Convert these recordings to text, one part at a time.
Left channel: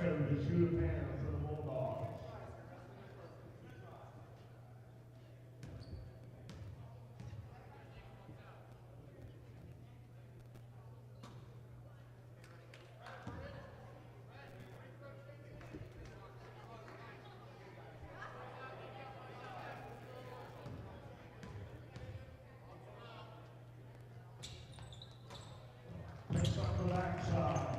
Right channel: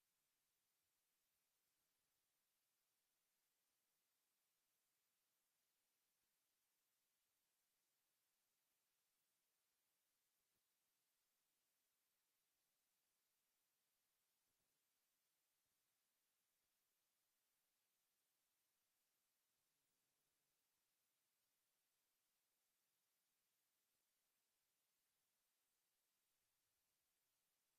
code is £2 for the Bulldogs. Picks up the backside.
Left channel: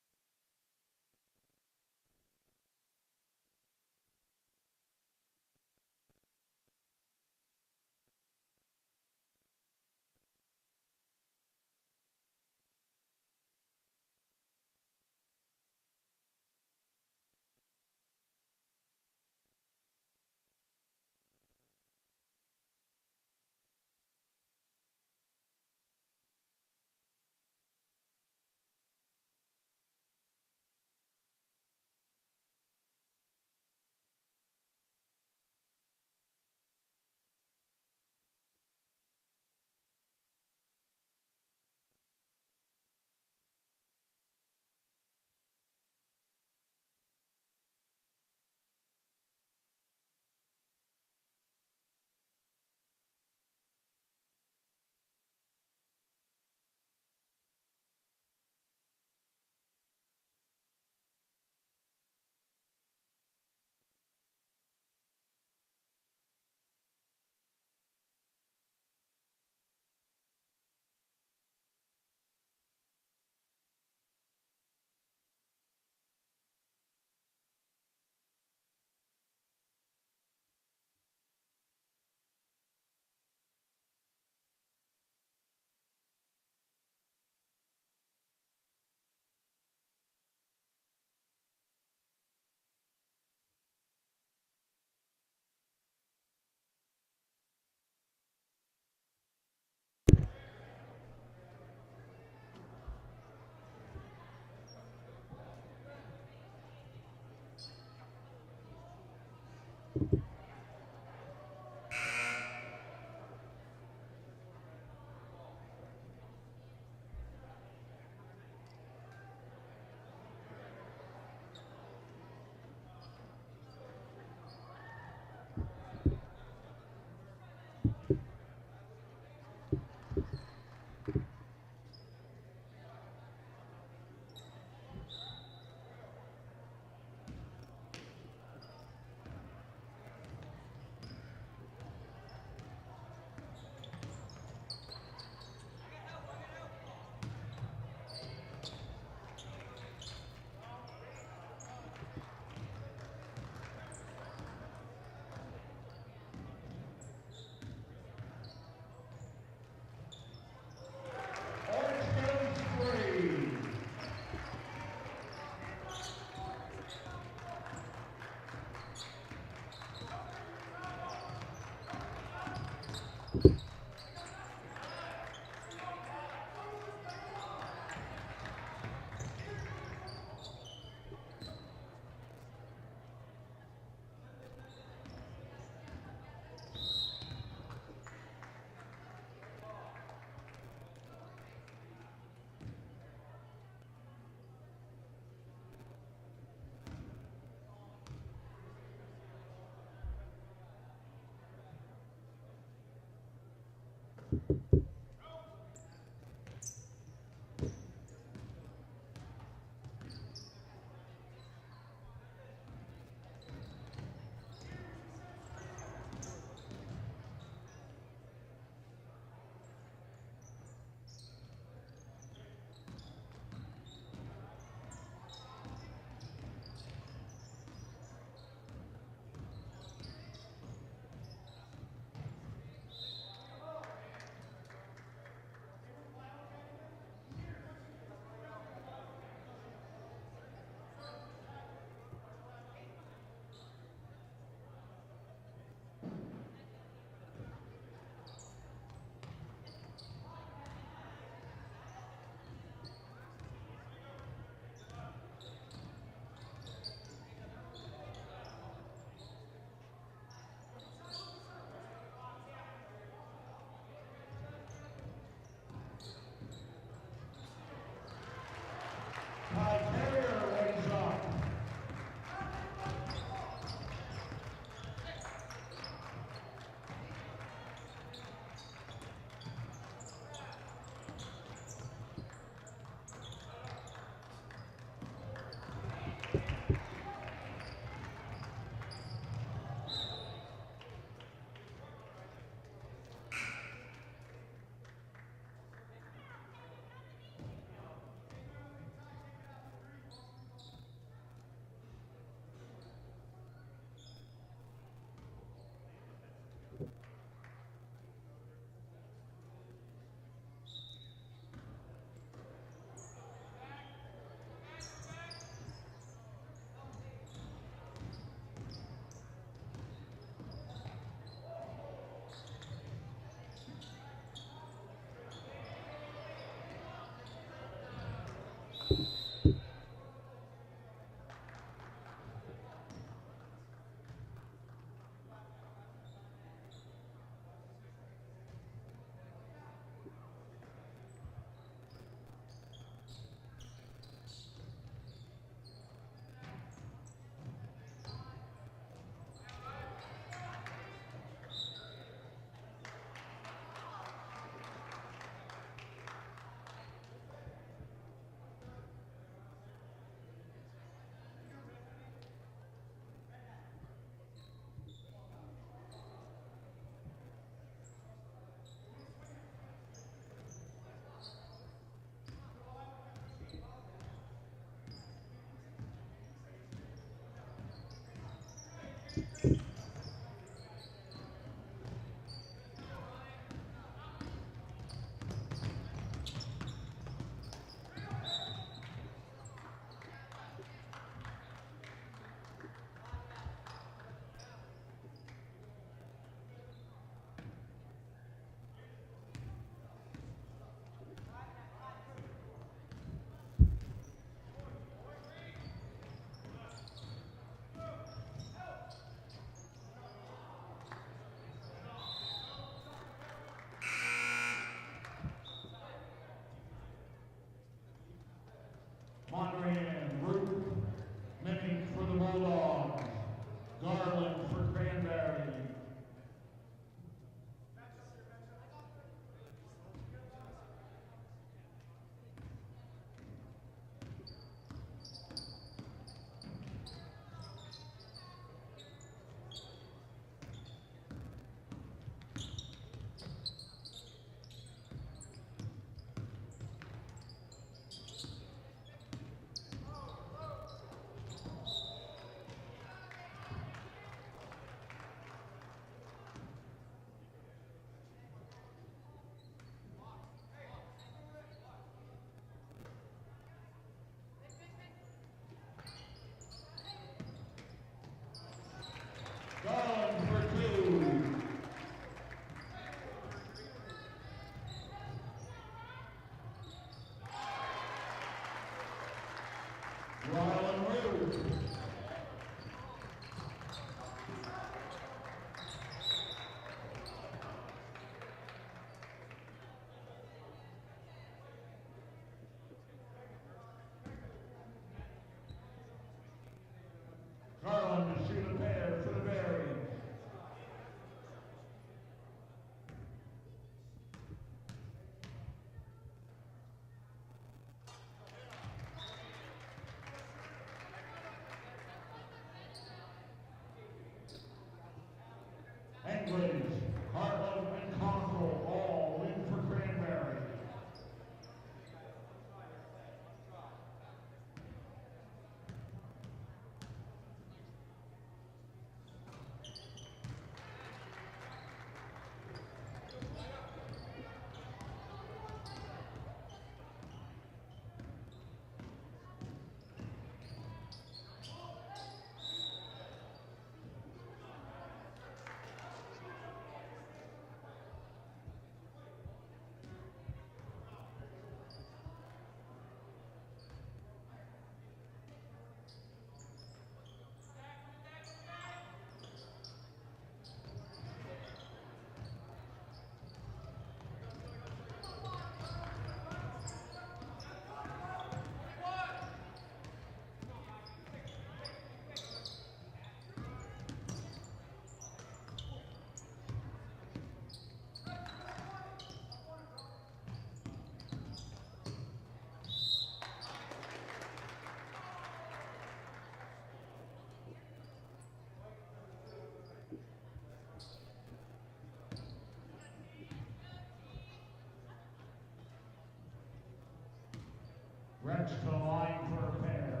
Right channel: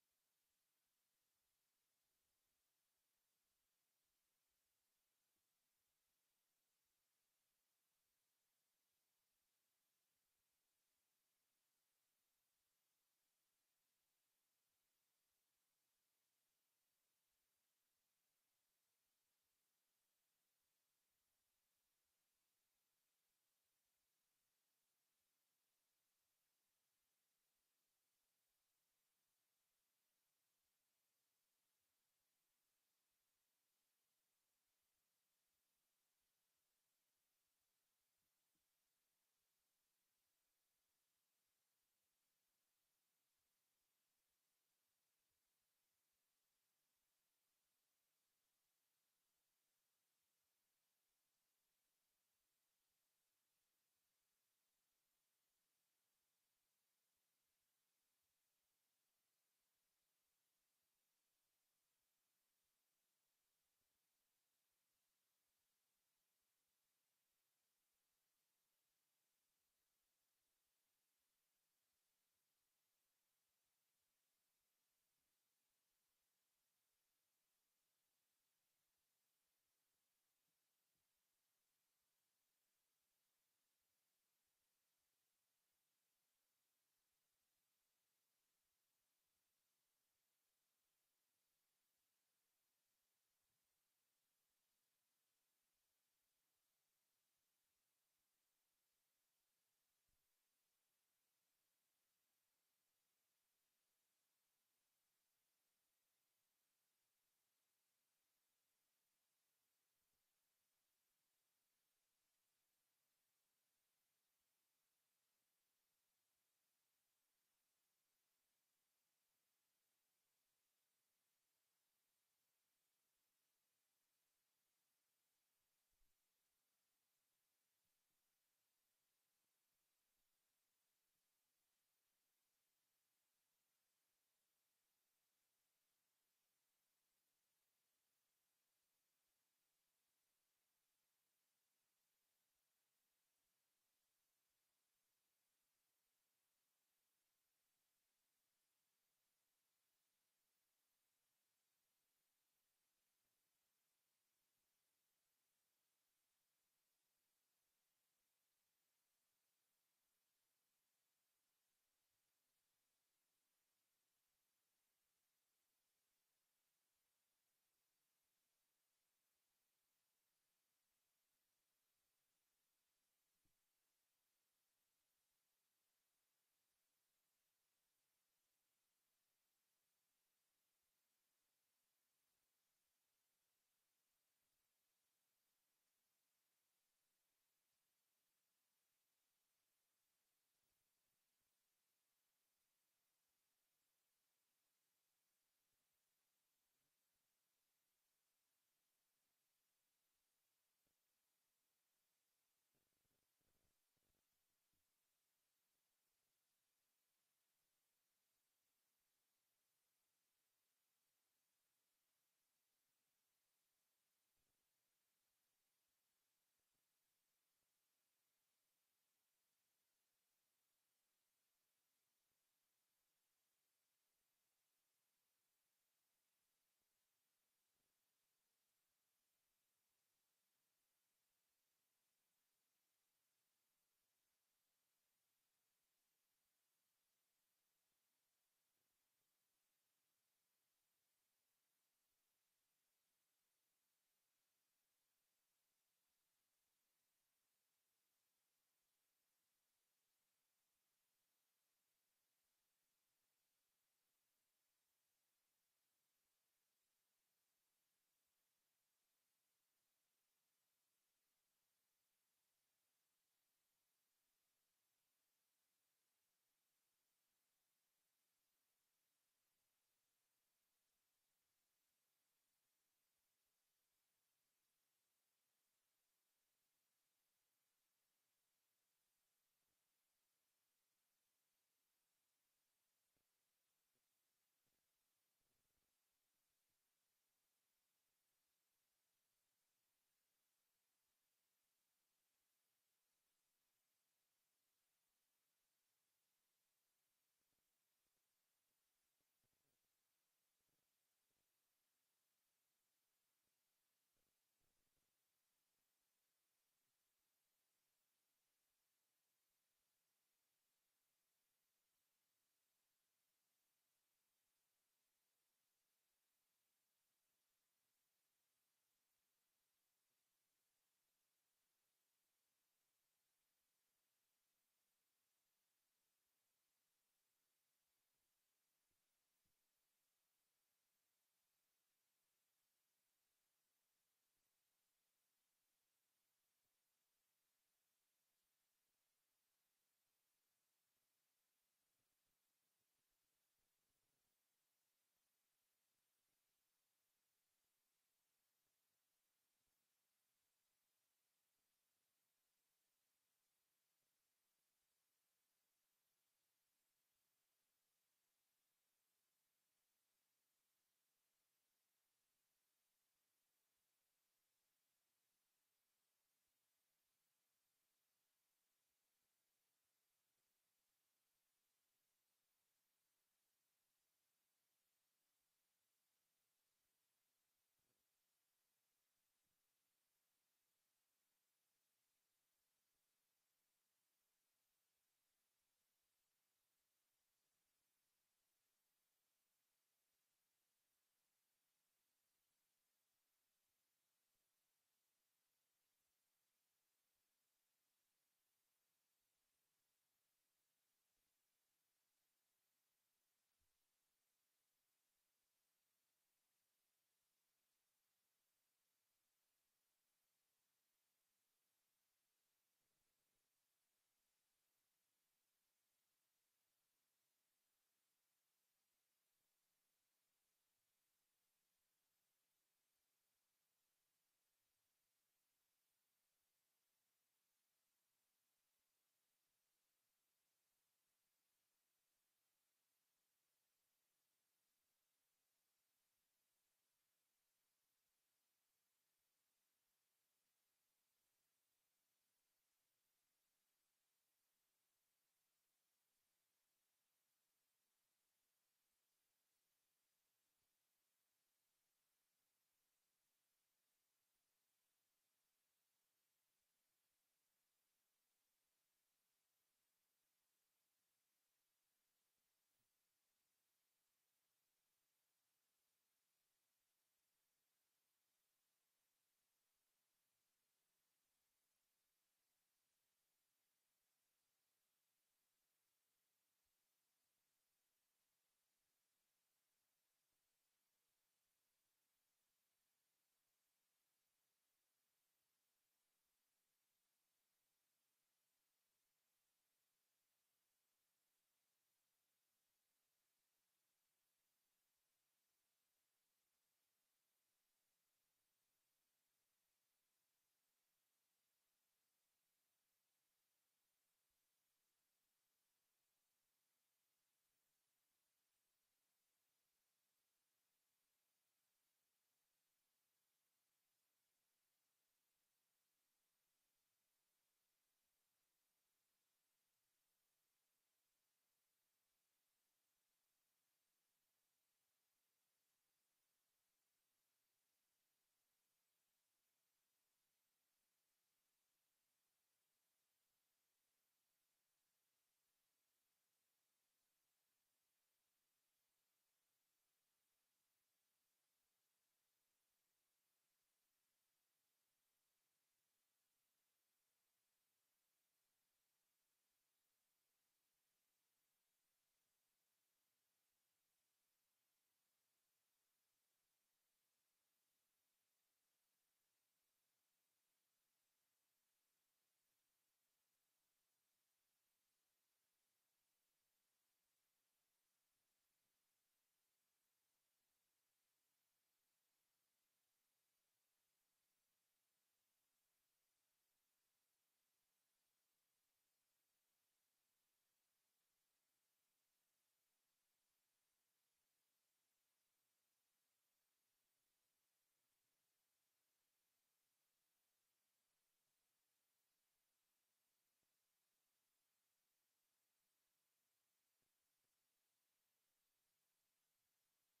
next to line for a pair.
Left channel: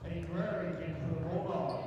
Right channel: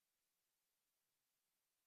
Cranberry came for the Bulldogs.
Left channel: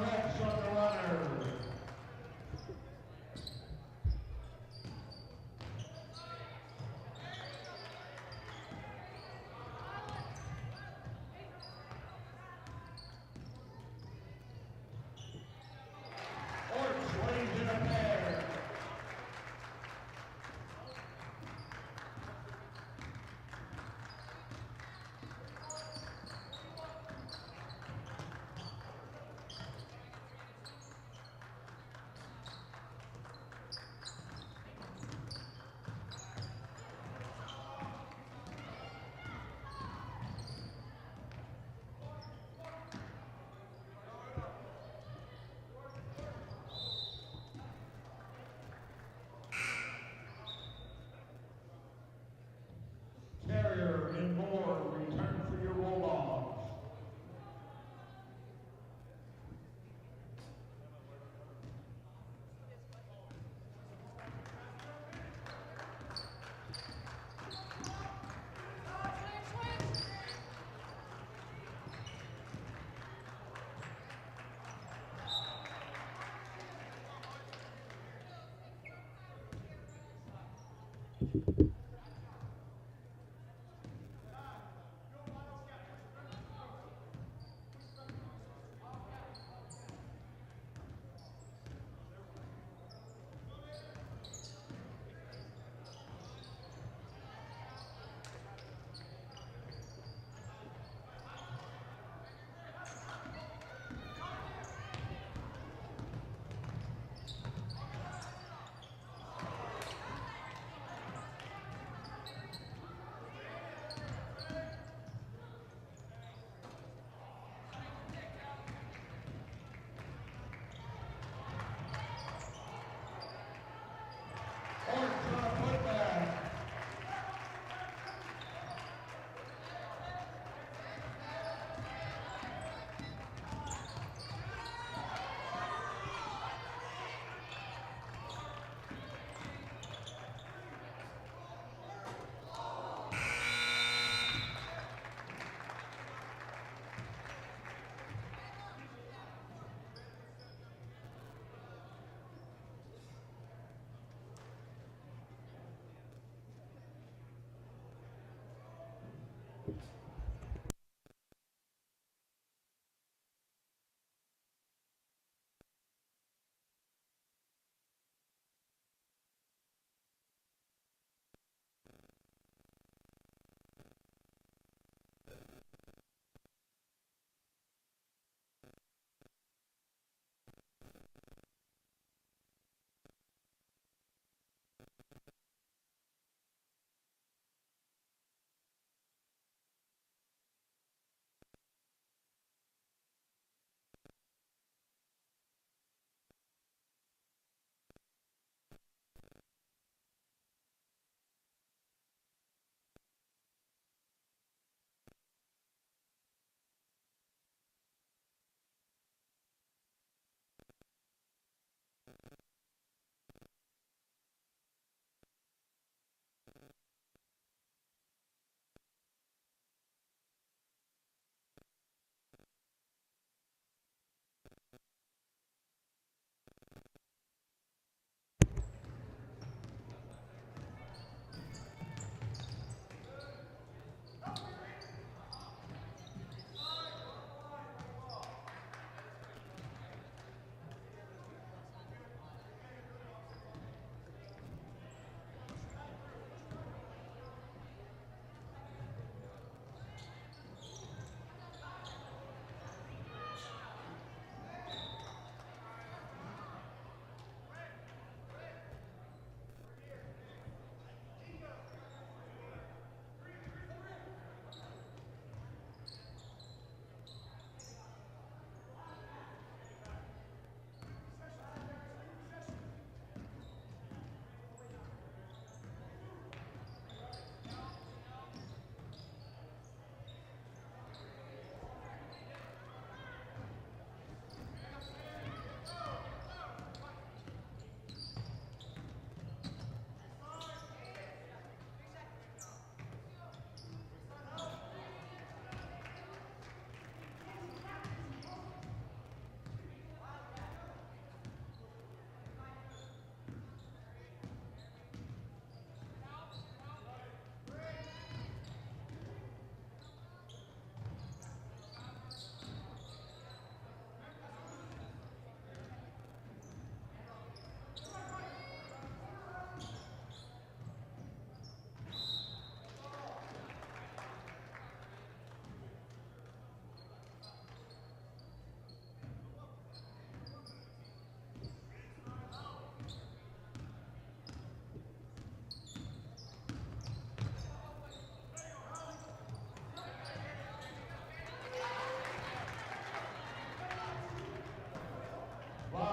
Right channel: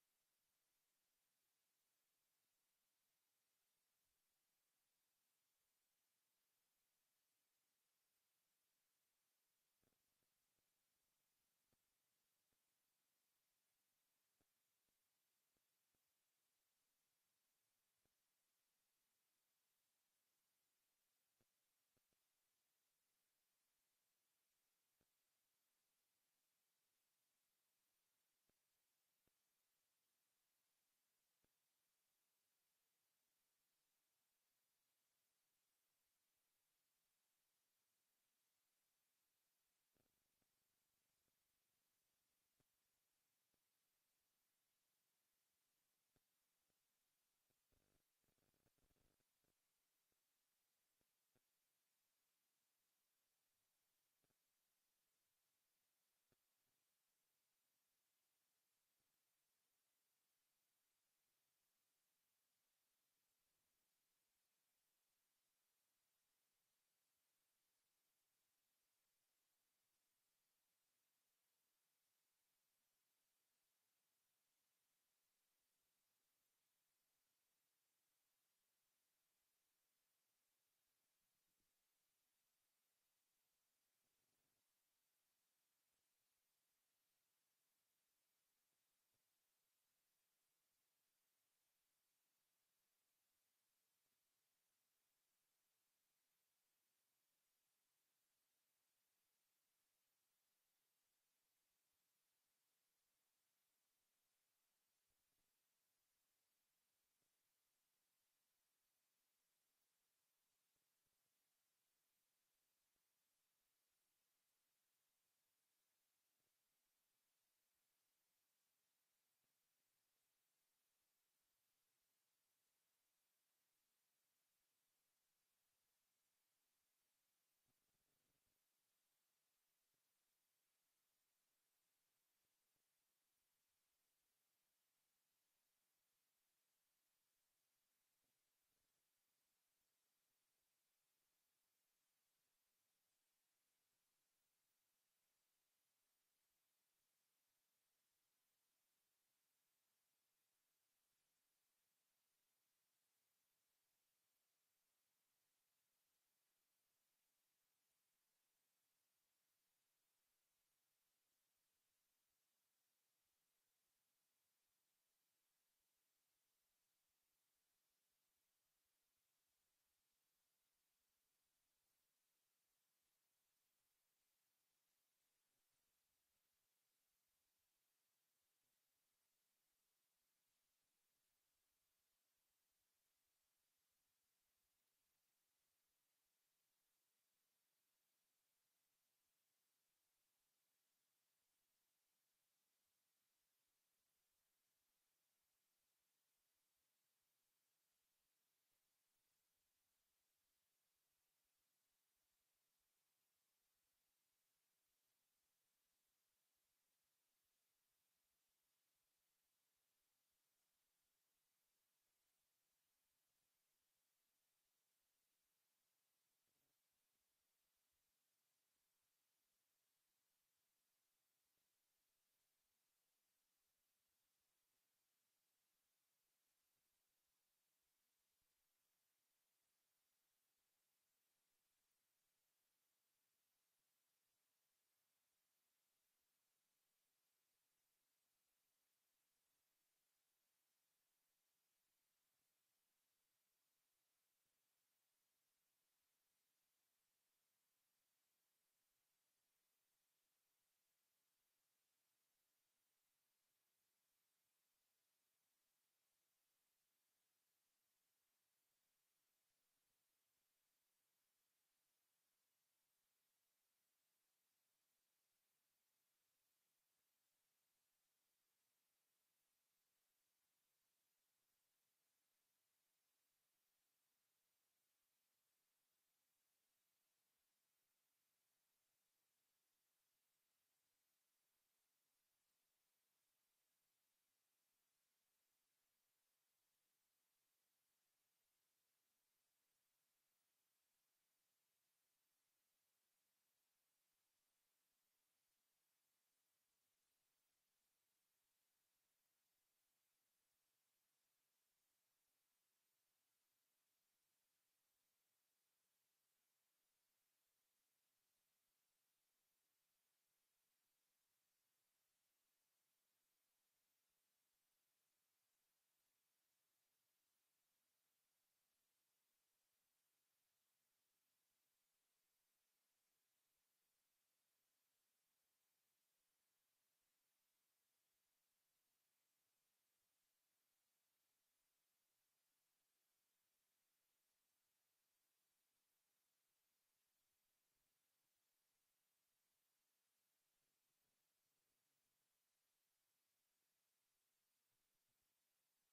Rex on the runner. Orts lays in a pair. Carrier and Moore return for your Bulldogs.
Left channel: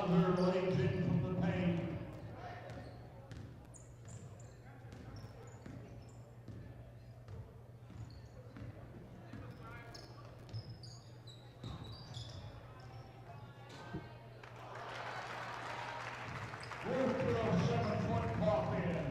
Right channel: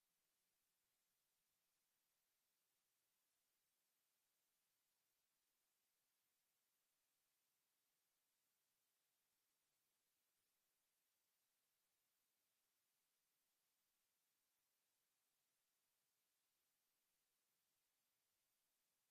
Bowser lays in from the paint. Wolf throws 7-foot pop in.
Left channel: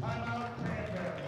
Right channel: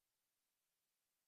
Timeout, Cranberry.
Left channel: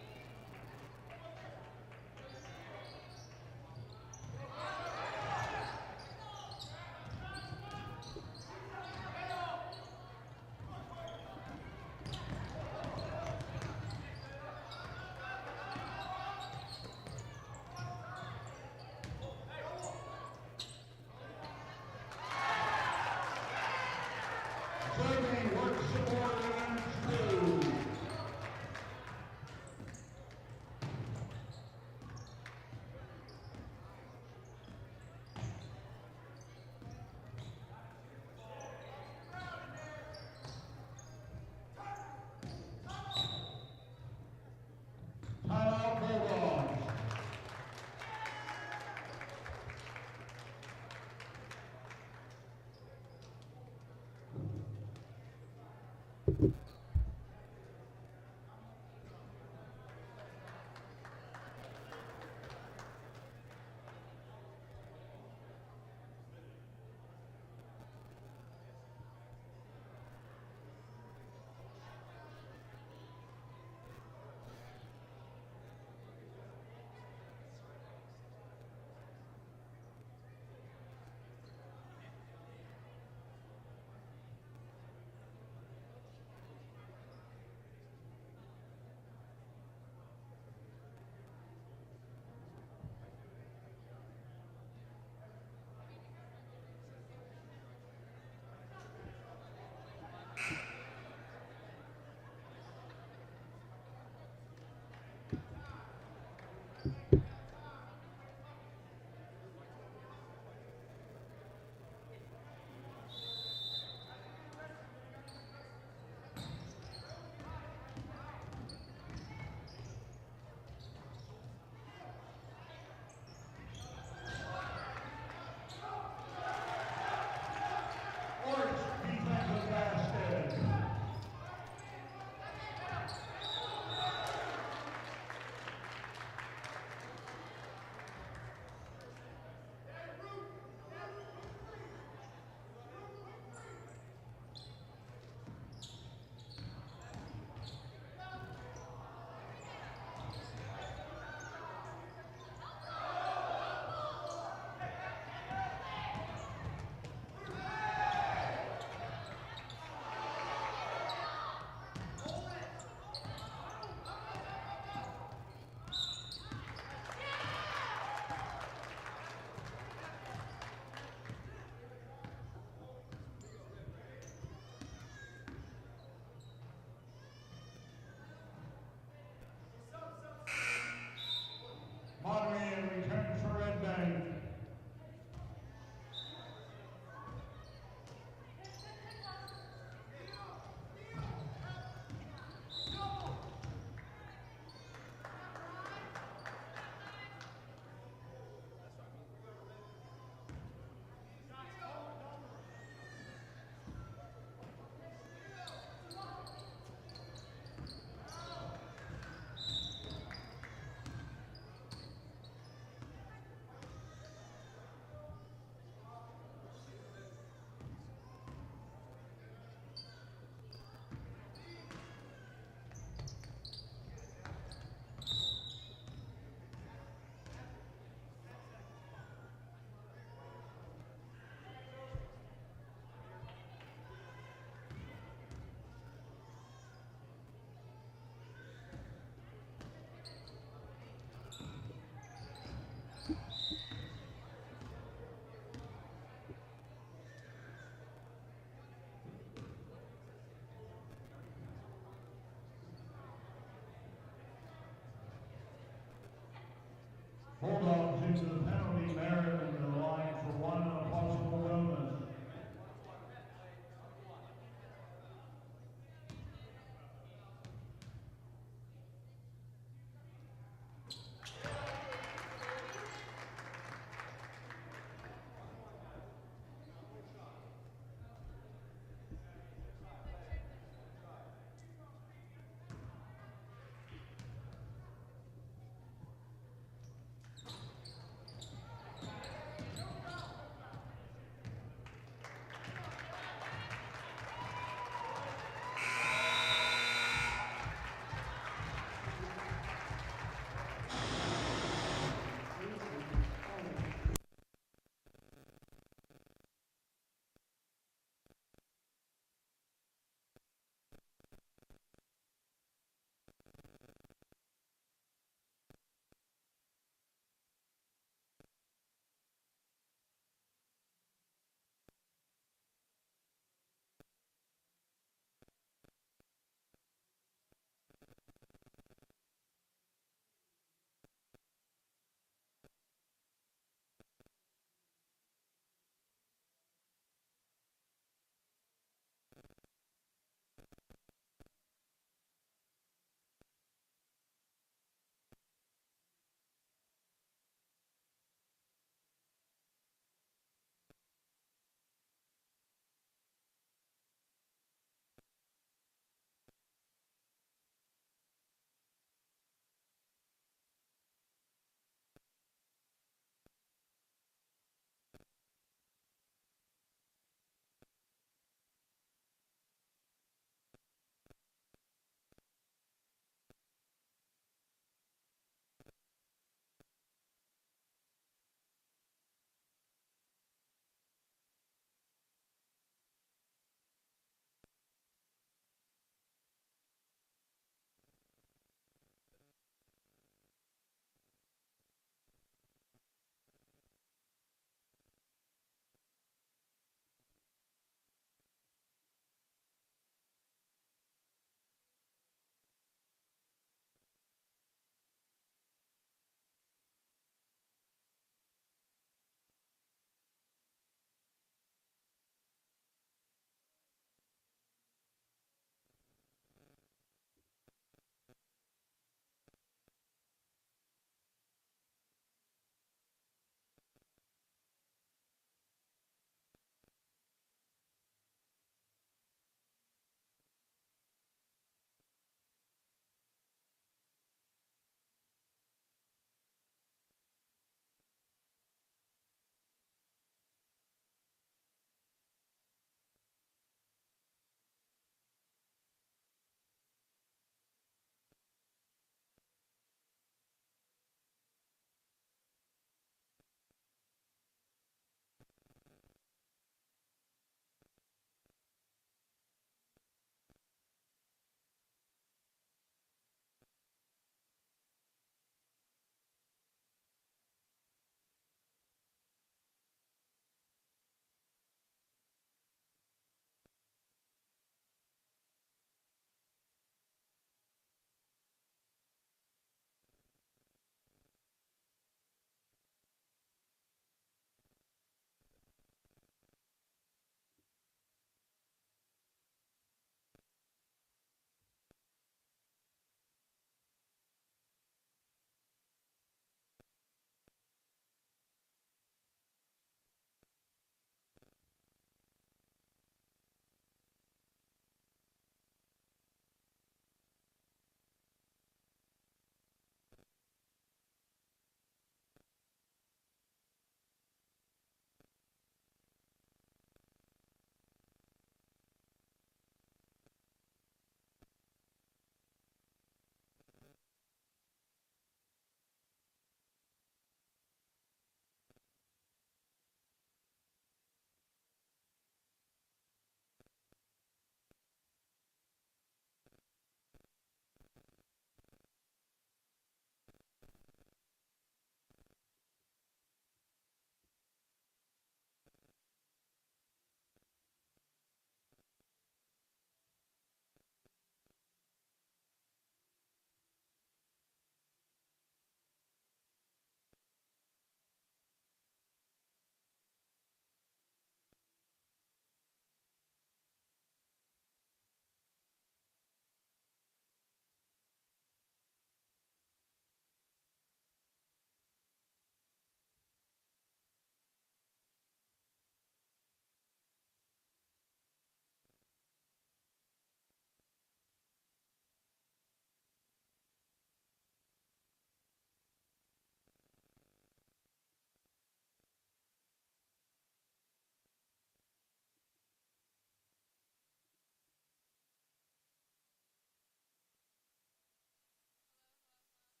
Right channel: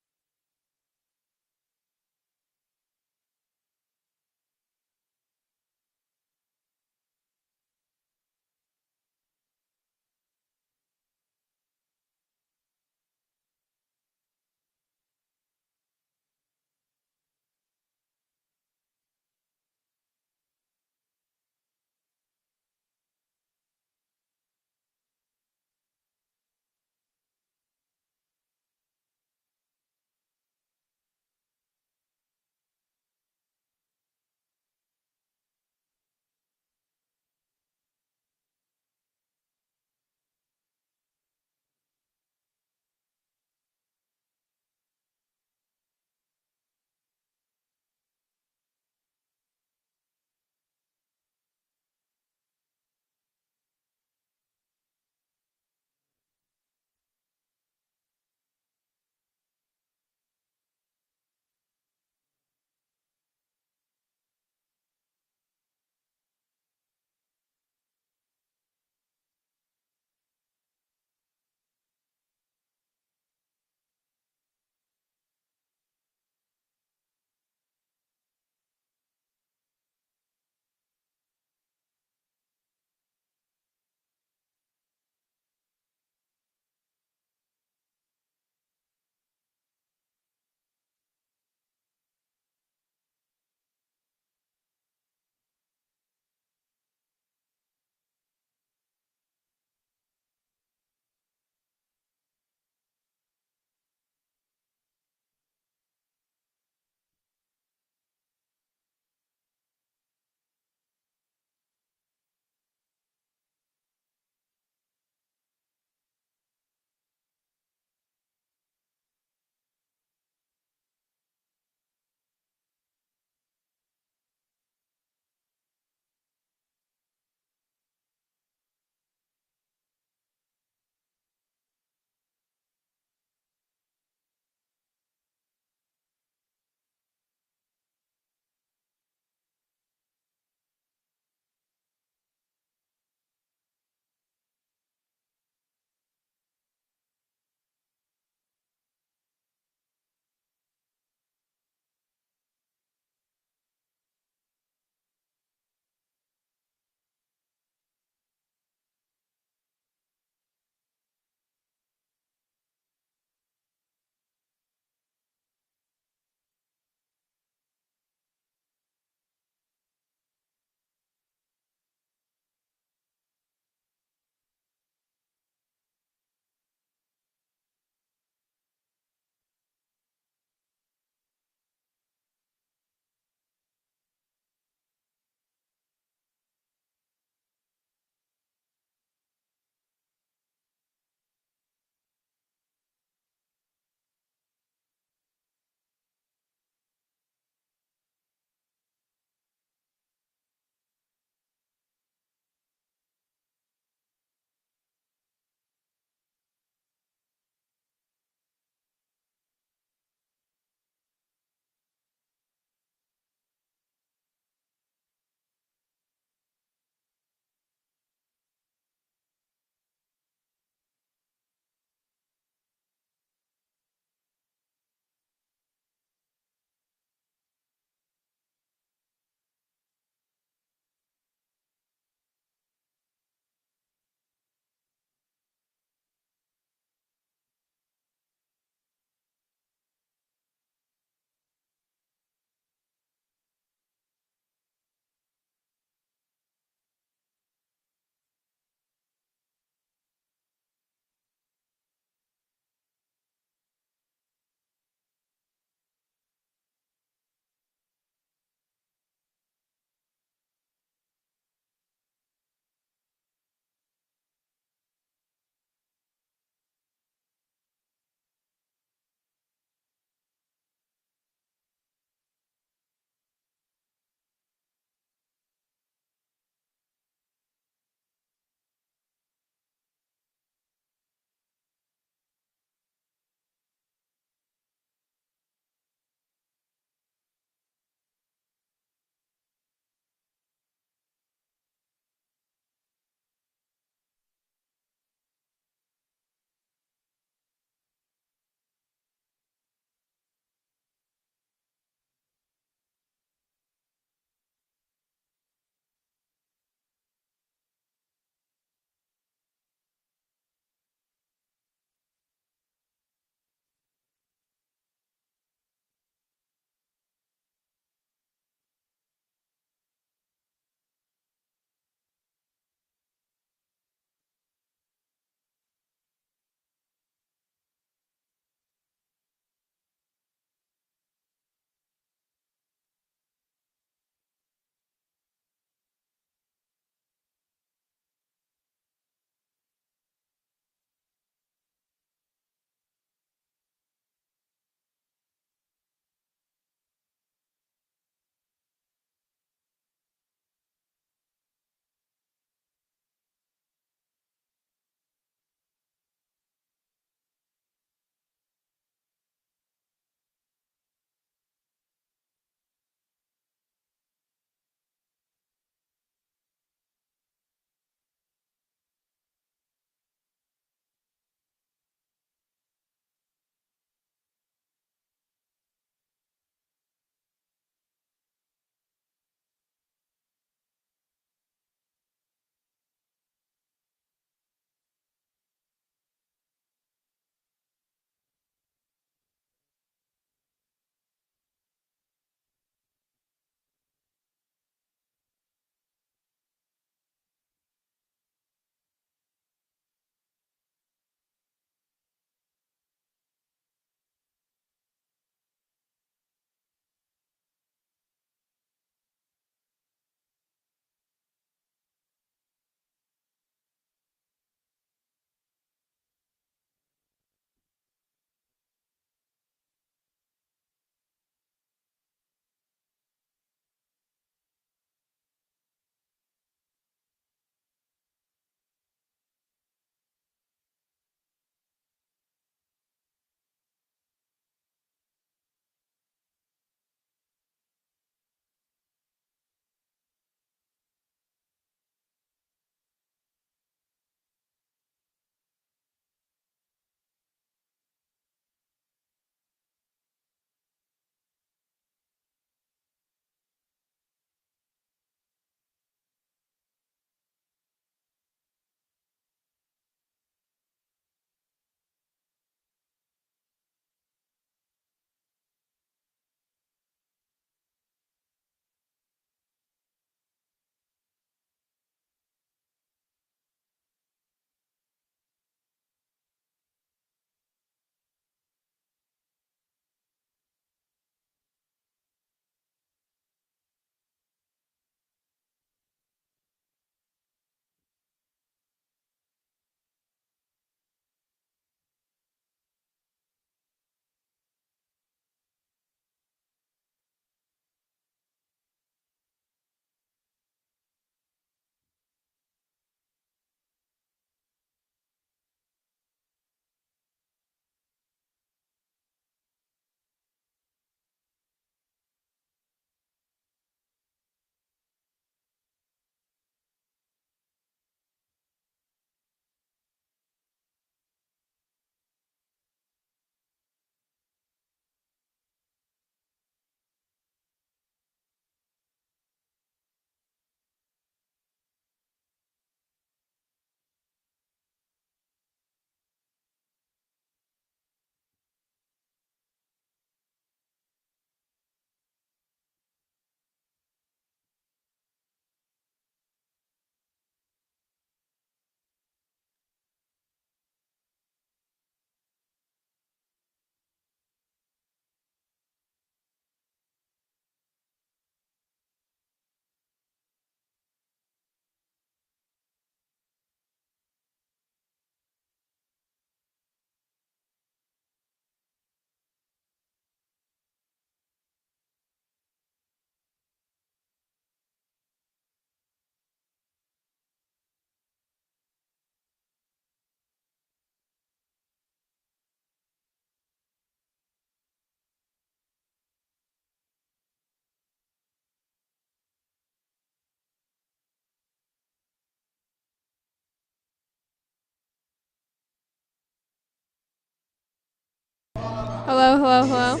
Hello, hello, hello.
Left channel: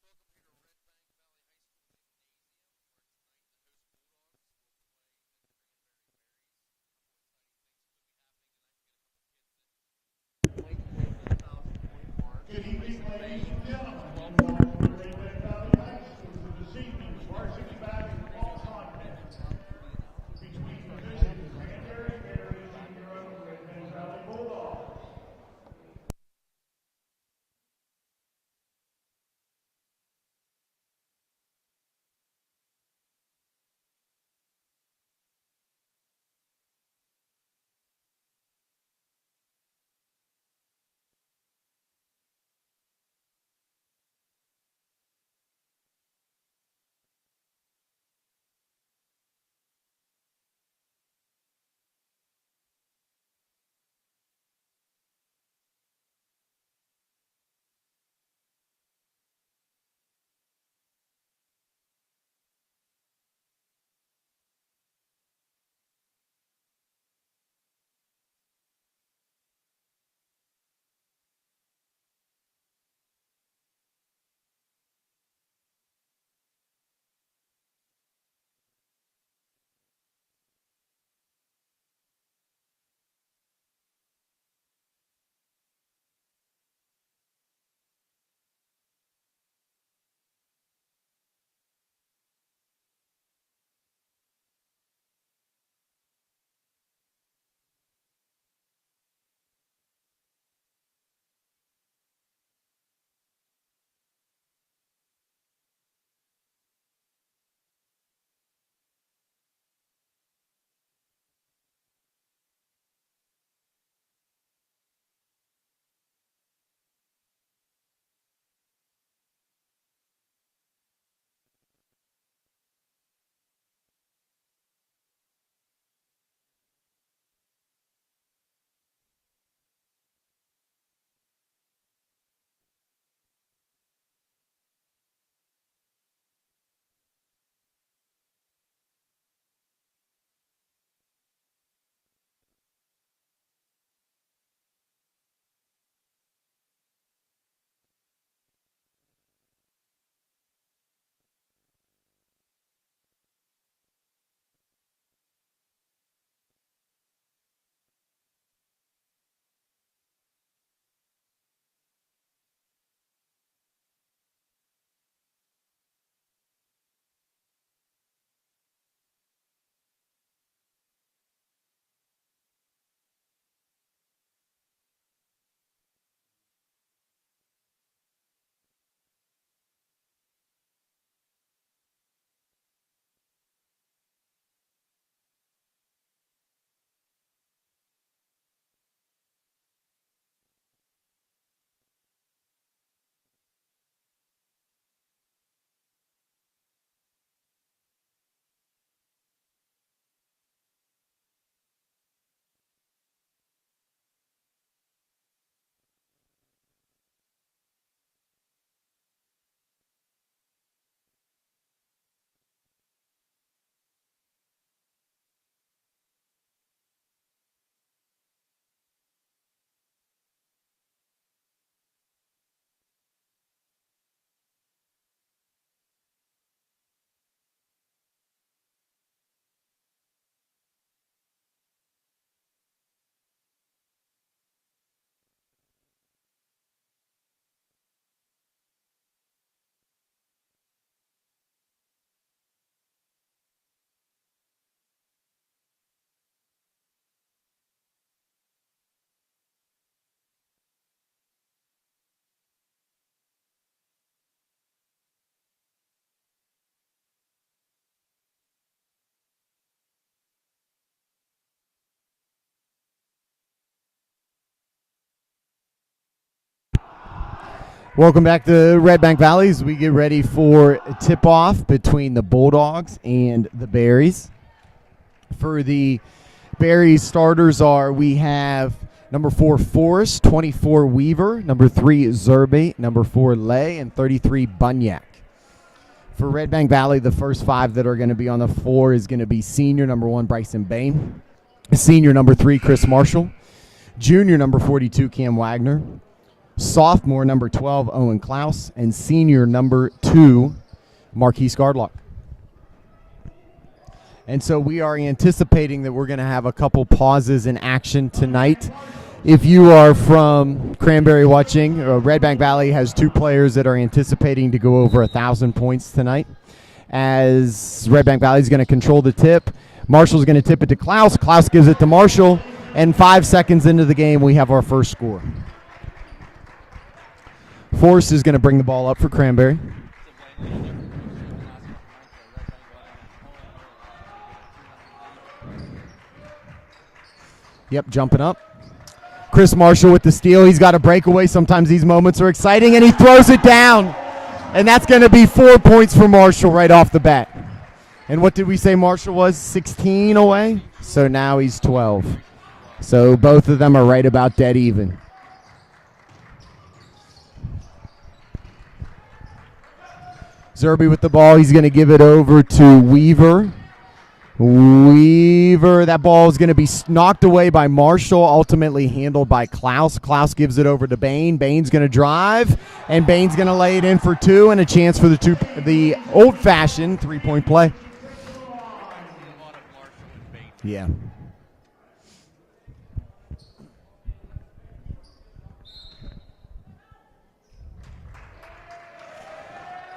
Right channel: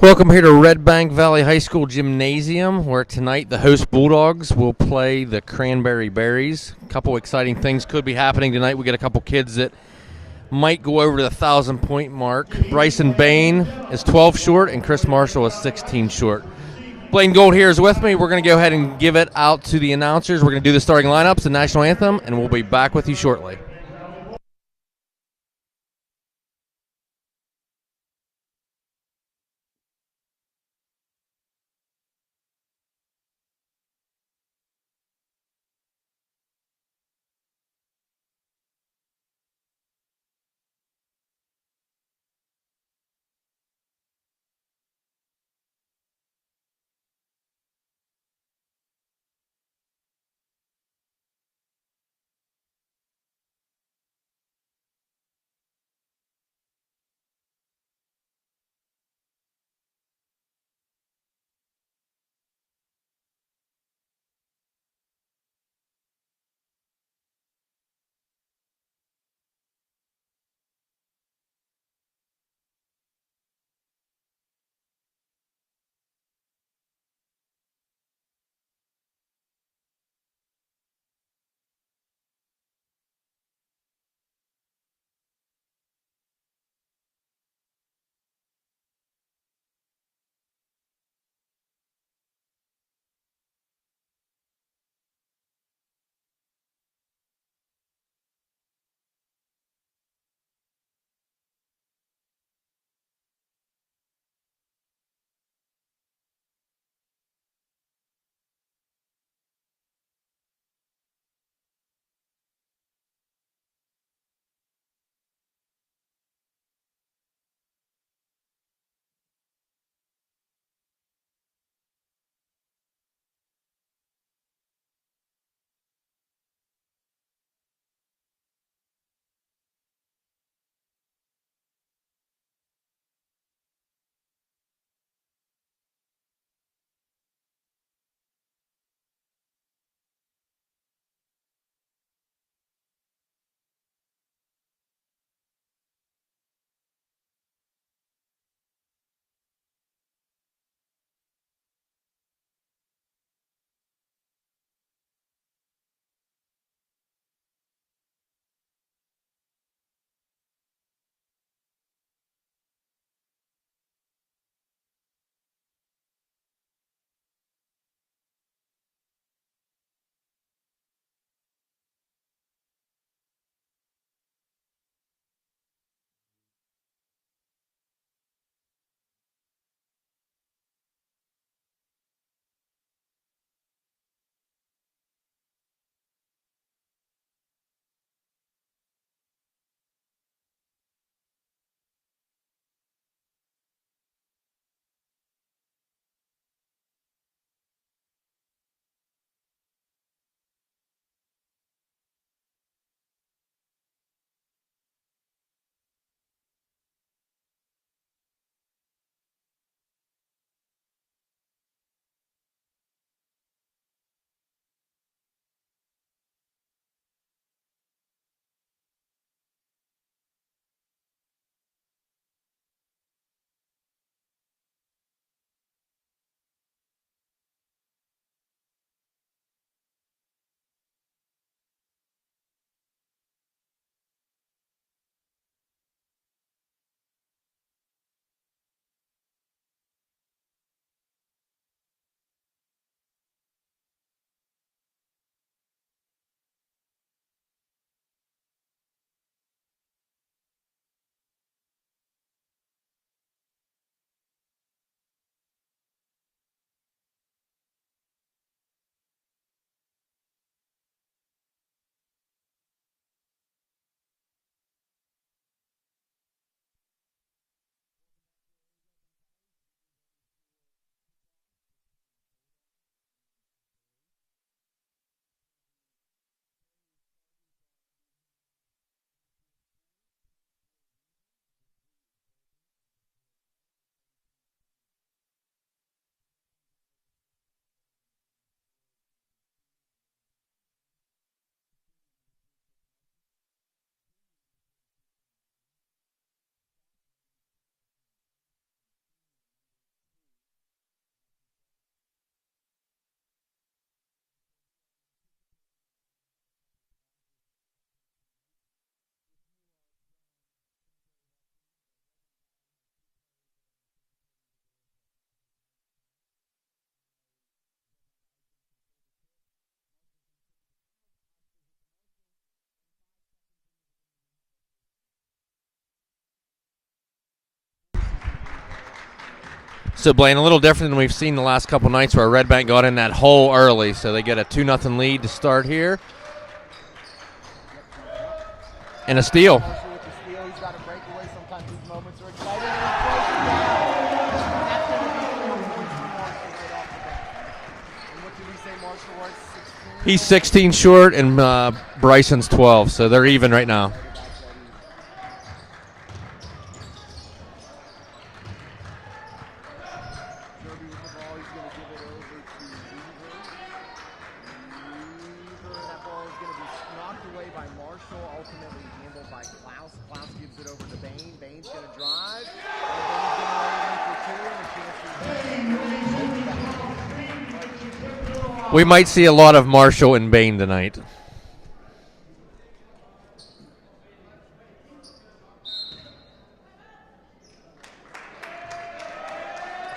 Welcome here to Redbank Valley High School Gymnasium, where tonight the host Bulldogs will play the Cranberry Berries. A couple exciting things could be happening tonight. We got a couple kids that might go over the 1,000-point mark. Bryson Bain is 12 short, and Chris Marshall is 16 short. Blaine Gold here is with me. We're going to go ahead and give it out to the announcers. We're going to do the starting lineups, the national anthem, and we'll be back with you shortly. Welcome back to Redbank Valley as we get ready for a tip-off between the Bulldogs and the Berries. For the Berries starters we have number 4 Forrest, 24 Weaver, number 3 Zerbe, number 4 Lay, and 33 Bunyak. For Redbank Valley, the first 5 that are going to be on the floor is going to be senior number 1 Bryson Bain, senior number 3 Chris Marshall, junior number 42 Cam Wagner, sophomore number 12, Owen Klaus, and senior number 2, Marquise Gardlock. And so we are anticipating that we're going to have a couple pauses in action tonight. If you are from Cranberry watching, Redbank Valley has 2 players that are anticipating to go over 1,000 points tonight. As Redbank Valley is going to control the tip, Marshall's going to tip it to Klaus. Klaus gives it to Marshall, and 5 seconds into the game, we have our first score. Forrest is going to bring the ball up for Cranberry. So, Blaine, a little different than we've seen the last couple nights where Redbank got in that hole early, so they get a 2-0 lead to start here. Yep, jumping up. And a steal. Chris Marshall with the steal. He's got a breakaway. Sometimes these moments are exciting, and he throws it down. And that's going to be 4 points for Marshall right off the bat. And what did we say Marshall was? 16 He's away? 16 short, so now and he's 12. Bryson's 12, so they're both even of right them now. are right about dead even. Zerby with the ball. He's going to give it over to Weaver. That ball is going to be knocked away by Marshall, ultimately handled by Klaus. Klaus gives it over to Bain. Bain's going to drive, and Bain's going to lay it in for 2, and a chance for the old-fashioned 3-point play. We might see a lot of Marshall and Bain tonight.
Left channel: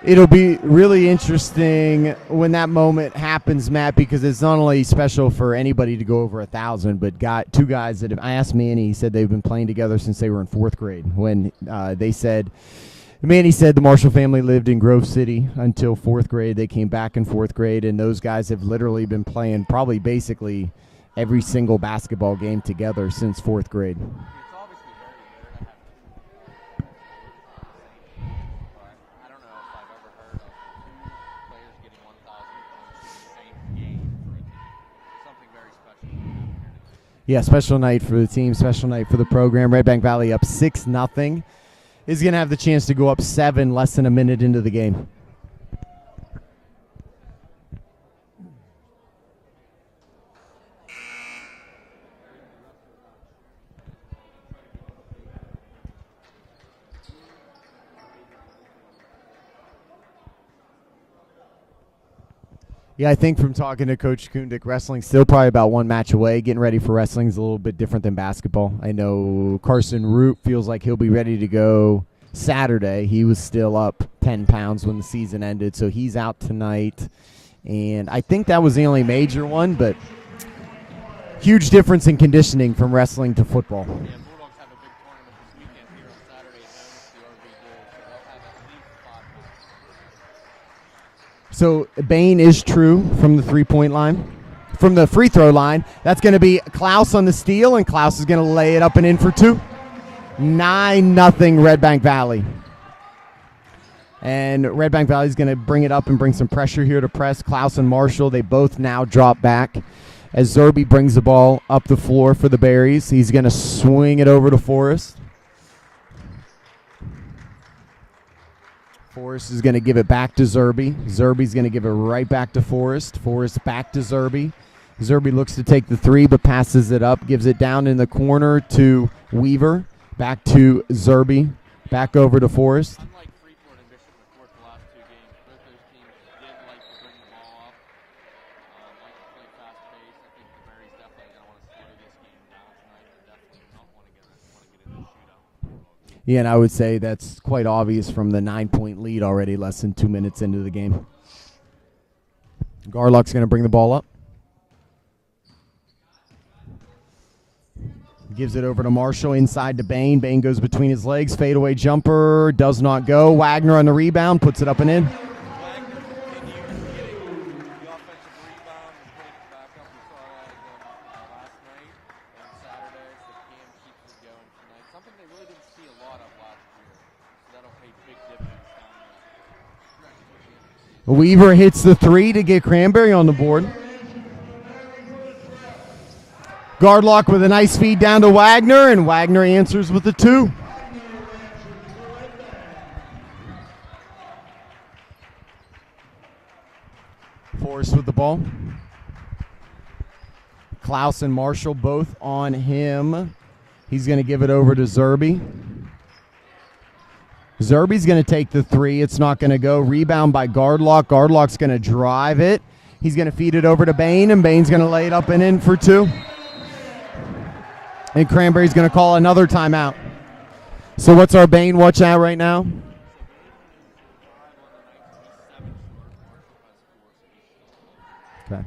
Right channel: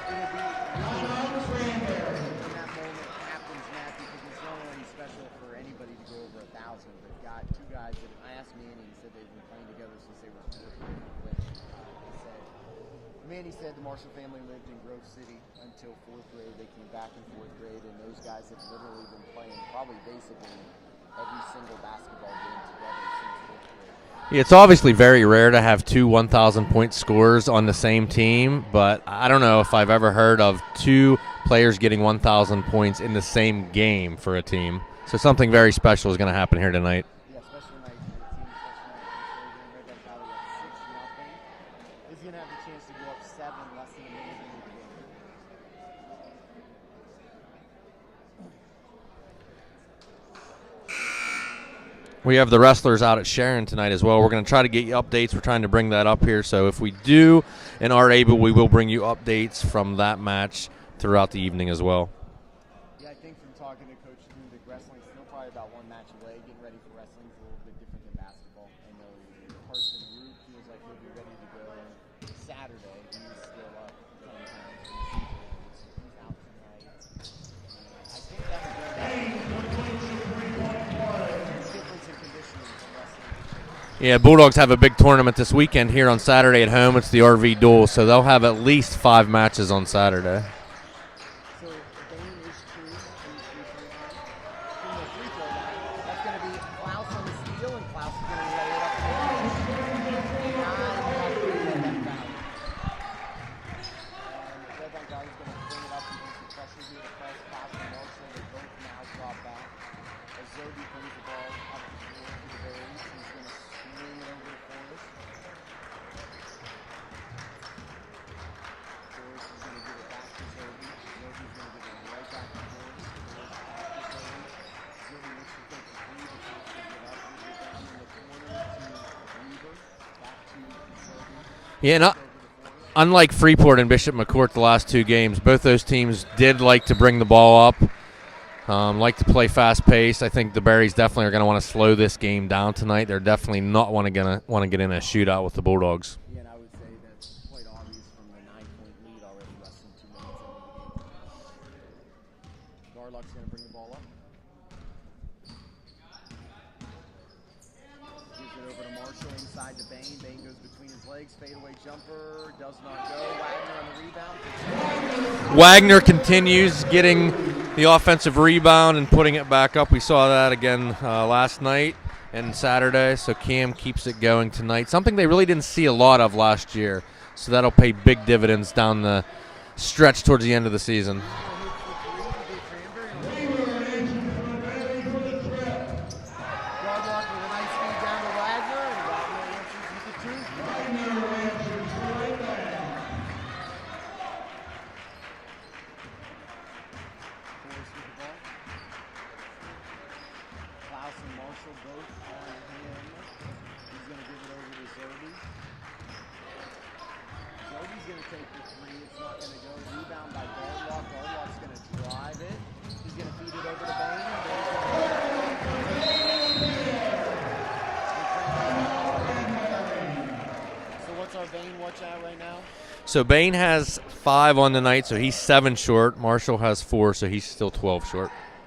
It'll be really interesting when that moment happens, Matt, because it's not only special for anybody to go over 1,000, but 2 guys that I asked Manny, he said they've been playing together since they were in 4th grade. When Manny said the Marshall family lived in Grove City until 4th grade. They came back in 4th grade, and those guys have literally been playing probably basically every single basketball game together since 4th grade. It's obviously very rare to have 2 1,000-point scorers on the same team, but I don't know if I've ever heard of 2 players getting 1,000 points in the same game for a team. So something very special is going to happen here tonight. Yeah, special night for the team, special night for the program. Redbank Valley up 6-0. Is going to have the chance to go up 7 less than a minute into the game. We have the wrestlers out at Sharon tonight as well. We're going to try to get you updates. We're trying to bring that up here. So if we do and are able, we will bring you updates from that match throughout the evening as well. Yeah, I think from talking to Coach Kundik, wrestling's still probably about 1 match away. Getting ready for wrestling is a little bit different than basketball. I know Carson Root feels like he'll be ready to go Saturday. He was still up 10 pounds when the season ended, so he's out tonight. And I think that was the only major one, but huge difference in conditioning from wrestling to football. Yeah, Bulldogs have a big tournament this weekend here on Saturday at home. It's the RV Duel, so they'll have at least 5 matches on Saturday. So Bain is true from the 3-point line. From the free throw line, that's going to be Klaus on the steal, and Klaus is going to lay it up and in for 2. 9-0 Redbank Valley. And Redbank Valley is going to bring it up and bring some pressure here to press. Klaus and Marshall, they both now drop back. As Zerby brings the ball up the floor for the Berries, he's going to swing it over to Forrest. Forrest is going to give it back to Zerby. Zerby's going to give it right back to Forrest. Forrest back to Zerby. Zerby looks to take the 3 but passes it up, gives it down in the corner to Weaver. Back to Zerby. Back over to Forrest. Unlike Freeport and Bishop McCourt the last 2 games, both those teams did like to bring the ball up. Like to play fast-paced. I think the Berries definitely are going to want to slow this game down tonight. They're definitely not going to want to get in a shootout with the Bulldogs. Yeah, and I would say that's quite obvious from the 9-point lead already less than 2 minutes into the game. Garlock's going to bring the ball up. Gives it over to Marshall inside to Bain. Bain goes between his legs. Fadeaway jumper does not go. Wagner on the rebound, puts it up and in. Wagner continues getting the offensive rebound and putting it back up. We saw that again last night and Saturday, so Cam keeps it going tonight. Something they really didn't see a lot of last year, so that'll pay big dividends down the stretch towards the end of the season. Weaver hits the 3 to get Cranberry on the board. Gardlock with a nice feed down to Wagner, and Wagner answers with the 2. Forrest with the ball. Klaus and Marshall both on him. He's going to give it over to Zerby. Zerby's going to take the three. It's not going to go. Rebound by Gardlock. Gardlock's going to drive it. He's going to feed it over to Bain, and Bain's going to lay it up and in for two. And Cranberry's going to call another timeout. So what's our Bain watch out right now? So Bain has 5 on the night, so he's 7 short. Marshall has 4, so he's still 12 short. Okay.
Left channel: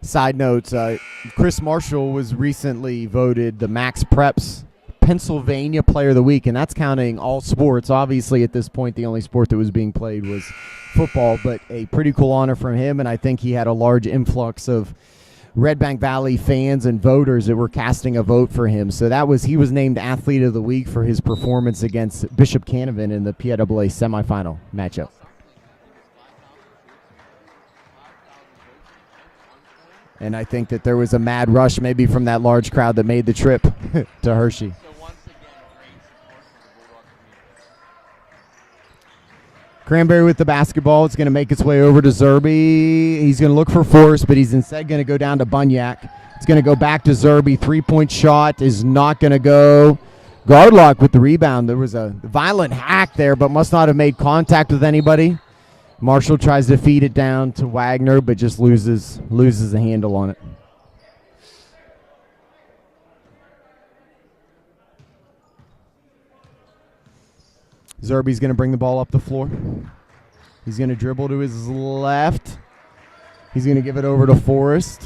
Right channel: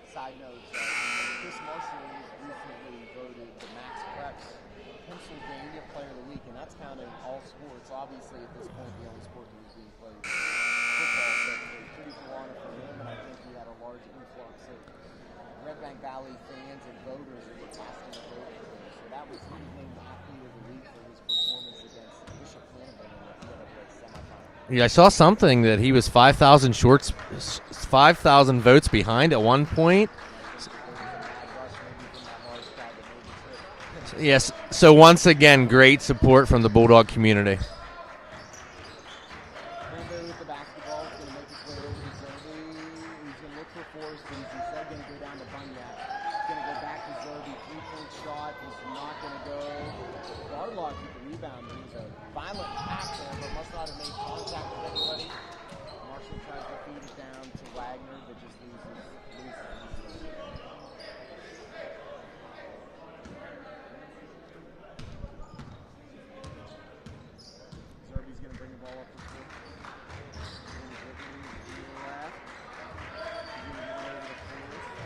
Side note, Chris Marshall was recently voted the Max Preps Pennsylvania Player of the Week, and that's counting all sports. Obviously, at this point, the only sport that was being played was football, but a pretty cool honor from him, and I think he had a large influx of Redbank Valley fans and voters that were casting a vote for him. So he was named Athlete of the Week for his performance against Bishop Canavan in the PIAA semifinal. Yeah, I saw something that he was 5,000 votes behind at one point. And I think that there was a mad rush maybe from that large crowd that made the trip to Hershey. So once again, great support from the Bulldog community. Cranberry with the basketball. It's going to make its way over to Zerby. He's going to look for Forrest, but he's instead going to go down to Bunyak. It's going to go back to Zerby. Three-point shot is not going to go. Gardlock with the rebound. There was a violent hack there, but must not have made contact with anybody. Marshall tries to feed it down to Wagner, but just loses the handle on it. Zerby's going to bring the ball up the floor. He's going to dribble to his left. He's going to give it over to Forrest.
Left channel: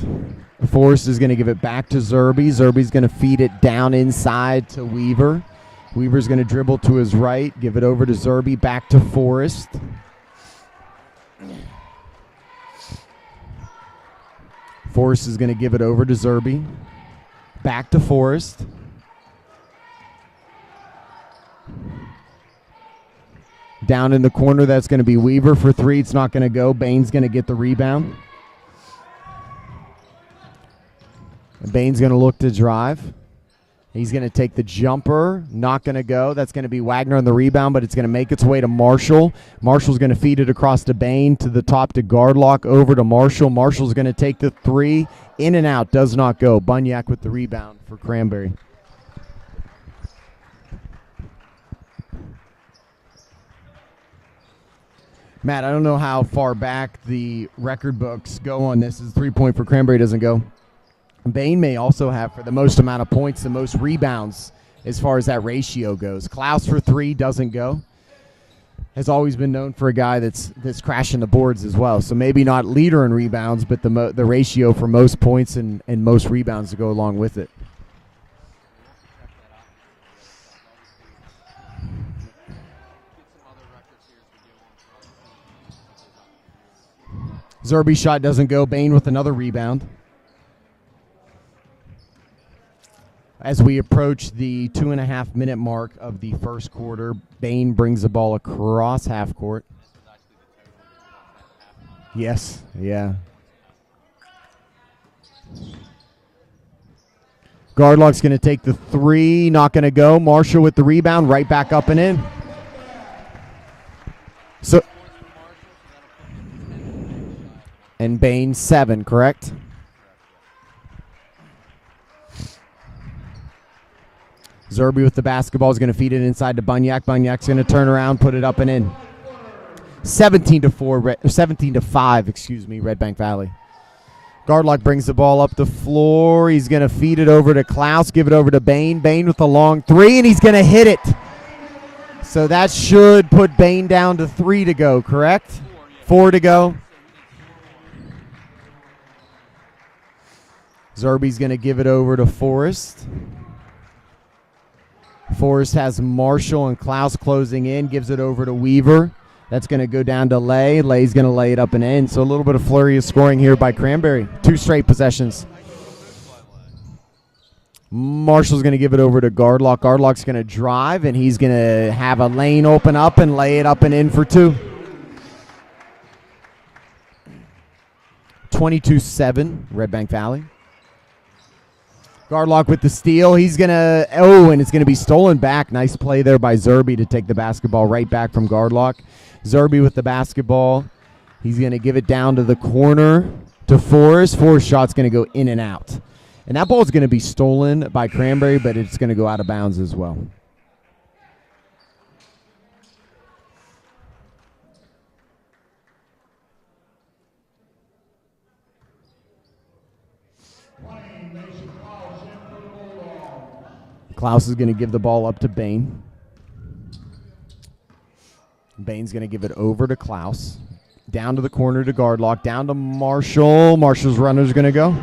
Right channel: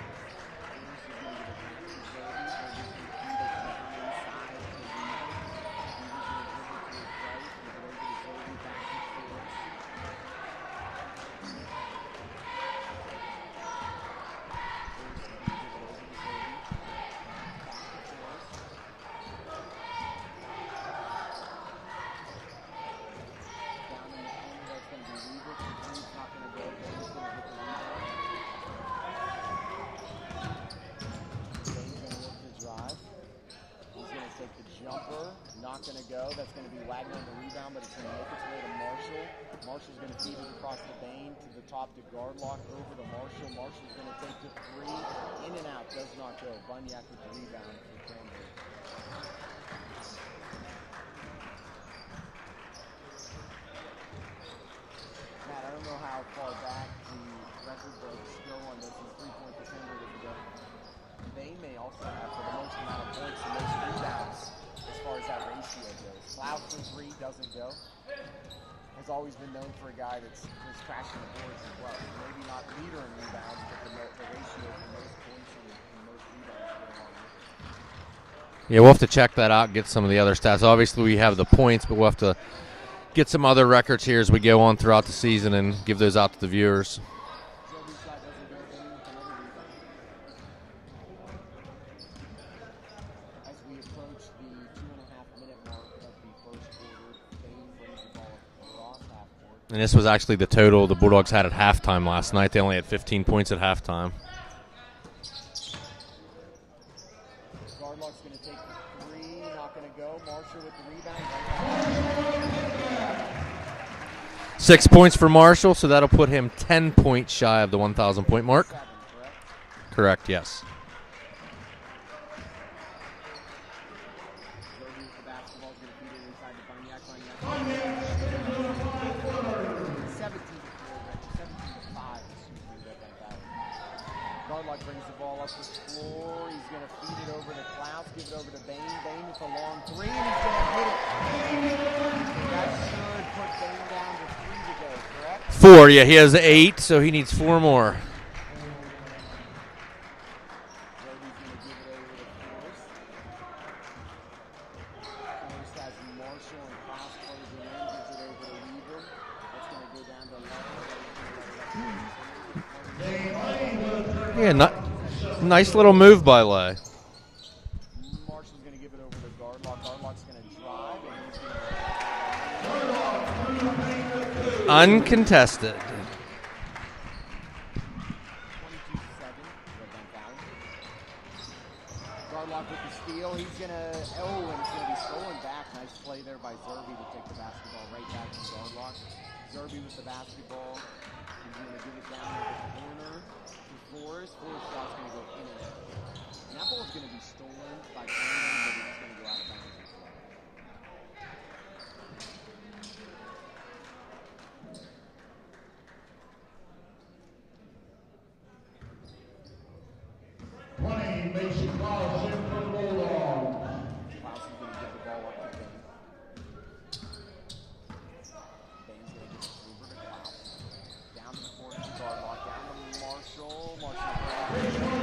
Forrest is going to give it back to Zerby. Zerby's going to feed it down inside to Weaver. Weaver's going to dribble to his right, give it over to Zerby, back to Forrest. Forrest is going to give it over to Zerby. Back to Forrest. Down in the corner, that's going to be Weaver for three. It's not going to go. Bain's going to get the rebound. Bain's going to look to drive. He's going to take the jumper. Not going to go. That's going to be Wagner on the rebound, but it's going to make its way to Marshall. Marshall's going to feed it across to Bain, to the top to Gardlock, over to Marshall. Marshall's going to take the three. In and out. Does not go. Bunyak with the rebound for Cranberry. Matt, I don't know how far back the record books go on this. As 3-point for Cranberry doesn't go. Bain may also have, for the most amount of points, the most rebounds as far as that ratio goes. Klaus for three doesn't go. Has always been known for a guy that's crashing the boards as well. So maybe not leader in rebounds, but the ratio for most points and most rebounds to go along with it. Yeah, we'll have to check that out, get some of the other stats. Obviously, we have the points, but we'll have to get some other records here as we go on throughout the season and give those out to the viewers. Zerby's shot doesn't go. Bain with another rebound. As we approach the 2.5-minute mark of the first quarter, Bain brings the ball across half court. And this was actually the total the Bulldogs had at halftime last night. They only had 15 points at halftime. Gardlock's going to take the three. Not going to go. Marshall with the rebound. Right back up and in. 6 points for Marshall, so that'll put him 10 points shy of the 1,000-point mark. 7, correct? Correct, yes. Zerby with the basketball is going to feed it inside to Bunyak. Bunyak's going to turn around, put it up and in. 17-5, Redbank Valley. Gardlock brings the ball up the floor. He's going to feed it over to Klaus, give it over to Bain. Bain with a long three, and he's going to hit it. So that should put Bain down to 3 to go, correct? 4, yeah. He has 8, go. so he needs 4 more. Zerby's going to give it over to Forrest. Forrest has Marshall and Klaus closing in, gives it over to Weaver. That's going to go down to Lay. Lay's going to lay it up and in. So a little bit of flurry of scoring here by Cranberry. Yeah, 2 straight possessions. Nice little move by Lay. Marshall's going to give it over to Gardlock. Gardlock's going to drive, and he's going to have a lane open up and lay it up and in for 2. Uncontested. 22-7, Redbank Valley. Gardlock with the steal. He's going to, and it's going to be stolen back. Nice play there by Zerby to take the basketball right back from Gardlock. Zerby with the basketball. He's going to give it down to the corner to Forrest. Forrest shot's going to go in and out. And that ball is going to be stolen by Cranberry, but it's going to go out of bounds as well. Klaus is going to give the ball up to Bain. Bain's going to give it over to Klaus. Down to the corner to Gardlock. Down to Marshall. Marshall's runner's going to go.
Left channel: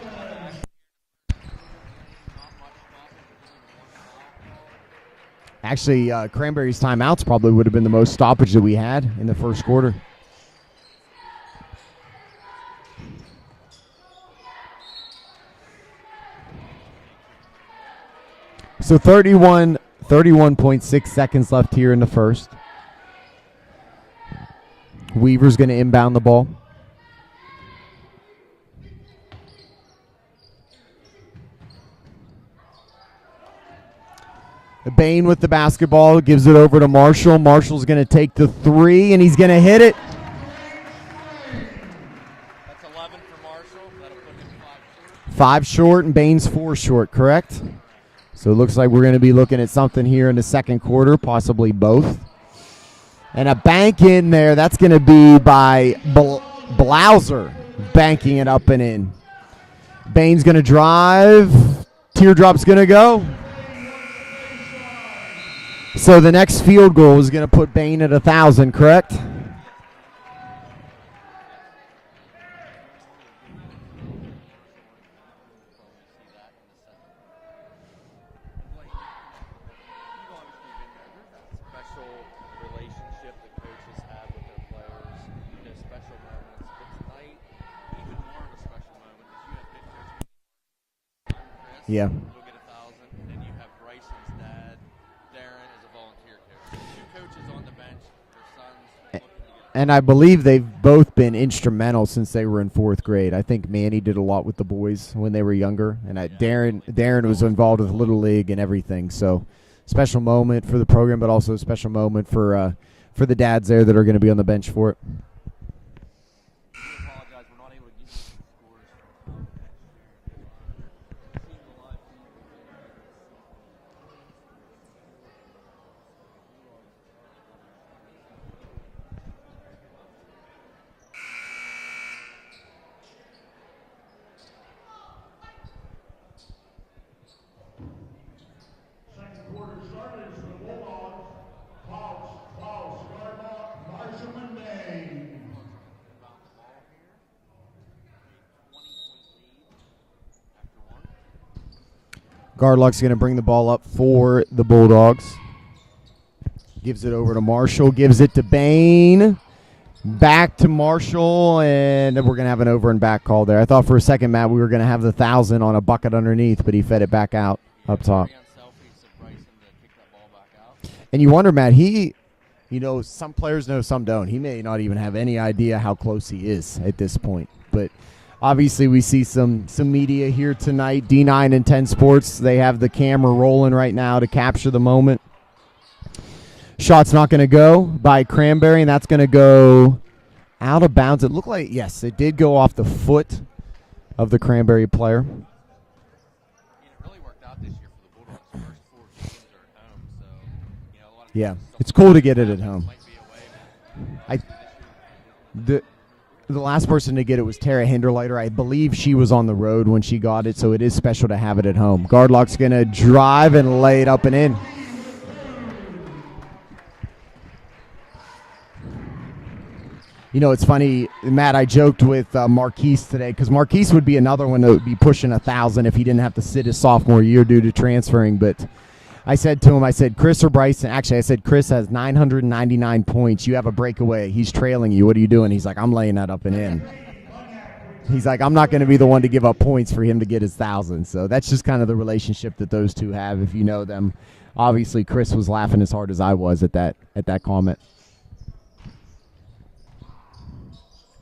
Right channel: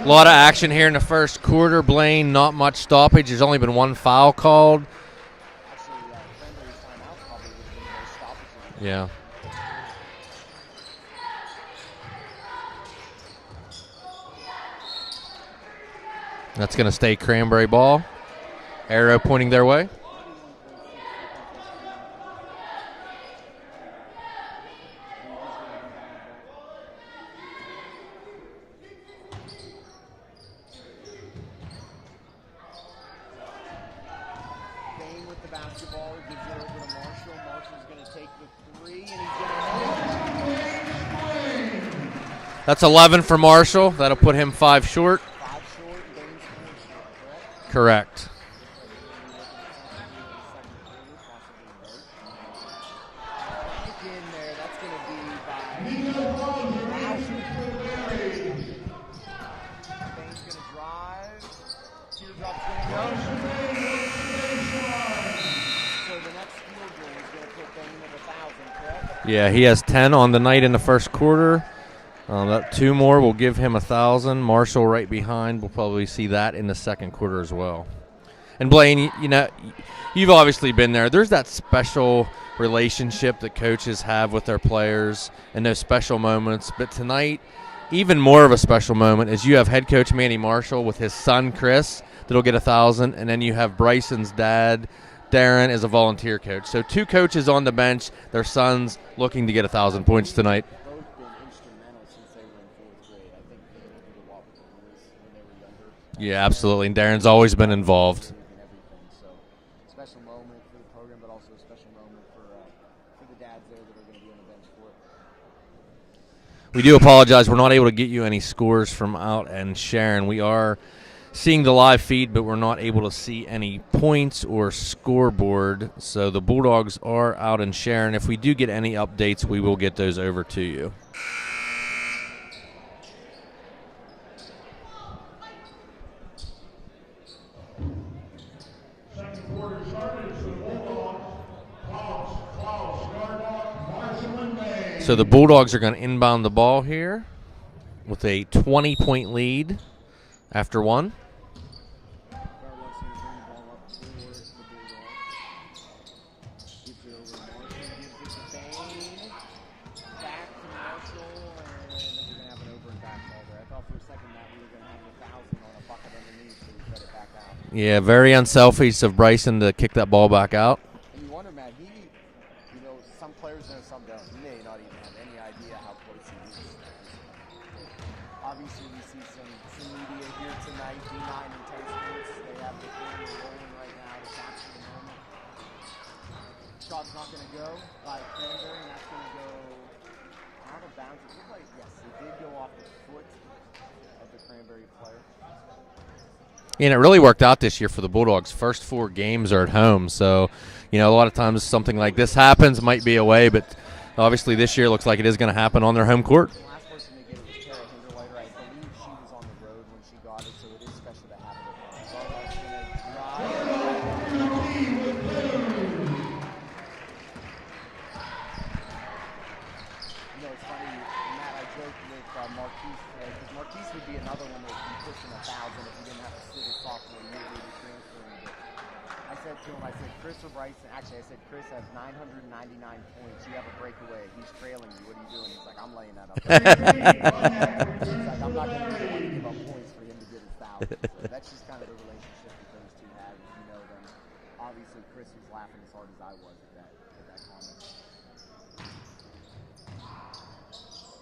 A lot of action here in the first quarter. Blaine, not much stoppage. There's only been one foul called. Actually, Cranberry's timeouts probably would have been the most stoppage that we had in the first quarter. That's going to stay Cranberry ball. So 31.6 seconds left here in the first. Weaver's going to inbound the ball. Bain with the basketball, gives it over to Marshall. Marshall's going to take the three, and he's going to hit it. That's 11 for Marshall. That'll put him 5 short. 5 short, and Bain's 4 short, correct? Correct. So it looks like we're going to be looking at something here in the second quarter, possibly both. And a bank in there. That's going to be by Blauser, banking it up and in. Bain's going to drive. Teardrop's going to go. So the next field goal is going to put Bain at 1,000, correct? Yeah, he has 10 on the night in the first quarter. That 2 more will give him 1,000. Marshall right behind. We'll probably see that in the second quarter as well. And Blaine, you know, you've obviously been there. There's that special relationship that coaches have with their players and those special moments. But tonight, even more of a special moment is you have head coach Manny Marshall with his son Chris that'll get 1,000, and then you have Bryson's dad Darren is a volunteer coach. So 2 coaches on the bench, their sons looking to get 1,000 And I points believe tonight. they've both been instrumental since they were in 4th grade. I think Manny did a lot with the boys when they were younger. And absolutely. Darren's Darren's always been with involved. Little League and everything. So special moment for the program, but also a special moment for the dads there that are going to be on the bench for it. We do apologize. We're not able to get you any scores from out and Sharon. We are seeing the live feed, but we're not able to see any points or scoreboard. So the Bulldogs are out in Sharon. If we do get any updates, we will get those over to you. Second quarter started for the Bulldogs. Klaus, Gardlock, Marshall, and Bain. So the Bulldogs are going to inbound the ball here with a 20-point lead after 1. Gardlock's going to bring the ball up for the Bulldogs. Gives it over to Marshall. Gives it to Bain. Back to Marshall, and we're going to have an over and back call there. I thought for a second, Matt, we were going to have the 1,000 on a bucket underneath, but he fed it back out. Yeah, very unselfish of Bryson to kick that ball back out. And you wonder, Matt, some players know, some don't. He may not even have any idea how close he is at this point, but obviously, we see some media here tonight. D9 and 10 Sports, they have the camera rolling right now to capture the moment. Shot's not going to go by Cranberry, and that's going to go out of bounds. It looked like, yes, it did go off the foot of the Cranberry player. And it really worked out this year for the Bulldogs. First 4 games are at home, so a lot of times something cool like to this get it happens, at home. might be away, but obviously this year looks like it is going to happen on their home court. The last person to get it was Tara Hinderleiter. I believe she was on the road when she got it, so it is special to have it at home. Gardlock's going to drive and lay it up and in. It's funny, Matt, I joked with Marquise today because Marquise would be another one that would be pushing 1,000 if he didn't have to sit his sophomore year due to transferring, but I said to him, Chris or Bryson? Actually, I said, Chris has 999 points. You have a breakaway. He's trailing you. What are you doing? He's like, I'm laying that up and in. He's like, I'm not going to be the one to give up points for him to get his 1,000. So that's just kind of the relationship that those two have, if you know them. Obviously, Chris was laughing as hard as I was at that comment.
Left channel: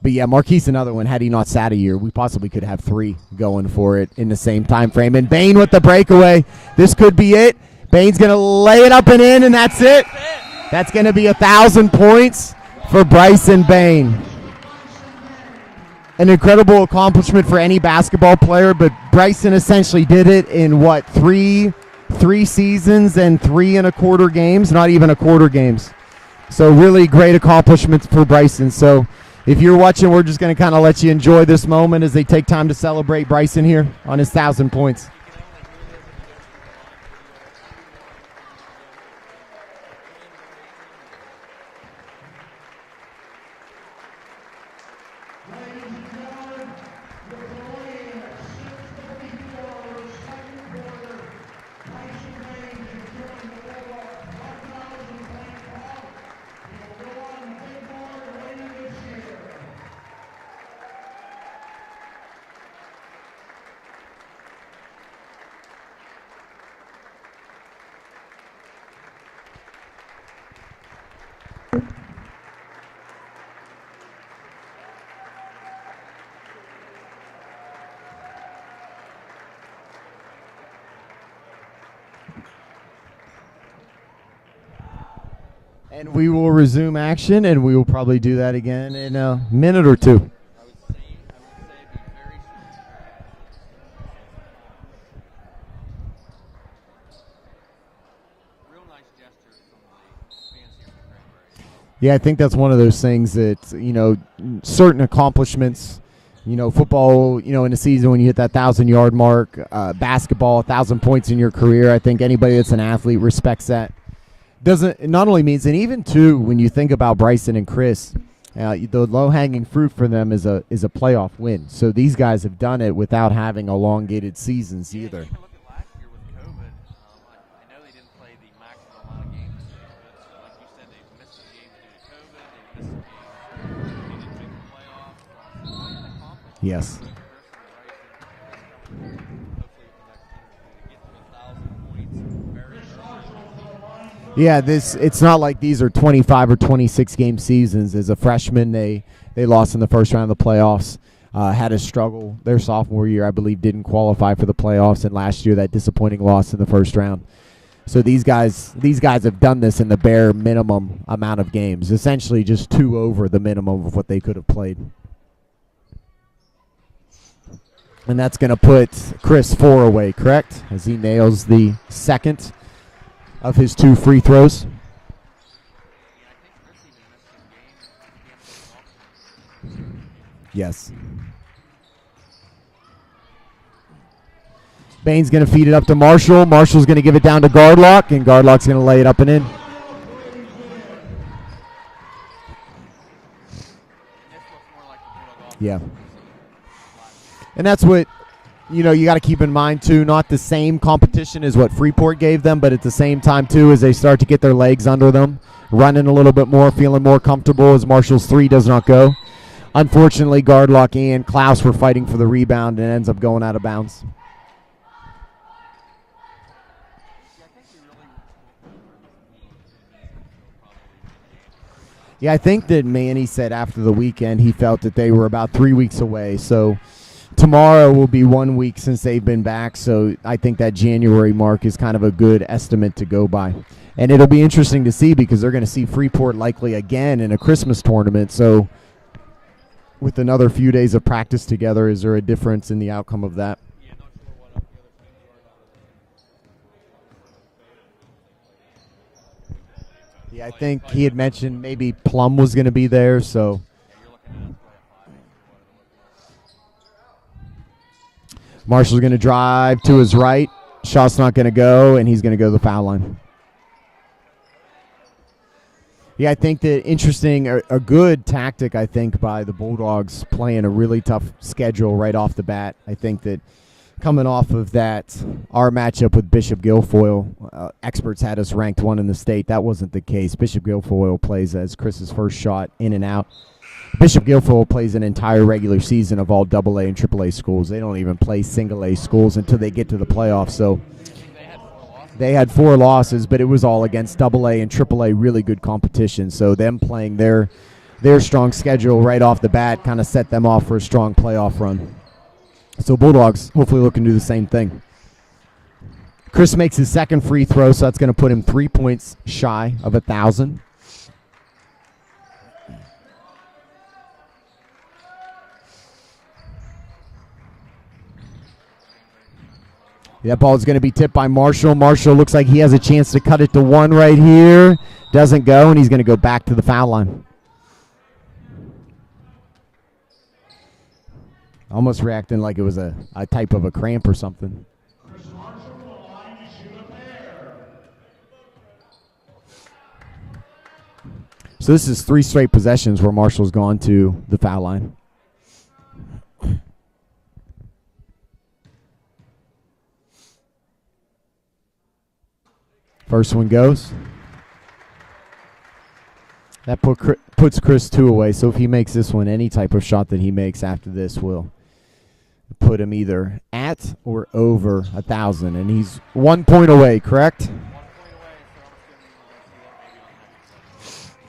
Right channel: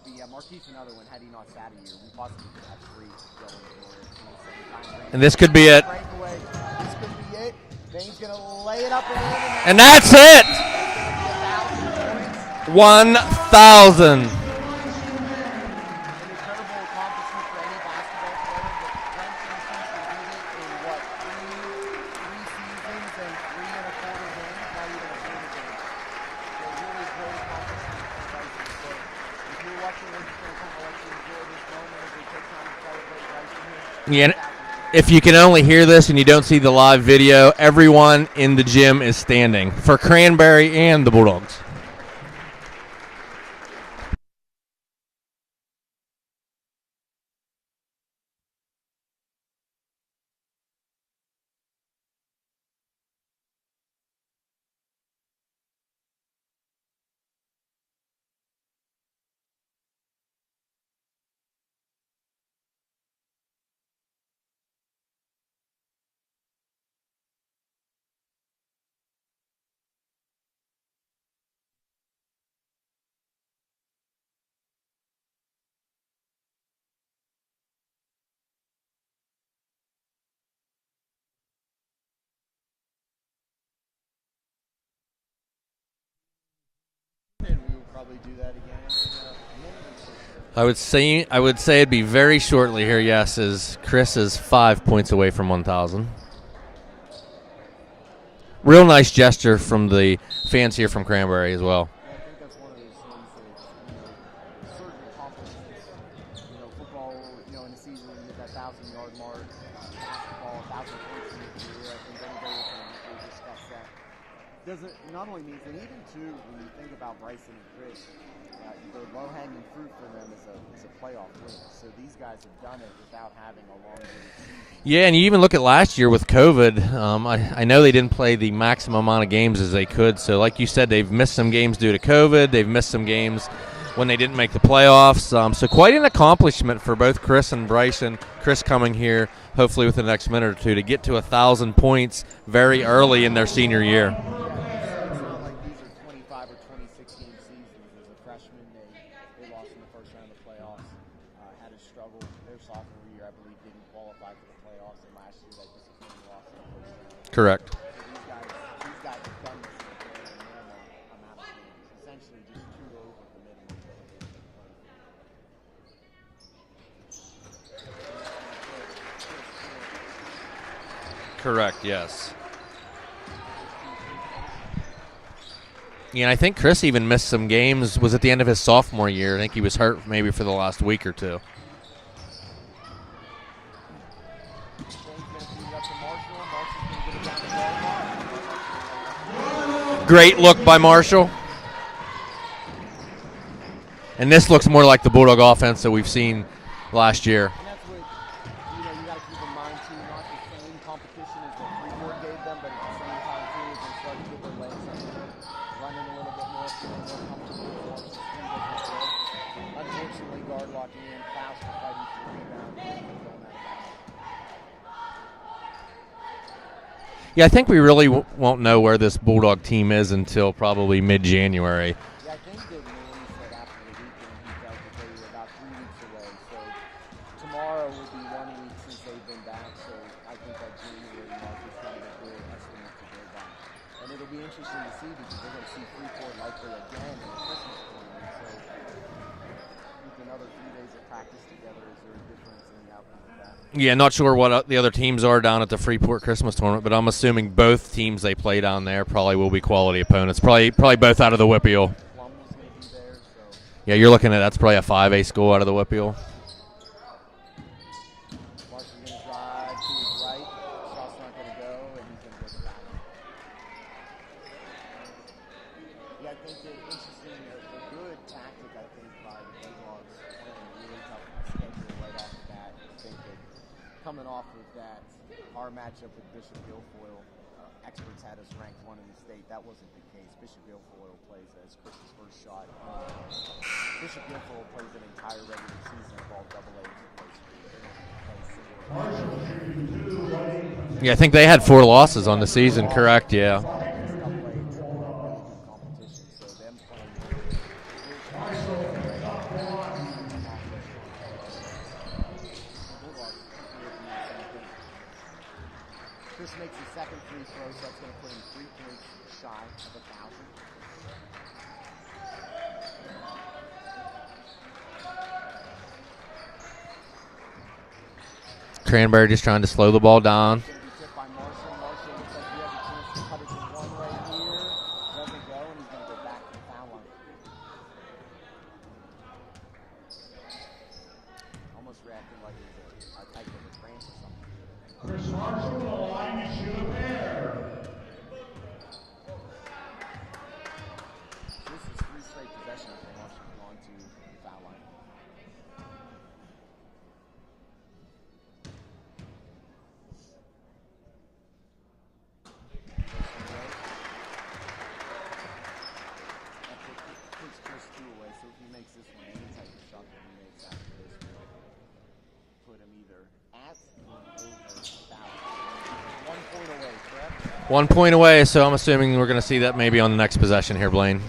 But yeah, Marquise another one. Had he not sat a year, we possibly could have 3 going for it in the same time frame. And This Bain could be with the it. breakaway. This could be it. Bain's going to lay it up and in, and that's it. That's going to be 1,000 points for 1,000. Bryson Bain. An incredible accomplishment for any basketball player, but Bryson essentially did it in, what, three seasons and 3 1/4 games? Not even 1/4 games. So really great accomplishment for Bryson. So if you're watching, we're just going to kind of let you enjoy this moment as they take time to celebrate Bryson here on his 1,000 points. If you can only hear this and you don't see the live video, everyone in the gym is standing for Cranberry and the Bulldogs. And we will resume action, and we will probably do that again in a minute or 2. I would say it'd be very shortly here, yes, as Chris is 5 points away from 1,000. Real nice gesture from the fans here from Cranberry as well. Yeah, I think that's one of those things that, certain accomplishments, football, in a season when you hit that 1,000-yard mark, basketball, 1,000 points in your career, I think anybody that's an athlete respects that. It not only means, and even too, when you think about Bryson and Chris, the low-hanging fruit for them is a playoff win. So these guys have done it without having elongated seasons. Yeah, and you even look at last year with COVID. I know they didn't play the maximum amount of games as they could. So like you said, they've missed some games due to COVID. They've missed some games when they didn't make the playoffs. So quite an accomplishment for both Chris and Bryson. Chris coming here, hopefully within the next minute or 2, to get to 1,000 points very early in their senior year. Yeah, it's not like these are 25 or 26 game seasons. As a freshman, they lost in the first round of the playoffs. Had a struggle their sophomore year, I believe, didn't qualify for the playoffs, and last year that disappointing loss in the first round. Correct. So these guys have done this in the bare minimum amount of games, essentially just 2 over the minimum of what they could have played. And that's going to put Chris 4 away, correct? As he nails the second of his 2 free throws. Yeah, and I think Chris even missed some games. Was at the end of his sophomore year. I think he was hurt maybe for the last week or 2. Bain's going to feed it up to Marshall. Marshall's going to give it down to Gardlock, and Gardlock's going to lay it up and in. Great look by Marshall. And this looks more like the Bulldog offense that we've seen last year. And that's what, you got to keep in mind, too. Not the same competition as what Freeport gave them, but at the same time, too, as they start to get their legs under them, running a little bit more, feeling more comfortable as Marshall's 3 does not go. Unfortunately, Gardlock and Klaus were fighting for the rebound and ends up going out of bounds. Yeah, I think we really won't know where this Bulldog team is until probably mid-January. Yeah, I think that Manny said after the weekend he felt that they were about 3 weeks away. So tomorrow will be 1 week since they've been back. So I think that January mark is kind of a good estimate to go by. And it'll be interesting to see because they're going to see Freeport likely again in a Christmas tournament. So with another few days of practice together, is there a difference in the outcome of that? Yeah, not sure what the other teams are down at the Freeport Christmas tournament, but I'm assuming both teams they play down there probably will be quality opponents. Yeah, probably both out of the Whippeal. Plum was going to be there, so yeah, you're looking at that's probably a 5A school out of the Whippeal. Marshall's going to drive to his right. Shot's not going to go, and he's going to go to the foul line. Yeah, I think that interesting, a good tactic, I think, by the Bulldogs playing a really tough schedule right off the bat. I think that coming off of that, our matchup with Bishop Guilfoyle, experts had us ranked 1 in the state. That wasn't the case. Bishop Guilfoyle plays as Chris's first shot in and out. Bishop Guilfoyle plays an entire regular season of all AA and AAA schools. They don't even play single A schools until they get to the playoffs. So yeah, I think they had 4 losses on the season. They had 4 losses, correct? but it was all against AA and AAA really good competition. So them playing their their strong schedule right off the bat, kind of set them off for a strong playoff run. So Bulldogs hopefully looking to do the same thing. Chris makes his second free throw, so that's going to put him 3 points shy of 1,000. Cranberry just trying to slow the ball down. That ball is going to be tipped by Marshall. Marshall looks like he has a chance to cut it to one right here. Doesn't go, and he's going to go back to the foul line. Almost reacting like it was a type of a cramp or something. Chris Marshall to the line to shoot a pair. So this is 3 straight possessions where Marshall's gone to the foul line. First one goes. That puts Chris 2 away, so if he makes this one, any type of shot that he makes after this will put him either at or over 1,000, and he's 1 point away, correct? 1 point away, so I'm assuming we're going to see that maybe on the next possession here, Blaine.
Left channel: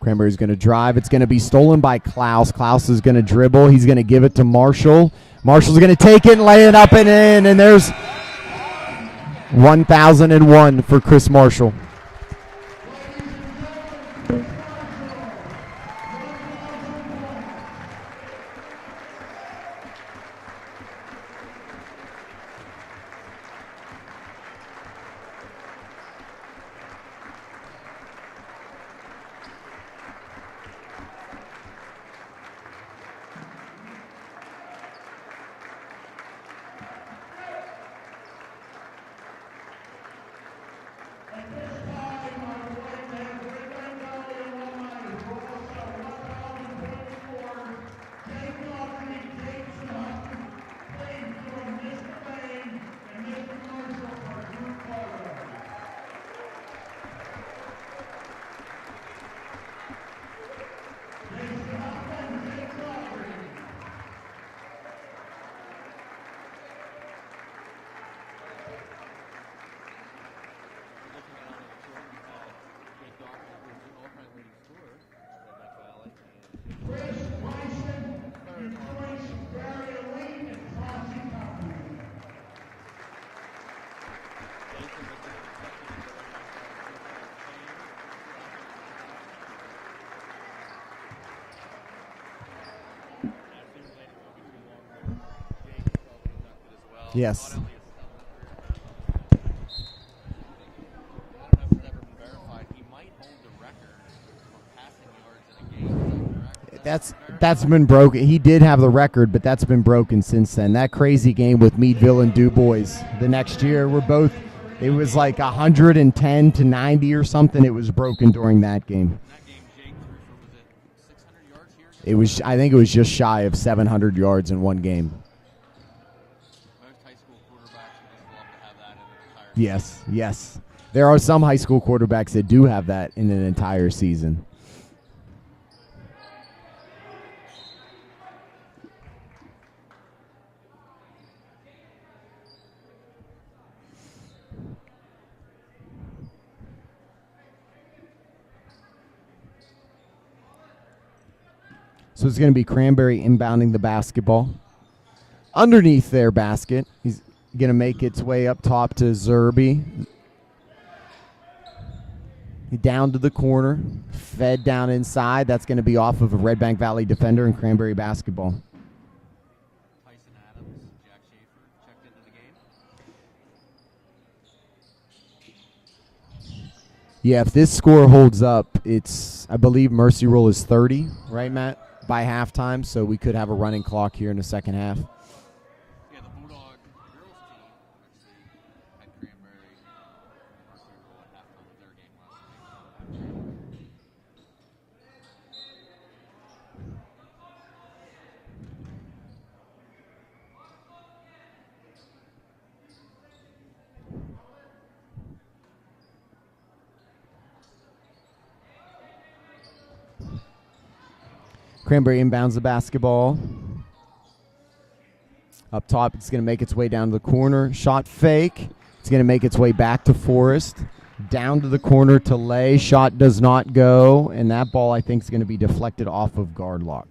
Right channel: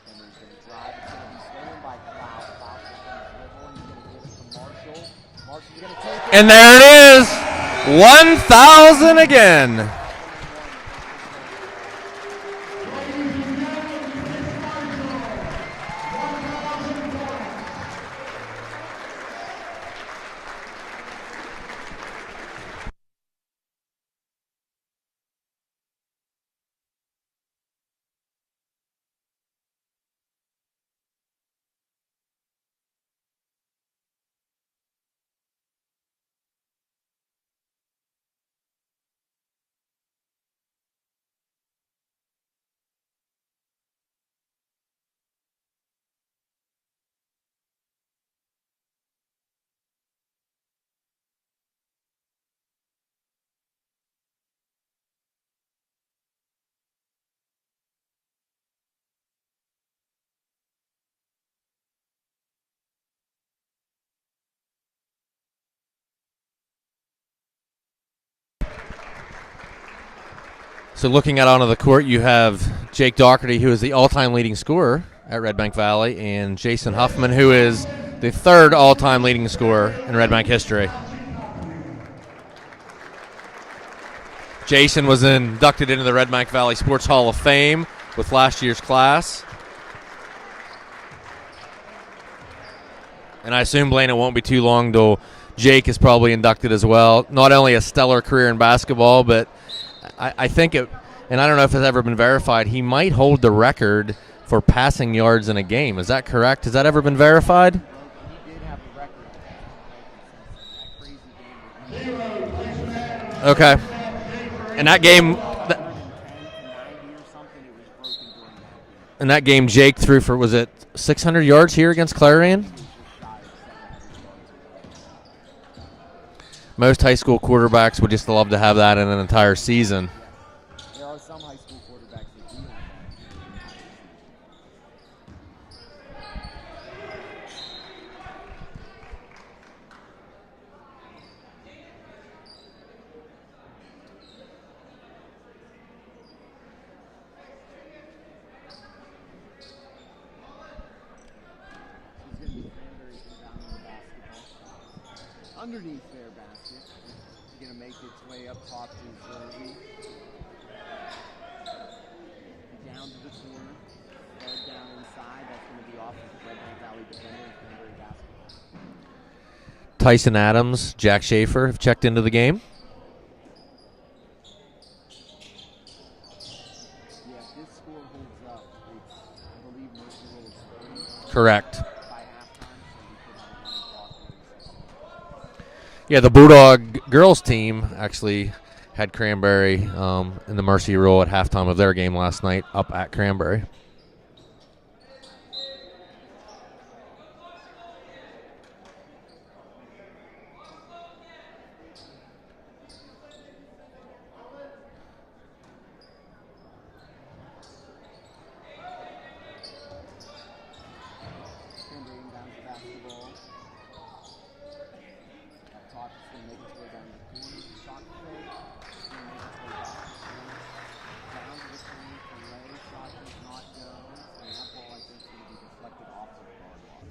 Cranberry's going to drive. It's going to be stolen by Klaus. Klaus is going to dribble. He's going to give it to Marshall. Marshall's going to take it, and lay it up there and in, and there's 1,000 again. 1,001 for Chris Marshall. So looking out onto the court, you have Jake Doherty, who is the all-time leading scorer at Redbank Valley, and Jason Huffman, who is the 3rd all-time leading scorer in Redbank history. Jason was inducted into the Redbank Valley Sports Hall of Fame with last year's class. And I assume, Blaine, it won't be too long till Jake is probably inducted as well. Yes. Not only a stellar career in basketball, but I think it, and I don't know if it's ever been verified, he might hold the record for passing yards in a game. Is that correct? Has that ever been verified? That's been broken. He did have the record, but that's been broken since then. That crazy game with Meadville and Du Bois. The next year, we're both. And that game, like 110 to 90 or something. It was broken during that game. In that game, Jake threw for, was it 600 yards here against Clarion? I think it was just shy of 700 yards in one game. Most high school quarterbacks would just love to have that in an entire season. Yes. There are some high school quarterbacks that do have that in an entire season. So it's going to be Cranberry inbounding the basketball. Underneath their basket, he's going to make its way up top to Zerby. Down to the corner, fed down inside. That's going to be off of a Redbank Valley defender in Cranberry basketball. Tyson Adams, Jack Schaefer have checked into the game. Yeah, if this score holds up, it's, I believe Mercy Roll is 30. Correct. By halftime, so we could have a running clock here in the second half. Yeah, the Bulldog girls team actually had Cranberry in the Mercy Rule at halftime of their game last night up at Cranberry. Cranberry inbounds the basketball. Up top, it's going to make its way down to the corner. Shot fake. It's going to make its way back to Forrest. Down to the corner to Lay. Shot does not go, and that ball, I think, is going to be deflected off of guard lock.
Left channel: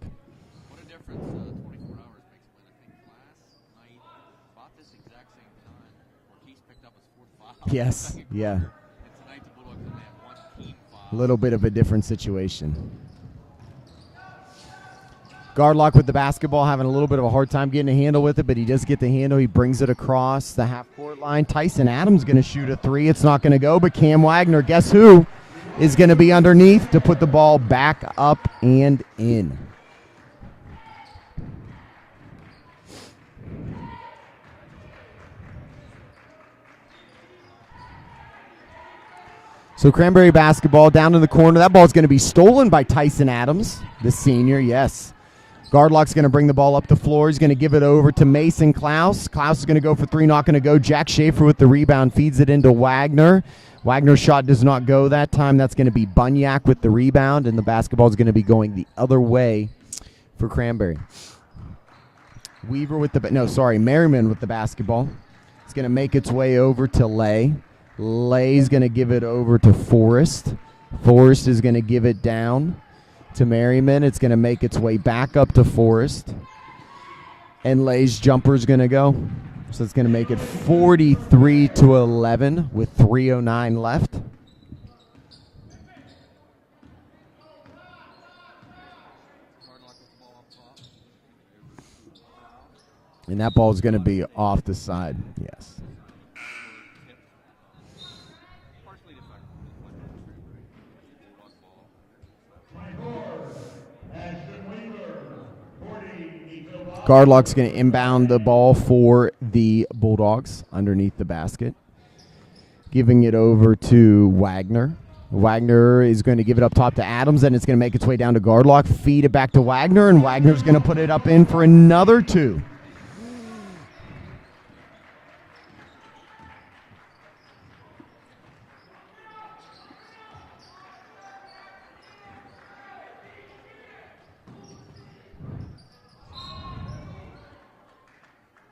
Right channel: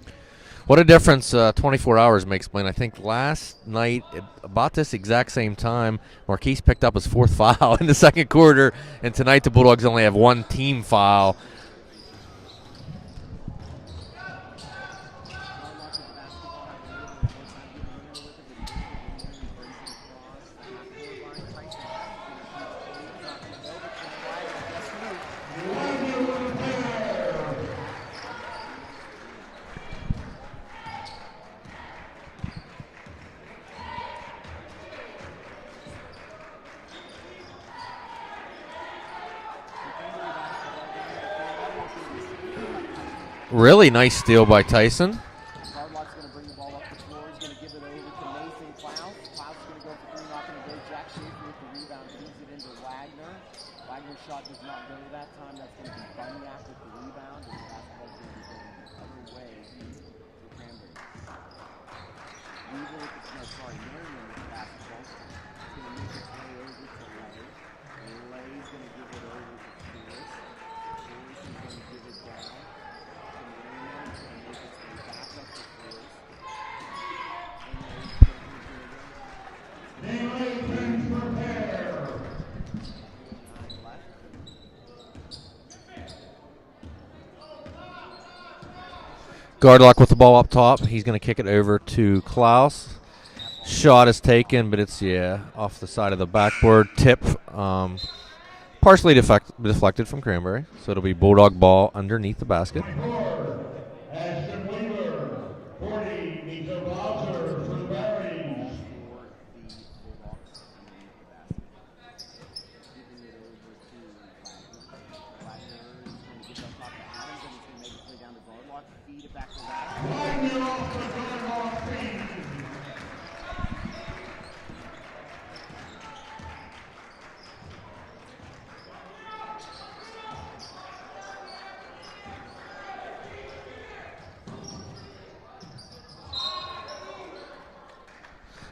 What a difference 24 hours makes, Blaine. I think last night, at about this exact same time, Marquise picked up his 4th foul in the second quarter, and tonight the Bulldogs only have 1 team foul. A little bit of a different situation. Gardlock with the basketball, having a little bit of a hard time getting a handle with it, but he does get the handle. He brings it across the half-court line. Tyson Adams going to shoot a 3. It's not going to go, but Cam Wagner, guess who, is going to be underneath to put the ball back up and in. So Cranberry basketball down in the corner. That ball's going to be stolen by Tyson Adams. Really nice steal by Tyson. Gardlock's going to bring the ball up the floor. He's going to give it over to Mason Klaus. Klaus is going to go for 3, not going to go. Jack Schaefer with the rebound feeds it into Wagner. Wagner's shot does not go that time. That's going to be Bunyak with the rebound, and the basketball is going to be going the other way for Cranberry. Merriman with the basketball. It's going to make its way over to Lay. Lay's going to give it over to Forrest. Forrest is going to give it down to Merriman. It's going to make its way back up to Forrest. And Lay's jumper is going to go. So it's going to make it 43-11 with 3:09 left. Gardlock with the ball up top. He's going to kick it over to Klaus. And that ball shot is taken, but it's off the side of the backboard. Tip, partially deflected from Cranberry, so it'll be Bulldog ball underneath the basket. Gardlock's going to inbound the ball for the Bulldogs underneath the basket, giving it over to Wagner. Wagner is going to give it up top to Adams, and it's going to make its way down to Gardlock. Feed it back to Wagner, and Wagner's going to put it up in for another 2.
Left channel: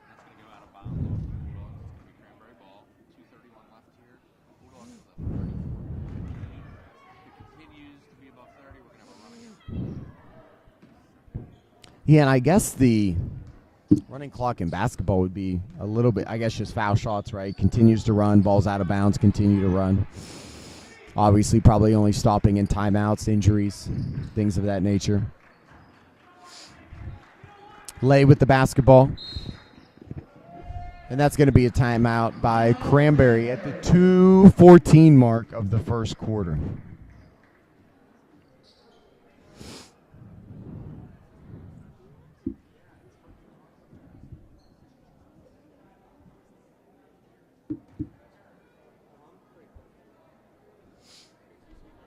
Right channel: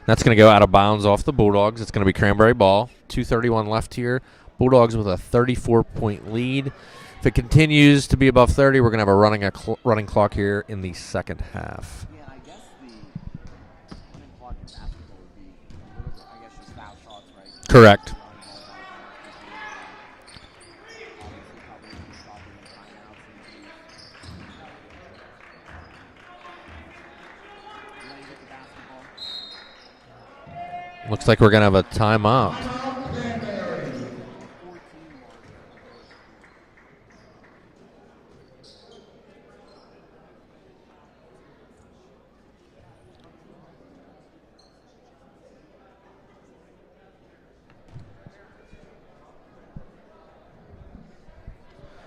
That's going to go out of bounds off the Bulldogs. It's going to be Cranberry ball. 2:31 left here. Bulldogs with a 34-point lead. If it continues to be above 30, we're going to have a running clock here in the second half. Yeah, and I guess the running clock in basketball would be a little bit, just foul shots, right? Continues to run, balls out of bounds, continue to run. Obviously, probably only stopping in timeouts, injuries, things of that nature. Lay with the basketball. Looks like we're going to have a timeout by Cranberry at the 2:14 mark of the first quarter.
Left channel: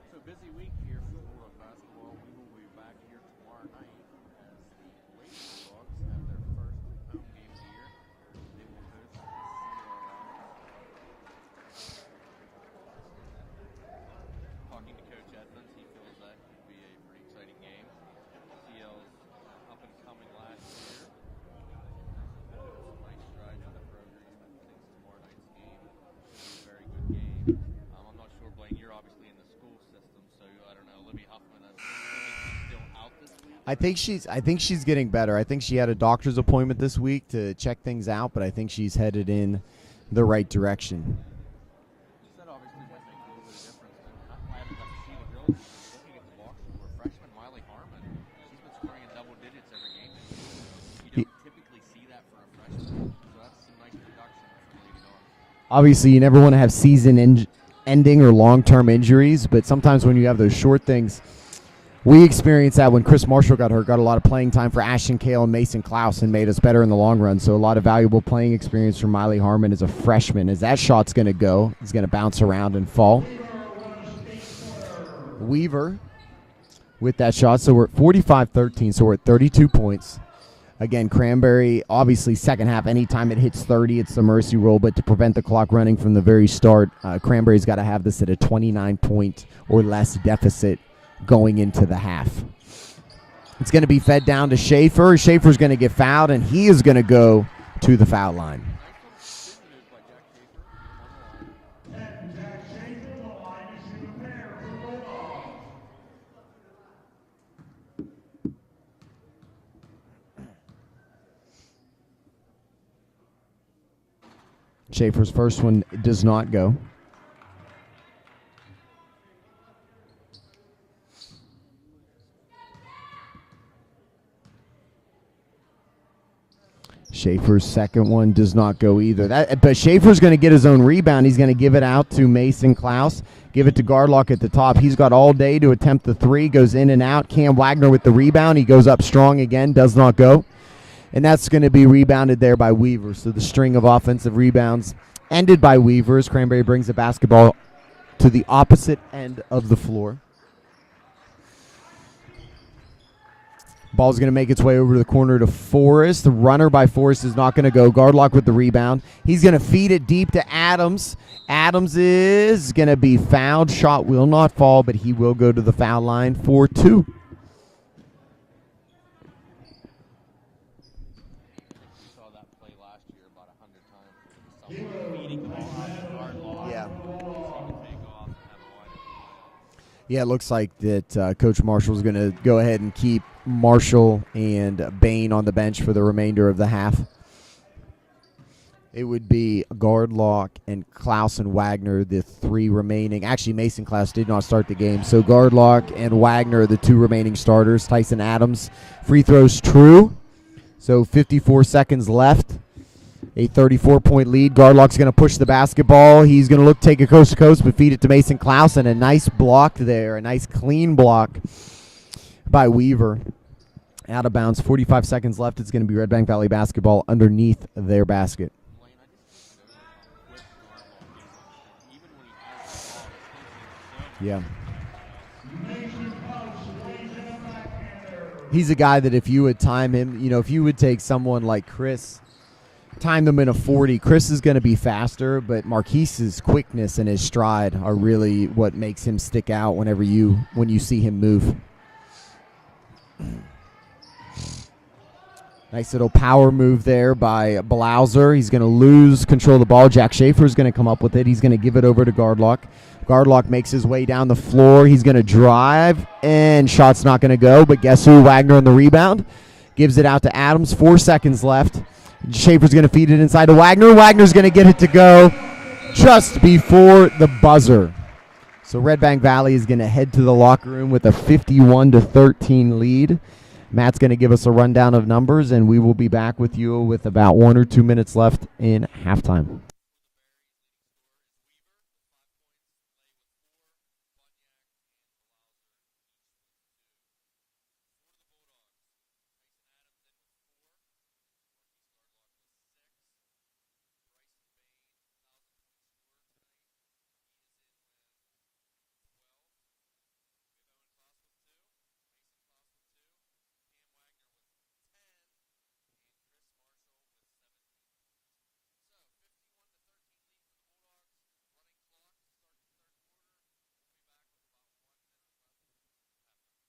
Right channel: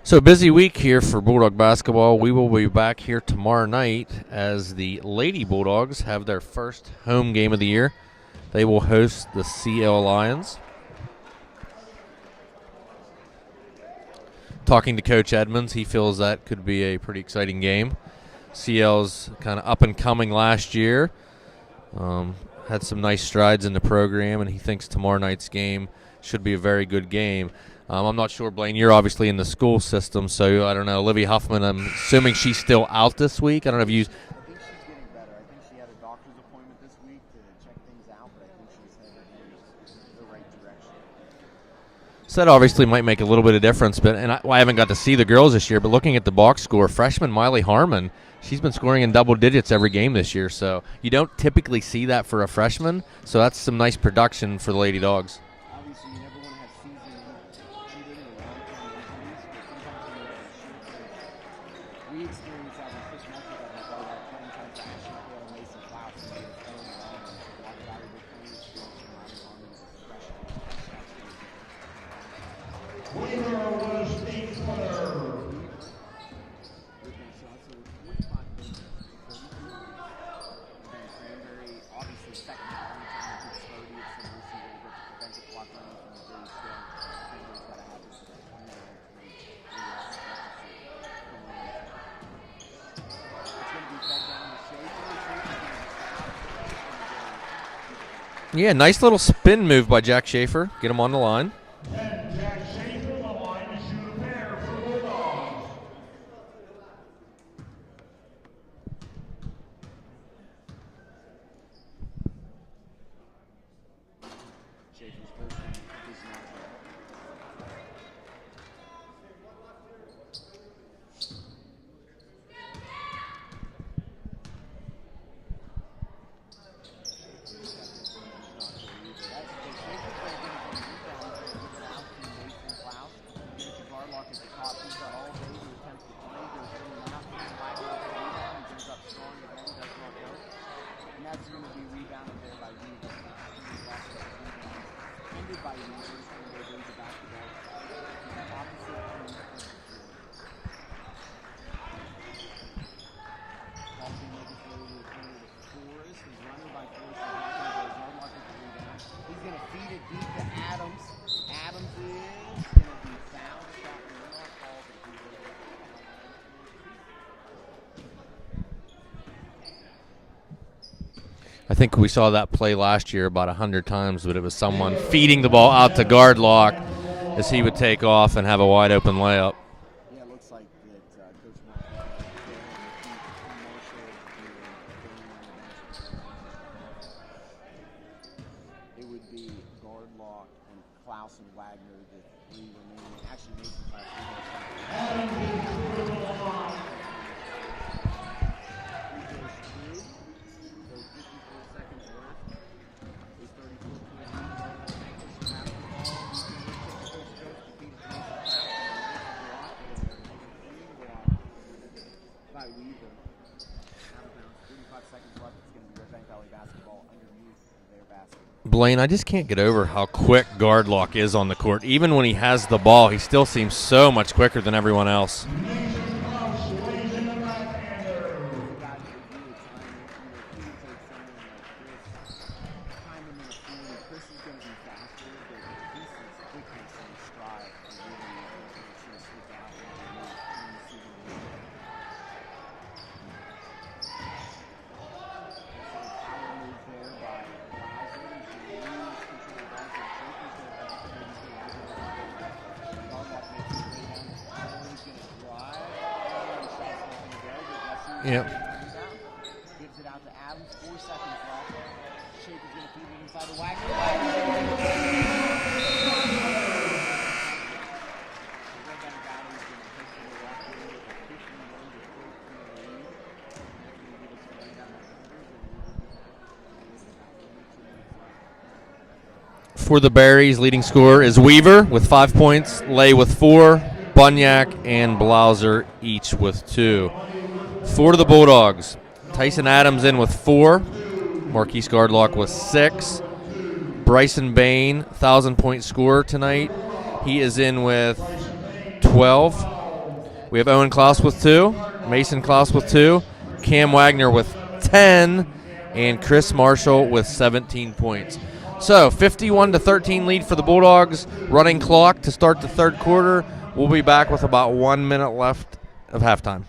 So busy week here for Bulldog basketball. We will be back here tomorrow night as the Lady Bulldogs have their first home game of the year. They will host the CL Lions. Talking to Coach Edmonds, he feels that could be a pretty exciting game. CL's kind of up and coming last year. Had some nice strides in the program, and he thinks tomorrow night's game should be a very good game. I'm not sure, Blaine, you're obviously in the school system, so I don't know. Olivia Huffman, I'm assuming she's still out this week. I think she's getting better. I think she had a doctor's appointment this week to check things out, but I think she's headed in the right direction. So that obviously might make a little bit of difference, but I haven't got to see the girls this year, but looking at the box score, freshman Miley Harmon, she's been scoring in double digits every game this year, so you don't typically see that for a freshman, so that's some nice production for the Lady Dogs. Obviously, you never want to have season-ending or long-term injuries, but sometimes when you have those short things, we experienced that when Chris Marshall got hurt, got a lot of playing time for Ashton Kale and Mason Klaus and made us better in the long run. So a lot of valuable playing experience from Miley Harmon as a freshman. As that shot's going to go, it's going to bounce around and fall. Weaver with that shot. So we're at 45-13, so we're at 32 points. Again, Cranberry, obviously second half, anytime it hits 30, it's the mercy roll. But to prevent the clock running from the very start, Cranberry's got to have this at a 29-point or less deficit going into the half. It's going to be fed down to Schaefer. Schaefer's going to get fouled, and he is going to go to the foul line. Yeah, nice little spin move by Jack Schaefer. Get him on the line. Schaefer's first one does not go. Schaefer's second one does not go either. But Schaefer's going to get his own rebound. He's going to give it out to Mason Klaus. Give it to Gardlock at the top. He's got all day to attempt the three. Goes in and out. Cam Wagner with the rebound. He goes up strong again. Does not go. And that's going to be rebounded there by Weaver. So the string of offensive rebounds ended by Weaver as Cranberry brings the basketball to the opposite end of the floor. Ball's going to make its way over to the corner to Forrest. The runner by Forrest is not going to go. Gardlock with the rebound. He's going to feed it deep to Adams. Adams is going to be fouled. Shot will not fall, but he will go to the foul line for 2. I think we saw that play last year about 100 times, but it was someone feeding the ball out to Gardlock as he would take off and have a wide open layup. Yeah, it looks like that Coach Marshall's going to go ahead and keep Marshall and Bain on the bench for the remainder of the half. It would be Gardlock and Klaus and Wagner, the 3 remaining. Actually, Mason Klaus did not start the game. So Gardlock and Wagner are the 2 remaining starters. Tyson Adams, free throws true. So 54 seconds left. A 34-point lead. Gardlock's going to push the basketball. He's going to look take it coast to coast, but feed it to Mason Klaus, and a nice block there. A nice clean block by Weaver. Out of bounds. 45 seconds left. It's going to be Redbank Valley basketball underneath their basket. Blaine, I just can't get over how quick Gardlock is on the court. Even when he has the ball, he still seems so much quicker than everyone else. He's a guy that if you would time him, if you would take someone like Chris, time them in a 40, Chris is going to be faster, but Marquise's quickness and his stride are really what makes him stick out when you see him move. Nice little power move there by Blauser. He's going to lose control of the ball. Jack Schaefer is going to come up with it. He's going to give it over to Gardlock. Gardlock makes his way down the floor. He's going to drive, and shot's not going to go. But guess who? Wagner on the rebound. Gives it out to Adams. 4 seconds left. Schaefer's going to feed it inside to Wagner. Wagner's going to get it to go just before the buzzer. So Redbank Valley is going to head to the locker room with a 51-13 lead. Matt's going to give us a rundown of numbers, and we will be back with you with about 1 or 2 minutes left in halftime. For the Berries, leading scorer is Weaver with 5 points, Lay with 4, Bunyak and Blauser each with 2. For the Bulldogs, Tyson Adams in with 4, Marquise Gardlock with 6, Bryson Bain, 1,000-point scorer tonight. He is in with 12. We have Owen Klaus with 2, Mason Klaus with 2, Cam Wagner with 10, and Chris Marshall with 17 points. So 51-13 lead for the Bulldogs. Running clock to start the third quarter. We'll be back with about 1 minute left of halftime.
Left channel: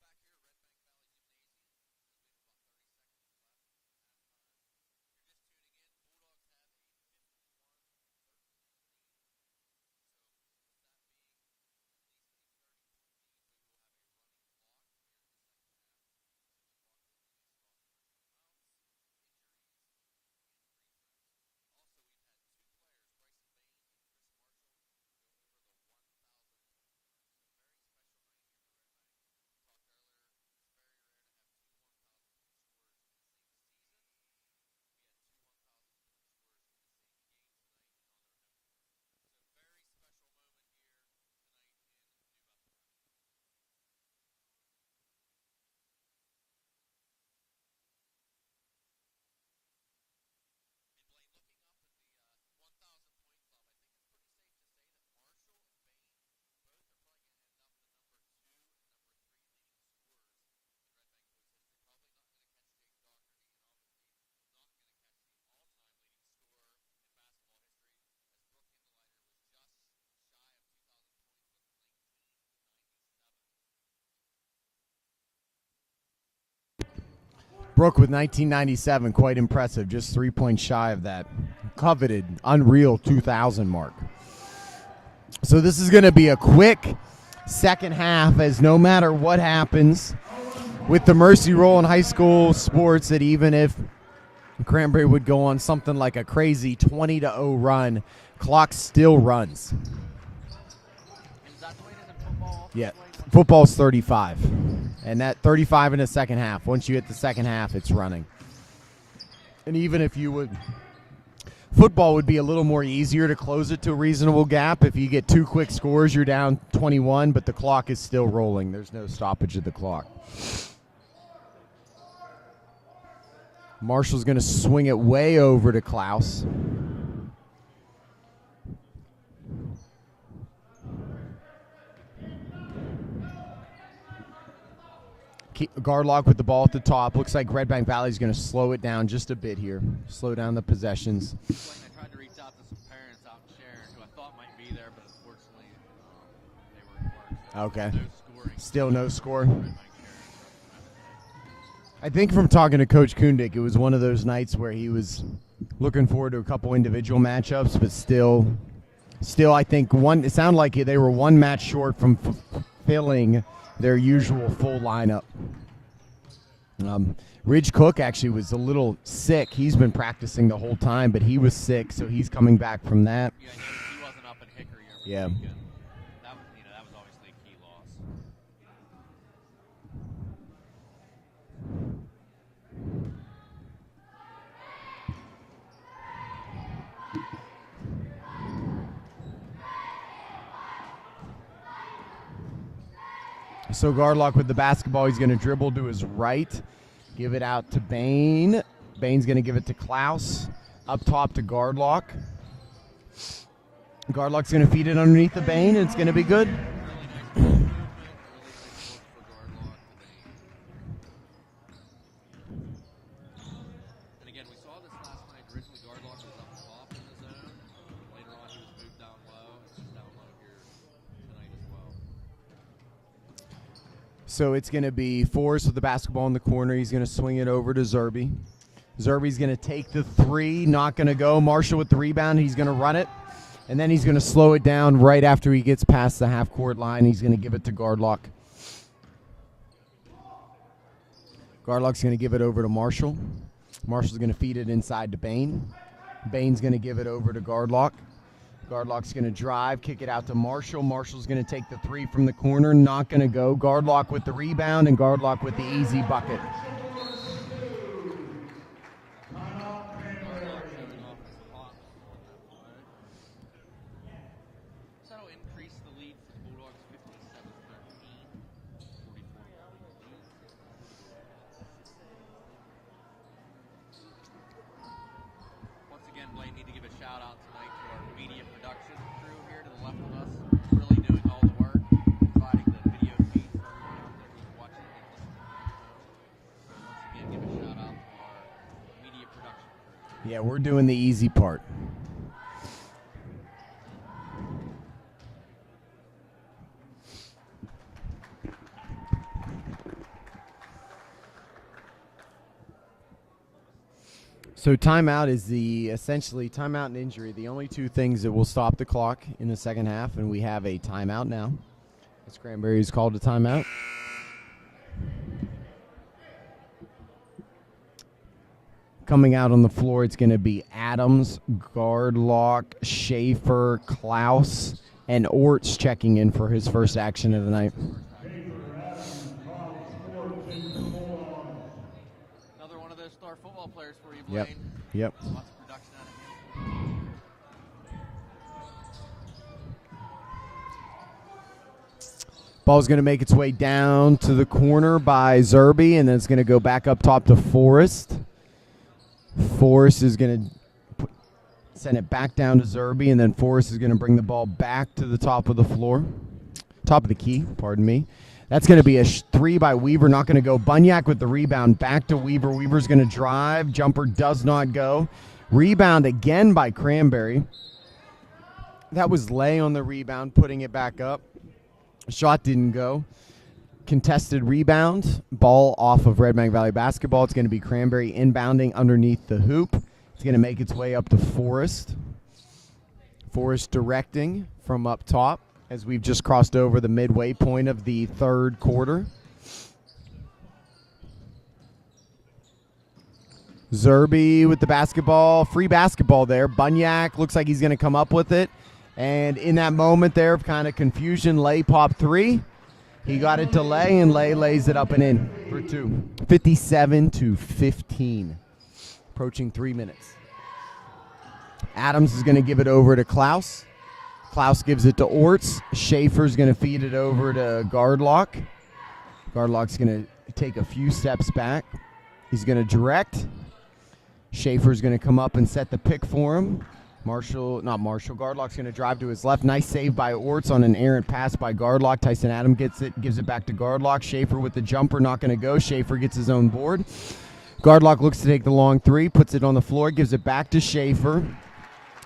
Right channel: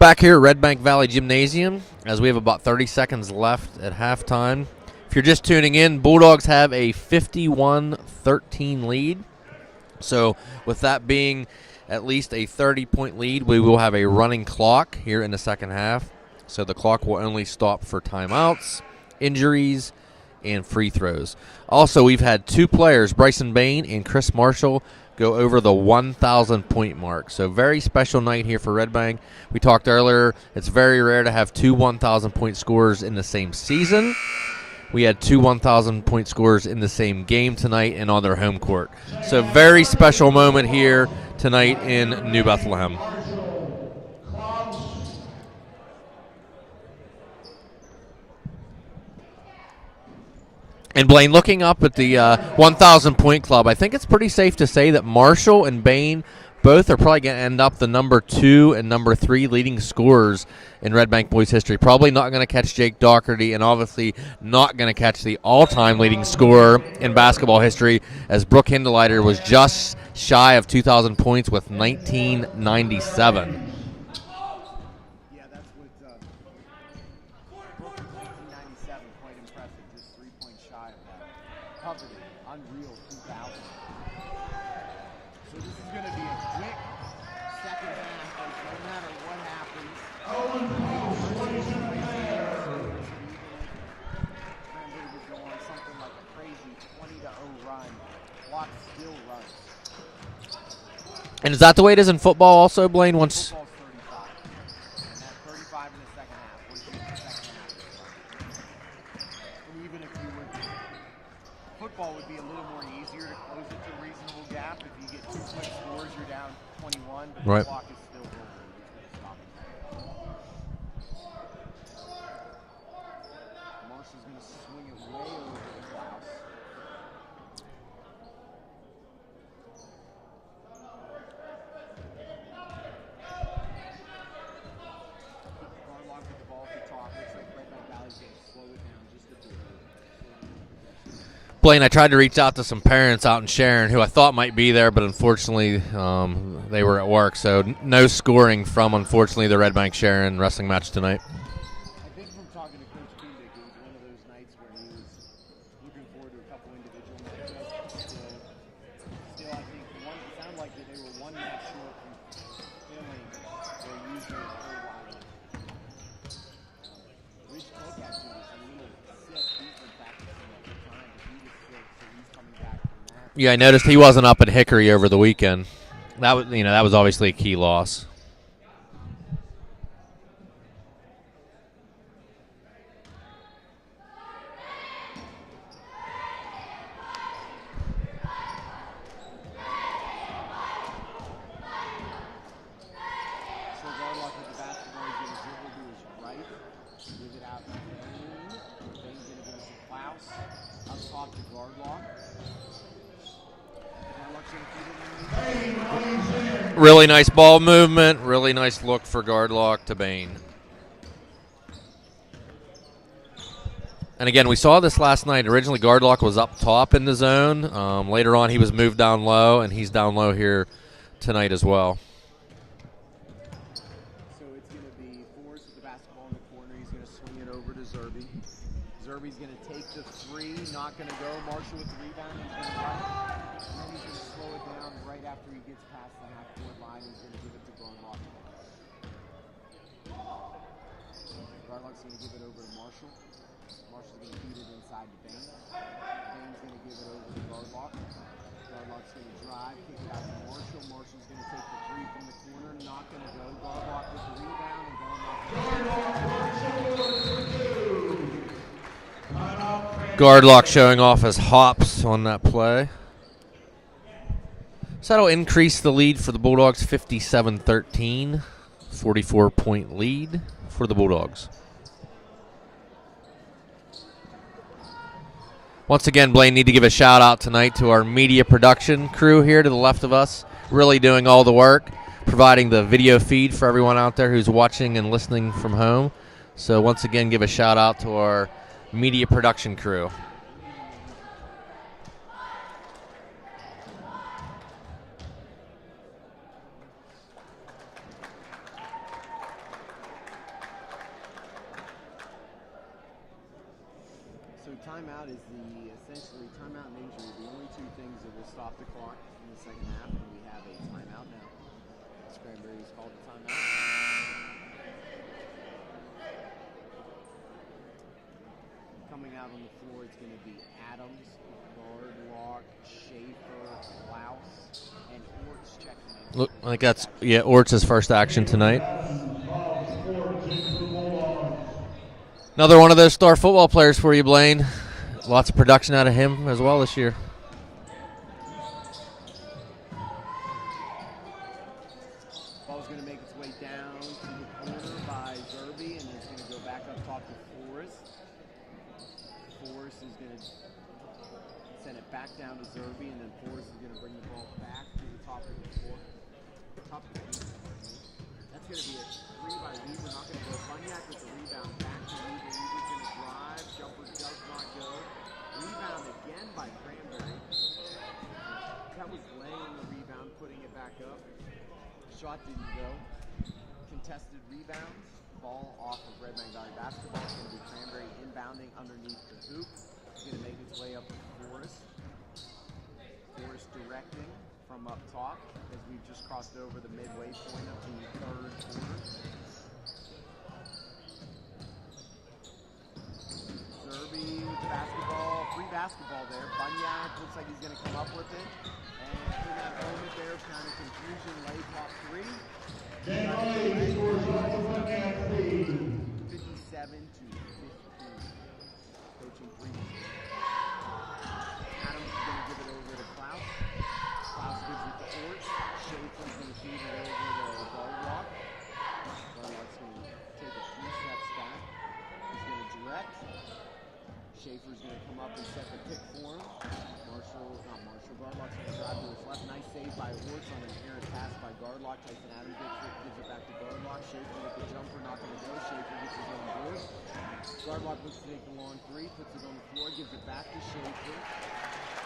Back here at Redbank Valley Gymnasium, as we have about 30 seconds left at halftime. If you're just tuning in, Bulldogs have a 51-13 lead. So with that being at least a 30-point lead, we will have a running clock here in the second half. So the clock will only stop for timeouts, injuries, and free throws. Also, we've had two players, Bryson Bain and Chris Marshall, go over the 1,000-point mark. So very special night here for Redbank. We talked earlier, it's very rare to have two 1,000-point scorers in the same season. We had two 1,000-point scorers in the same game tonight and on their home court. So very special moment here tonight in New Bethlehem. And Blaine, looking up at the 1,000-point club, I think it's pretty safe to say that Marshall and Bain both are probably going to end up the number 2 and number 3 leading scorers in Redbank boys history. Probably not going to catch Jake Doherty, and obviously not going to catch the all-time leading scorer in basketball history, as Brooke Hindeleiter was just shy of 2,000 points with 1997. Brooke with 1997, quite impressive. Just 3 points shy of that coveted, unreal 2,000 mark. So this is going to be a quick second half, as no matter what happens with the mercy rule in high school sports, that even if Cranberry would go on something like a crazy 20-0 run, clock still runs. And is that the way it is in football also, Yeah. Blaine? Once football's 35. And that 35 in the second half. Once you hit the second half, it's running. And even if you would, football would be a little more easier to close it to a reasonable gap. If you get 2 quick scores, you're down 21, but the Right. clock is still rolling. There's no stoppage of the clock. Marshall's going to swing it way over to Klaus. Guard lock with the ball at the top. Looks like Redbank Valley's going to slow it down just a bit here. Slow down the possessions. Blaine, I tried to reach out to some parents out in Sharon who I thought might be there, but unfortunately they were at work, so Okay. no scoring Still from, no unfortunately, scoring. the Redbank Sharon wrestling match tonight. I think from talking to Coach Kundik, it was one of those nights where he was looking forward to a couple individual matchups, but still I think it sounded like they were one match short from filling their usual full lineup. Ridge Cook actually was a little sick. He's been practicing the whole time, but he was sick, so he's coming back from that. Yeah, I noticed he wasn't up at Hickory over the weekend. That was obviously a key loss. So Gardlock with the basketball. He's going to dribble to his right. Give it out to Bain. Bain's going to give it to Klaus. Up top to Gardlock. Gardlock's going to feed it underneath the Bain. It's going to be good. Really nice ball movement. Really nice look for Gardlock to Bain. And again, we saw this last night. Originally, Gardlock was up top in the zone. Later on, he was moved down low, and he's down low here tonight as well. So it's going to be Forrest with the basketball in the corner. He's going to swing it over to Zerby. Zerby's going to take the 3, not going to go. Marshall with the rebound. He's going to run it, and then he's going to slow it down right after he gets past the half-court line. He's going to give it to Gardlock. Gardlock's going to give it over to Marshall. Marshall's going to feed it inside to Bain. Bain's going to give it over to Gardlock. Gardlock's going to drive, kick it out to Marshall. Marshall's going to take the 3 from the corner, not going to go. Gardlock with the rebound, and Gardlock with the easy bucket. Gardlock showing off his hops on that play. So that'll increase the lead for the Bulldogs, 57-13, 44-point lead for the Bulldogs. Once again, Blaine, need to give a shout out tonight to our media production crew here to the left of us, really doing all the work, providing the video feed for everyone out there who's watching and listening from home. So once again, give a shout out to our media production crew. Yeah, we're doing the easy part. So timeout is essentially timeout and injury, the only two things that will stop the clock in the second half, and we have a timeout now. Cranberry is called a timeout. Coming out on the floor, it's going to be Adams, Gardlock, Schaefer, Klaus, and Orts checking in for his first action. Yeah, Orts' first action tonight. Another one of those star football players for you, Blaine. Yep. Lots of production out of him as well this year. Ball's going to make its way down to the corner by Zerby, and then it's going to go back up top to Forrest. Forrest is going to send it back down to Zerby, and then Forrest is going to bring the ball back to the top of the floor. Top of the key, pardon me. That's going to be a 3 by Weaver, not going to go. Bunyak with the rebound, back to Weaver. Weaver's going to drive. Jumper does not go. Rebound again by Cranberry. That was Lay on the rebound, putting it back up. Shot didn't go. Contested rebound. Ball off of Redbank Valley basketball. It's going to be Cranberry inbounding underneath the hoop. It's going to make its way up to Forrest. Forrest directing from up top as we've just crossed over the midway point of the third quarter. Zerby with the basketball. Free basketball there. Bunyak looks like he's going to come up with it. And in that moment there of kind of confusion, Lay popped 3. He got it to Lay, and Lay lays it up and in for 2. 57-15. Approaching 3 minutes. Adams is going to give it over to Klaus. Klaus gives it to Orts. Schaefer's going to feed it over to Gardlock. Gardlock's going to take a few steps back. He's going to direct. Schaefer's going to come up and set the pick for him. Gardlock's going to drive to his left. Nice save by Orts on an errant pass by Gardlock. Tyson Adam gets it, gives it back to Gardlock. Schaefer with the jumper, not going to go. Schaefer gets his own board. Gardlock looks to take the long 3, puts it on the floor, gives it back to Schaefer.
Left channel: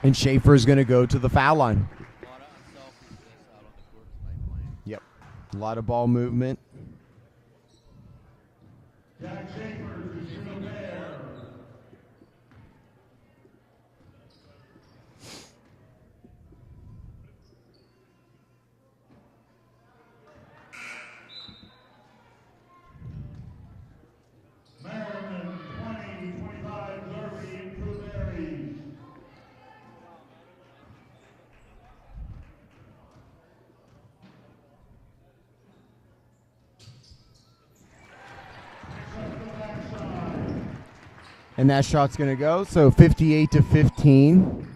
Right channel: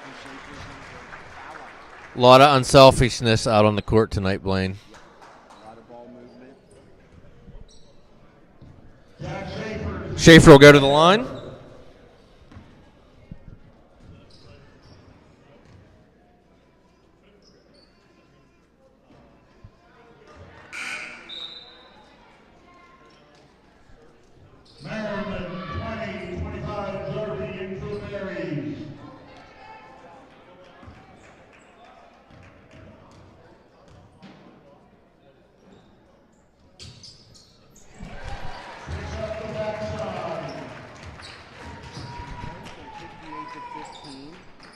And Schaefer is going to go to the foul line. A lot of unselfishness out on the court tonight, Blaine. Yep. A lot of ball movement. Schaefer will go to the line. And that shot's going to go. So 58-15.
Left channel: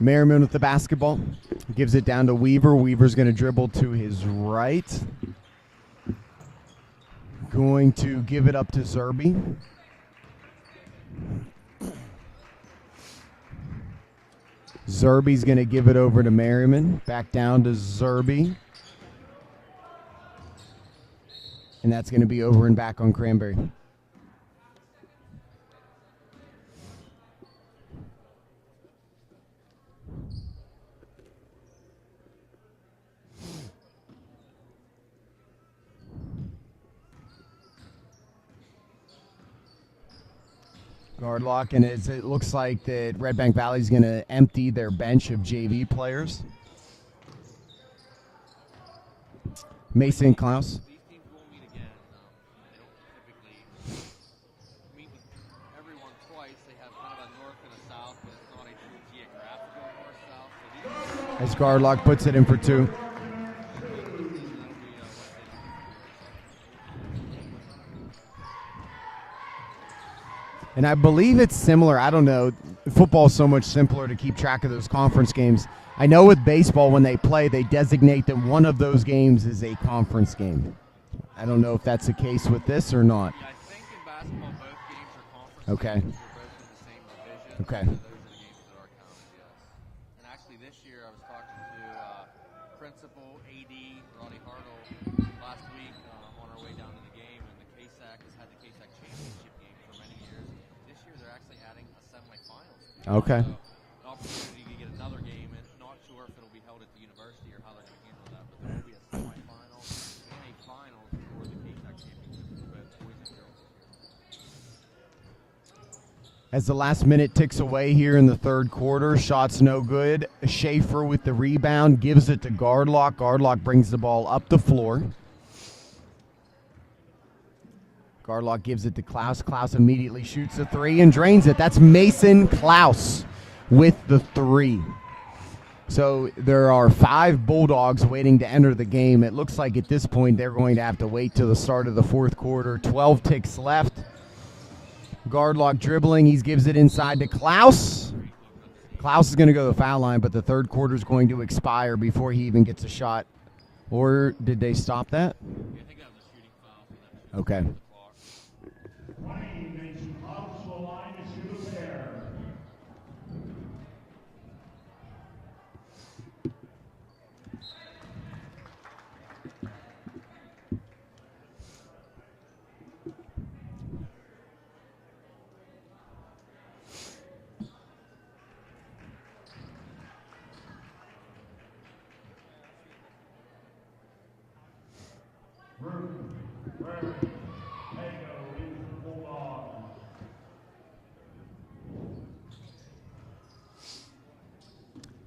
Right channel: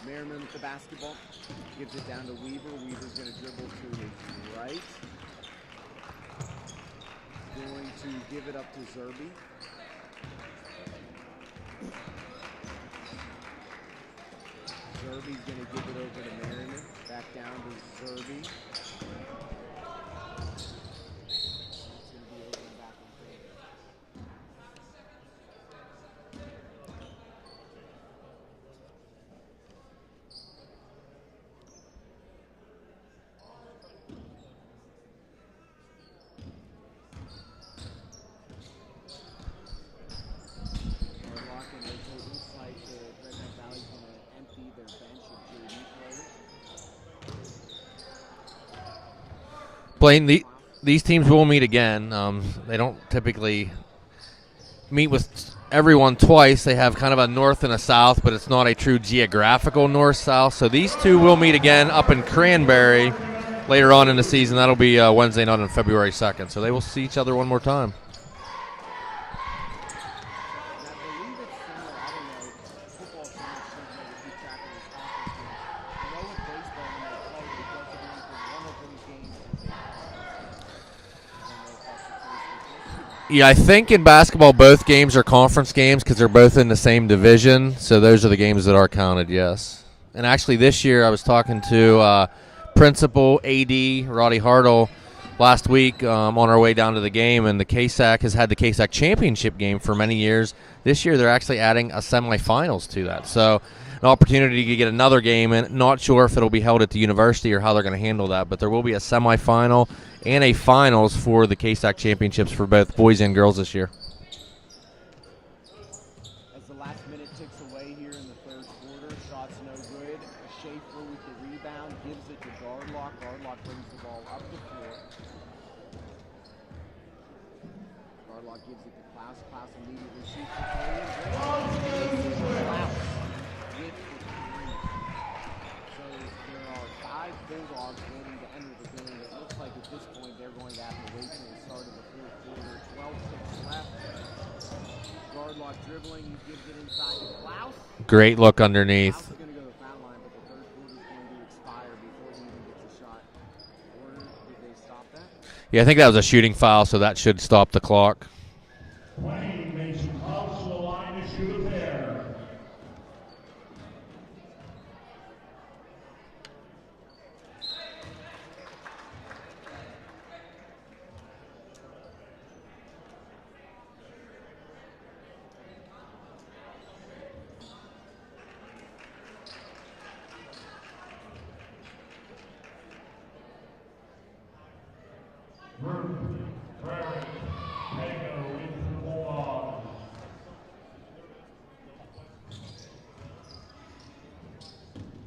Merriman with the basketball. He gives it down to Weaver. Weaver's going to dribble to his right. Going to give it up to Zerby. Zerby's going to give it over to Merriman. Back down to Zerby. And that's going to be over and back on Cranberry. Gardlock, and it looks like that Redbank Valley is going to empty their bench of JV players. Blaine, these teams will meet again. They don't typically meet with everyone twice. They have kind of a north and a south, but it's not a true geographical north-south. So these two will meet again up in Cranberry later on in the season. That'll be Wednesday night on February 2nd. So they will see each other one more time. And I believe it's similar. I don't know. Football is so much simpler to keep track of those conference games. I know with baseball, when they play, they designate that one of those games is a conference game. I don't know if that's the case with this or not. Yeah, I think in basketball, both games are conference games because they're both in the same division. Okay. So those are the games that are counted, yes. And actually this year I was talking to Principal AD Roddy Hartle last week on our way down to the game, and the KSAC has had the KSAC championship game for many years. This year they're actually adding a semifinals to that. Okay. So opportunity to get another game in. Not sure if it'll be held at the university or how they're going to handle that, but there will be a semifinal and a finals for the K-Stack championships for both boys and girls this year. As the last minute ticks away here in the third quarter, shots no good. Schaefer with the rebound, gives it to Gardlock. Gardlock brings the ball up the floor. Gardlock gives it to Klaus. Klaus immediately shoots a three and drains it. That's Mason Klaus with the three. So there are 5 Bulldogs waiting to enter the game. It looks like at this point they're going to have to wait till the start of the fourth quarter. 12 ticks left. Gardlock dribbling. He gives it inside to Klaus. Great look underneath. Klaus is going to go to the foul line, but the third quarter is going to expire before he even gets a shot. Or did they stop that? Yeah, I think that was a shooting foul, so that should stop the clock. Wayne Mason Klaus to the line to shoot a pair.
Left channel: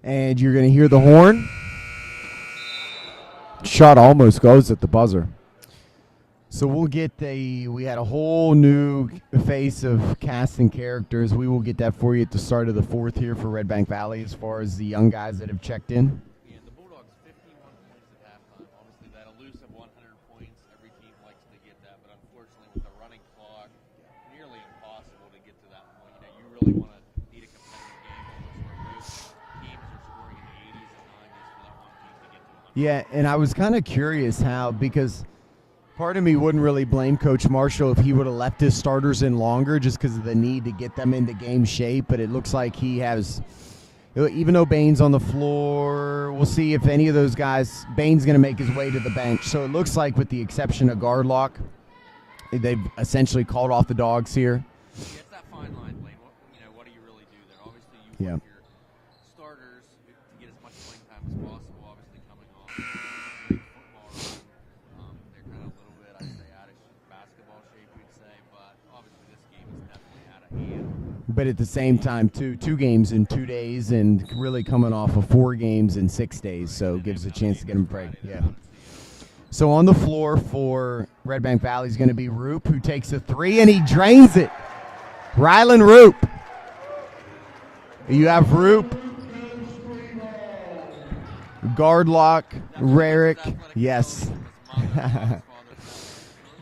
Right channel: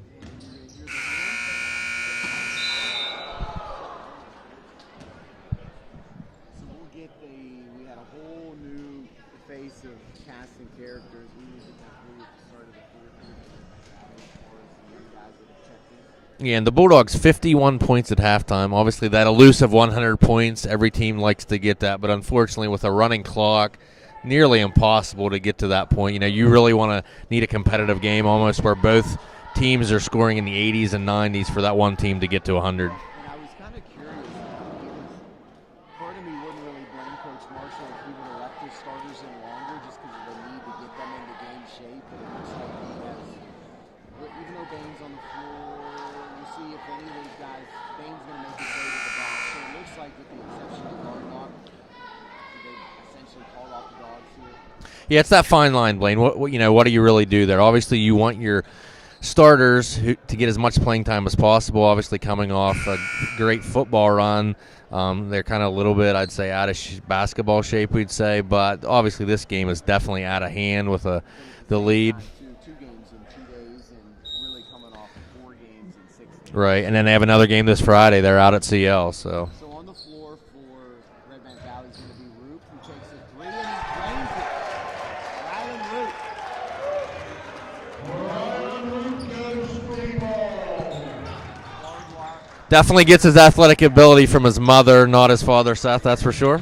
And you're going to hear the horn. Shot almost goes at the buzzer. So we'll get we had a whole new face of cast and characters. We will get that for you at the start of the fourth here for Redbank Valley as far as the young guys that have checked in. Yeah, and the Bulldogs 51 points at halftime. Obviously, that elusive 100 points, every team likes to get that. But unfortunately, with a running clock, nearly impossible to get to that point. You know, you really need a competitive game almost where both teams are scoring in the 80s and 90s for that one team to get to 100. Yeah, and I was kind of curious how, because part of me wouldn't really blame Coach Marshall if he would have left his starters in longer just because of the need to get them into game shape, but it looks like he has, even though Bain's on the floor, we'll see if any of those guys, Bain's going to make his way to the bench. So it looks like with the exception of Gardlock, they've essentially called off the dogs here. Yeah, it's that fine line, Blaine. What do you really do there? Obviously, you want your starters to get as much playing time as possible, obviously coming off a great football run. They're kind of a little bit, I'd say, out of basketball shape, we'd say. But obviously this game is definitely out of hand with the But at the same lead. time, two games in 2 days and really coming off of 4 games in 6 days. Right, so and then they have another game this Friday. They're out at CL. So on the floor for Redbank Valley is going to be Roop, who takes a 3, and he drains it. Rylan Roop. You have Roop. Gardlock. Definitely gets his athletic Yes. ability from his mother, not his father, Seth, that's for sure.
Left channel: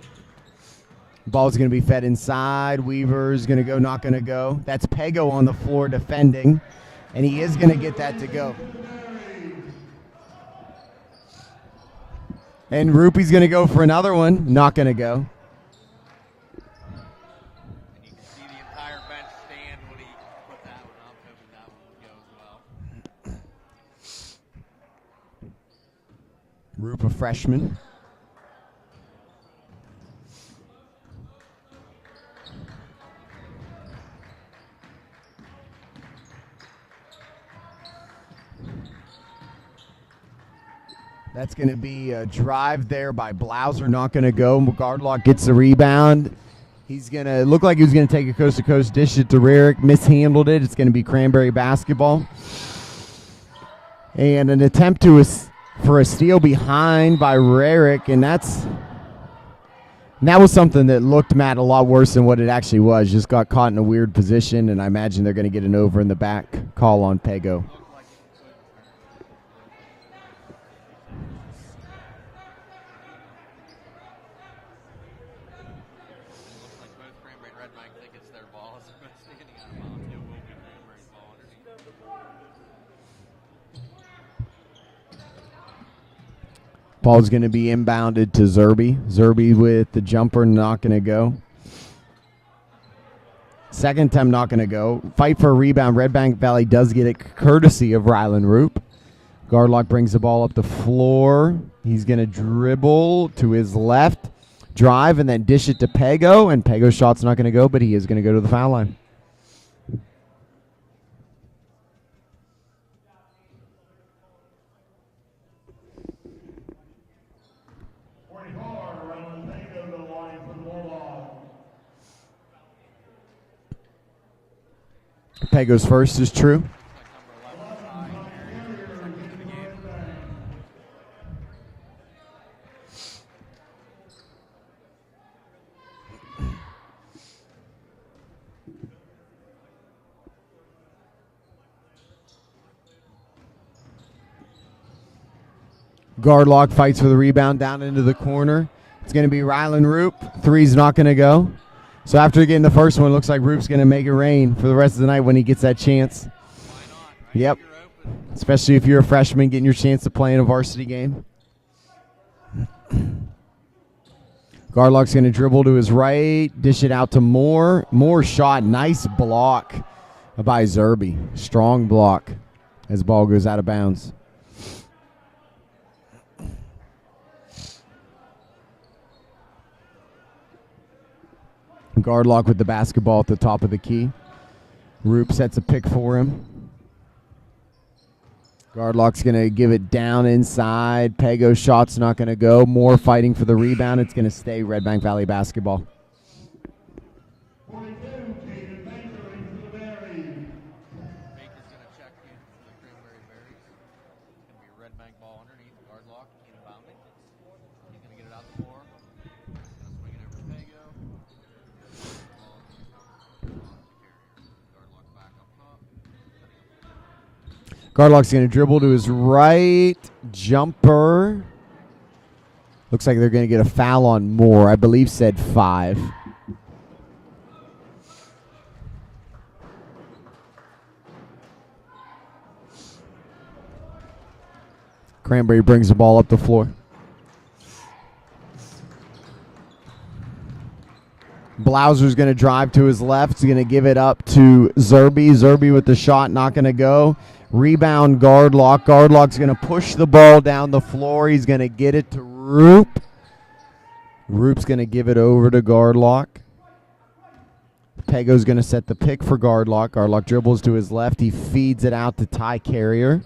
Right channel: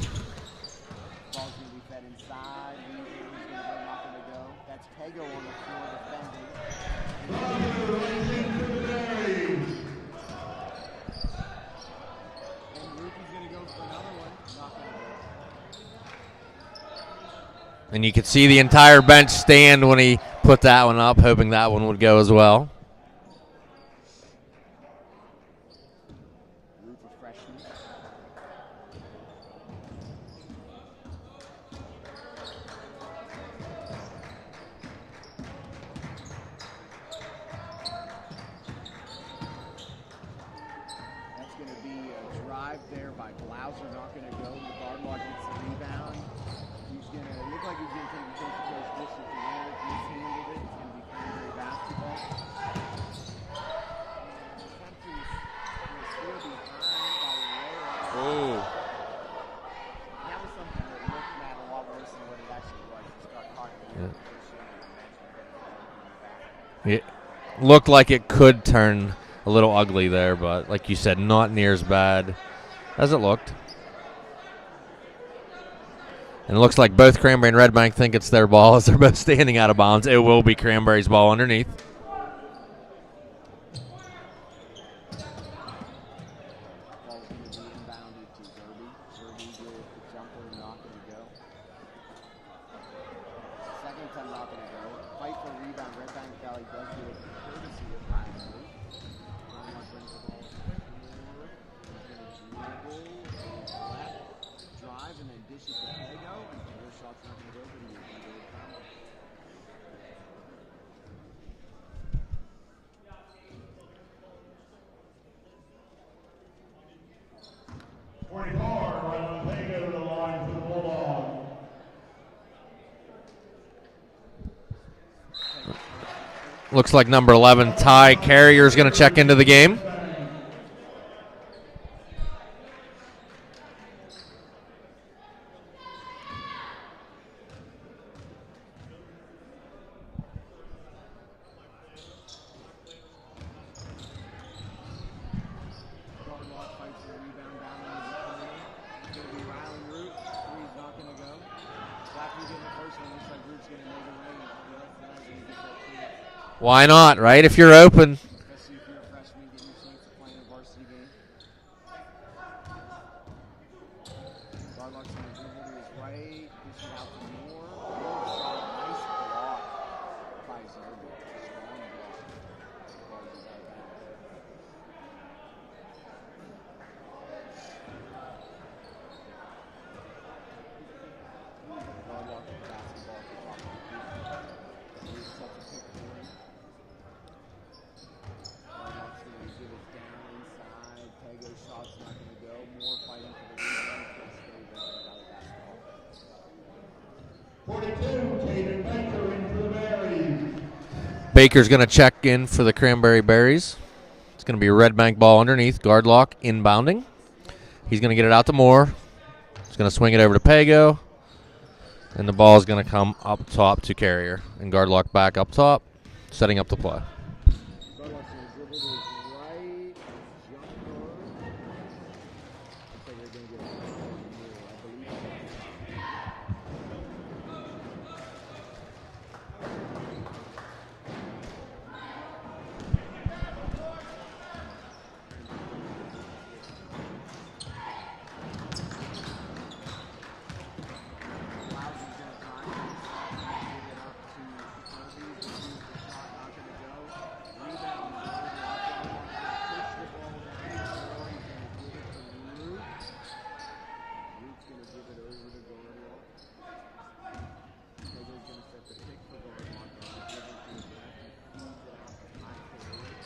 Ball's going to be fed inside. Weaver's going to go, not going to go. That's Pego on the floor defending, and he is going to get that to go. And Roopy's going to go for another one, not going to go. And you could see the entire bench stand when he put that one up, hoping that one would go as well. Roop, a freshman. That's going to be a drive there by Blauser, not going to go. Gardlock gets the rebound. He's going to look like he was going to take a coast-to-coast dish it to Rarick, mishandled it. It's going to be Cranberry basketball. And an attempt for a steal behind by Rarick, and that was something that looked, Matt, a lot worse than what it actually was. Just got caught in a weird position, and I imagine they're going to get an over in the back call on Pego. Looked like it could turn a little ugly there, but like you said, not near as bad as it looked. And it looks like both Cranberry and Redbank think it's their ball as they're both standing out of bounds. It will be Cranberry's ball underneath. Ball's going to be inbounded to Zerby. Zerby with the jumper, not going to go. Second time, not going to go. Fight for a rebound. Redbank Valley does get it courtesy of Rylan Roop. Gardlock brings the ball up the floor. He's going to dribble to his left, drive, and then dish it to Pego. And Pego's shot's not going to go, but he is going to go to the foul line. Pago's first is true. Looks like number 11, Ty Carrier, is going to check into the game. Gardlock fights for the rebound down into the corner. It's going to be Rylan Roop. Three's not going to go. So after getting the first one, looks like Roop's going to make it rain for the rest of the night when he gets that chance. Why not, right? Yep. If you're open. Especially if you're a freshman getting your chance to play in a varsity game. Gardlock's going to dribble to his right, dish it out to Moore. Moore shot, nice block by Zerby. Strong block as ball goes out of bounds. Gardlock with the basketball at the top of the key. Roop sets a pick for him. Gardlock's going to give it down inside. Pago's shot's not going to go. Moore fighting for the rebound. It's going to stay Redbank Valley basketball. 42, Caden Baker in for the Berries. Baker's going to check in for the Cranberry Berries. It's going to be a Redbank ball underneath. Gardlock inbounding. He's going to get it out to Moore. He's going to swing it over to Pago. And the ball is going to come up top to Carrier. And Gardlock back up top, setting up the play. Gardlock's going to dribble to his right. Jumper. Looks like they're going to get a foul on Moore. I believe said 5. Cranberry brings the ball up the floor. Blauser's going to drive to his left. He's going to give it up to Zerby. Zerby with the shot, not going to go. Rebound Gardlock. Gardlock's going to push the ball down the floor. He's going to get it to Roop. Roop's going to give it over to Gardlock. Pago's going to set the pick for Gardlock. Gardlock dribbles to his left. He feeds it out to Ty Carrier.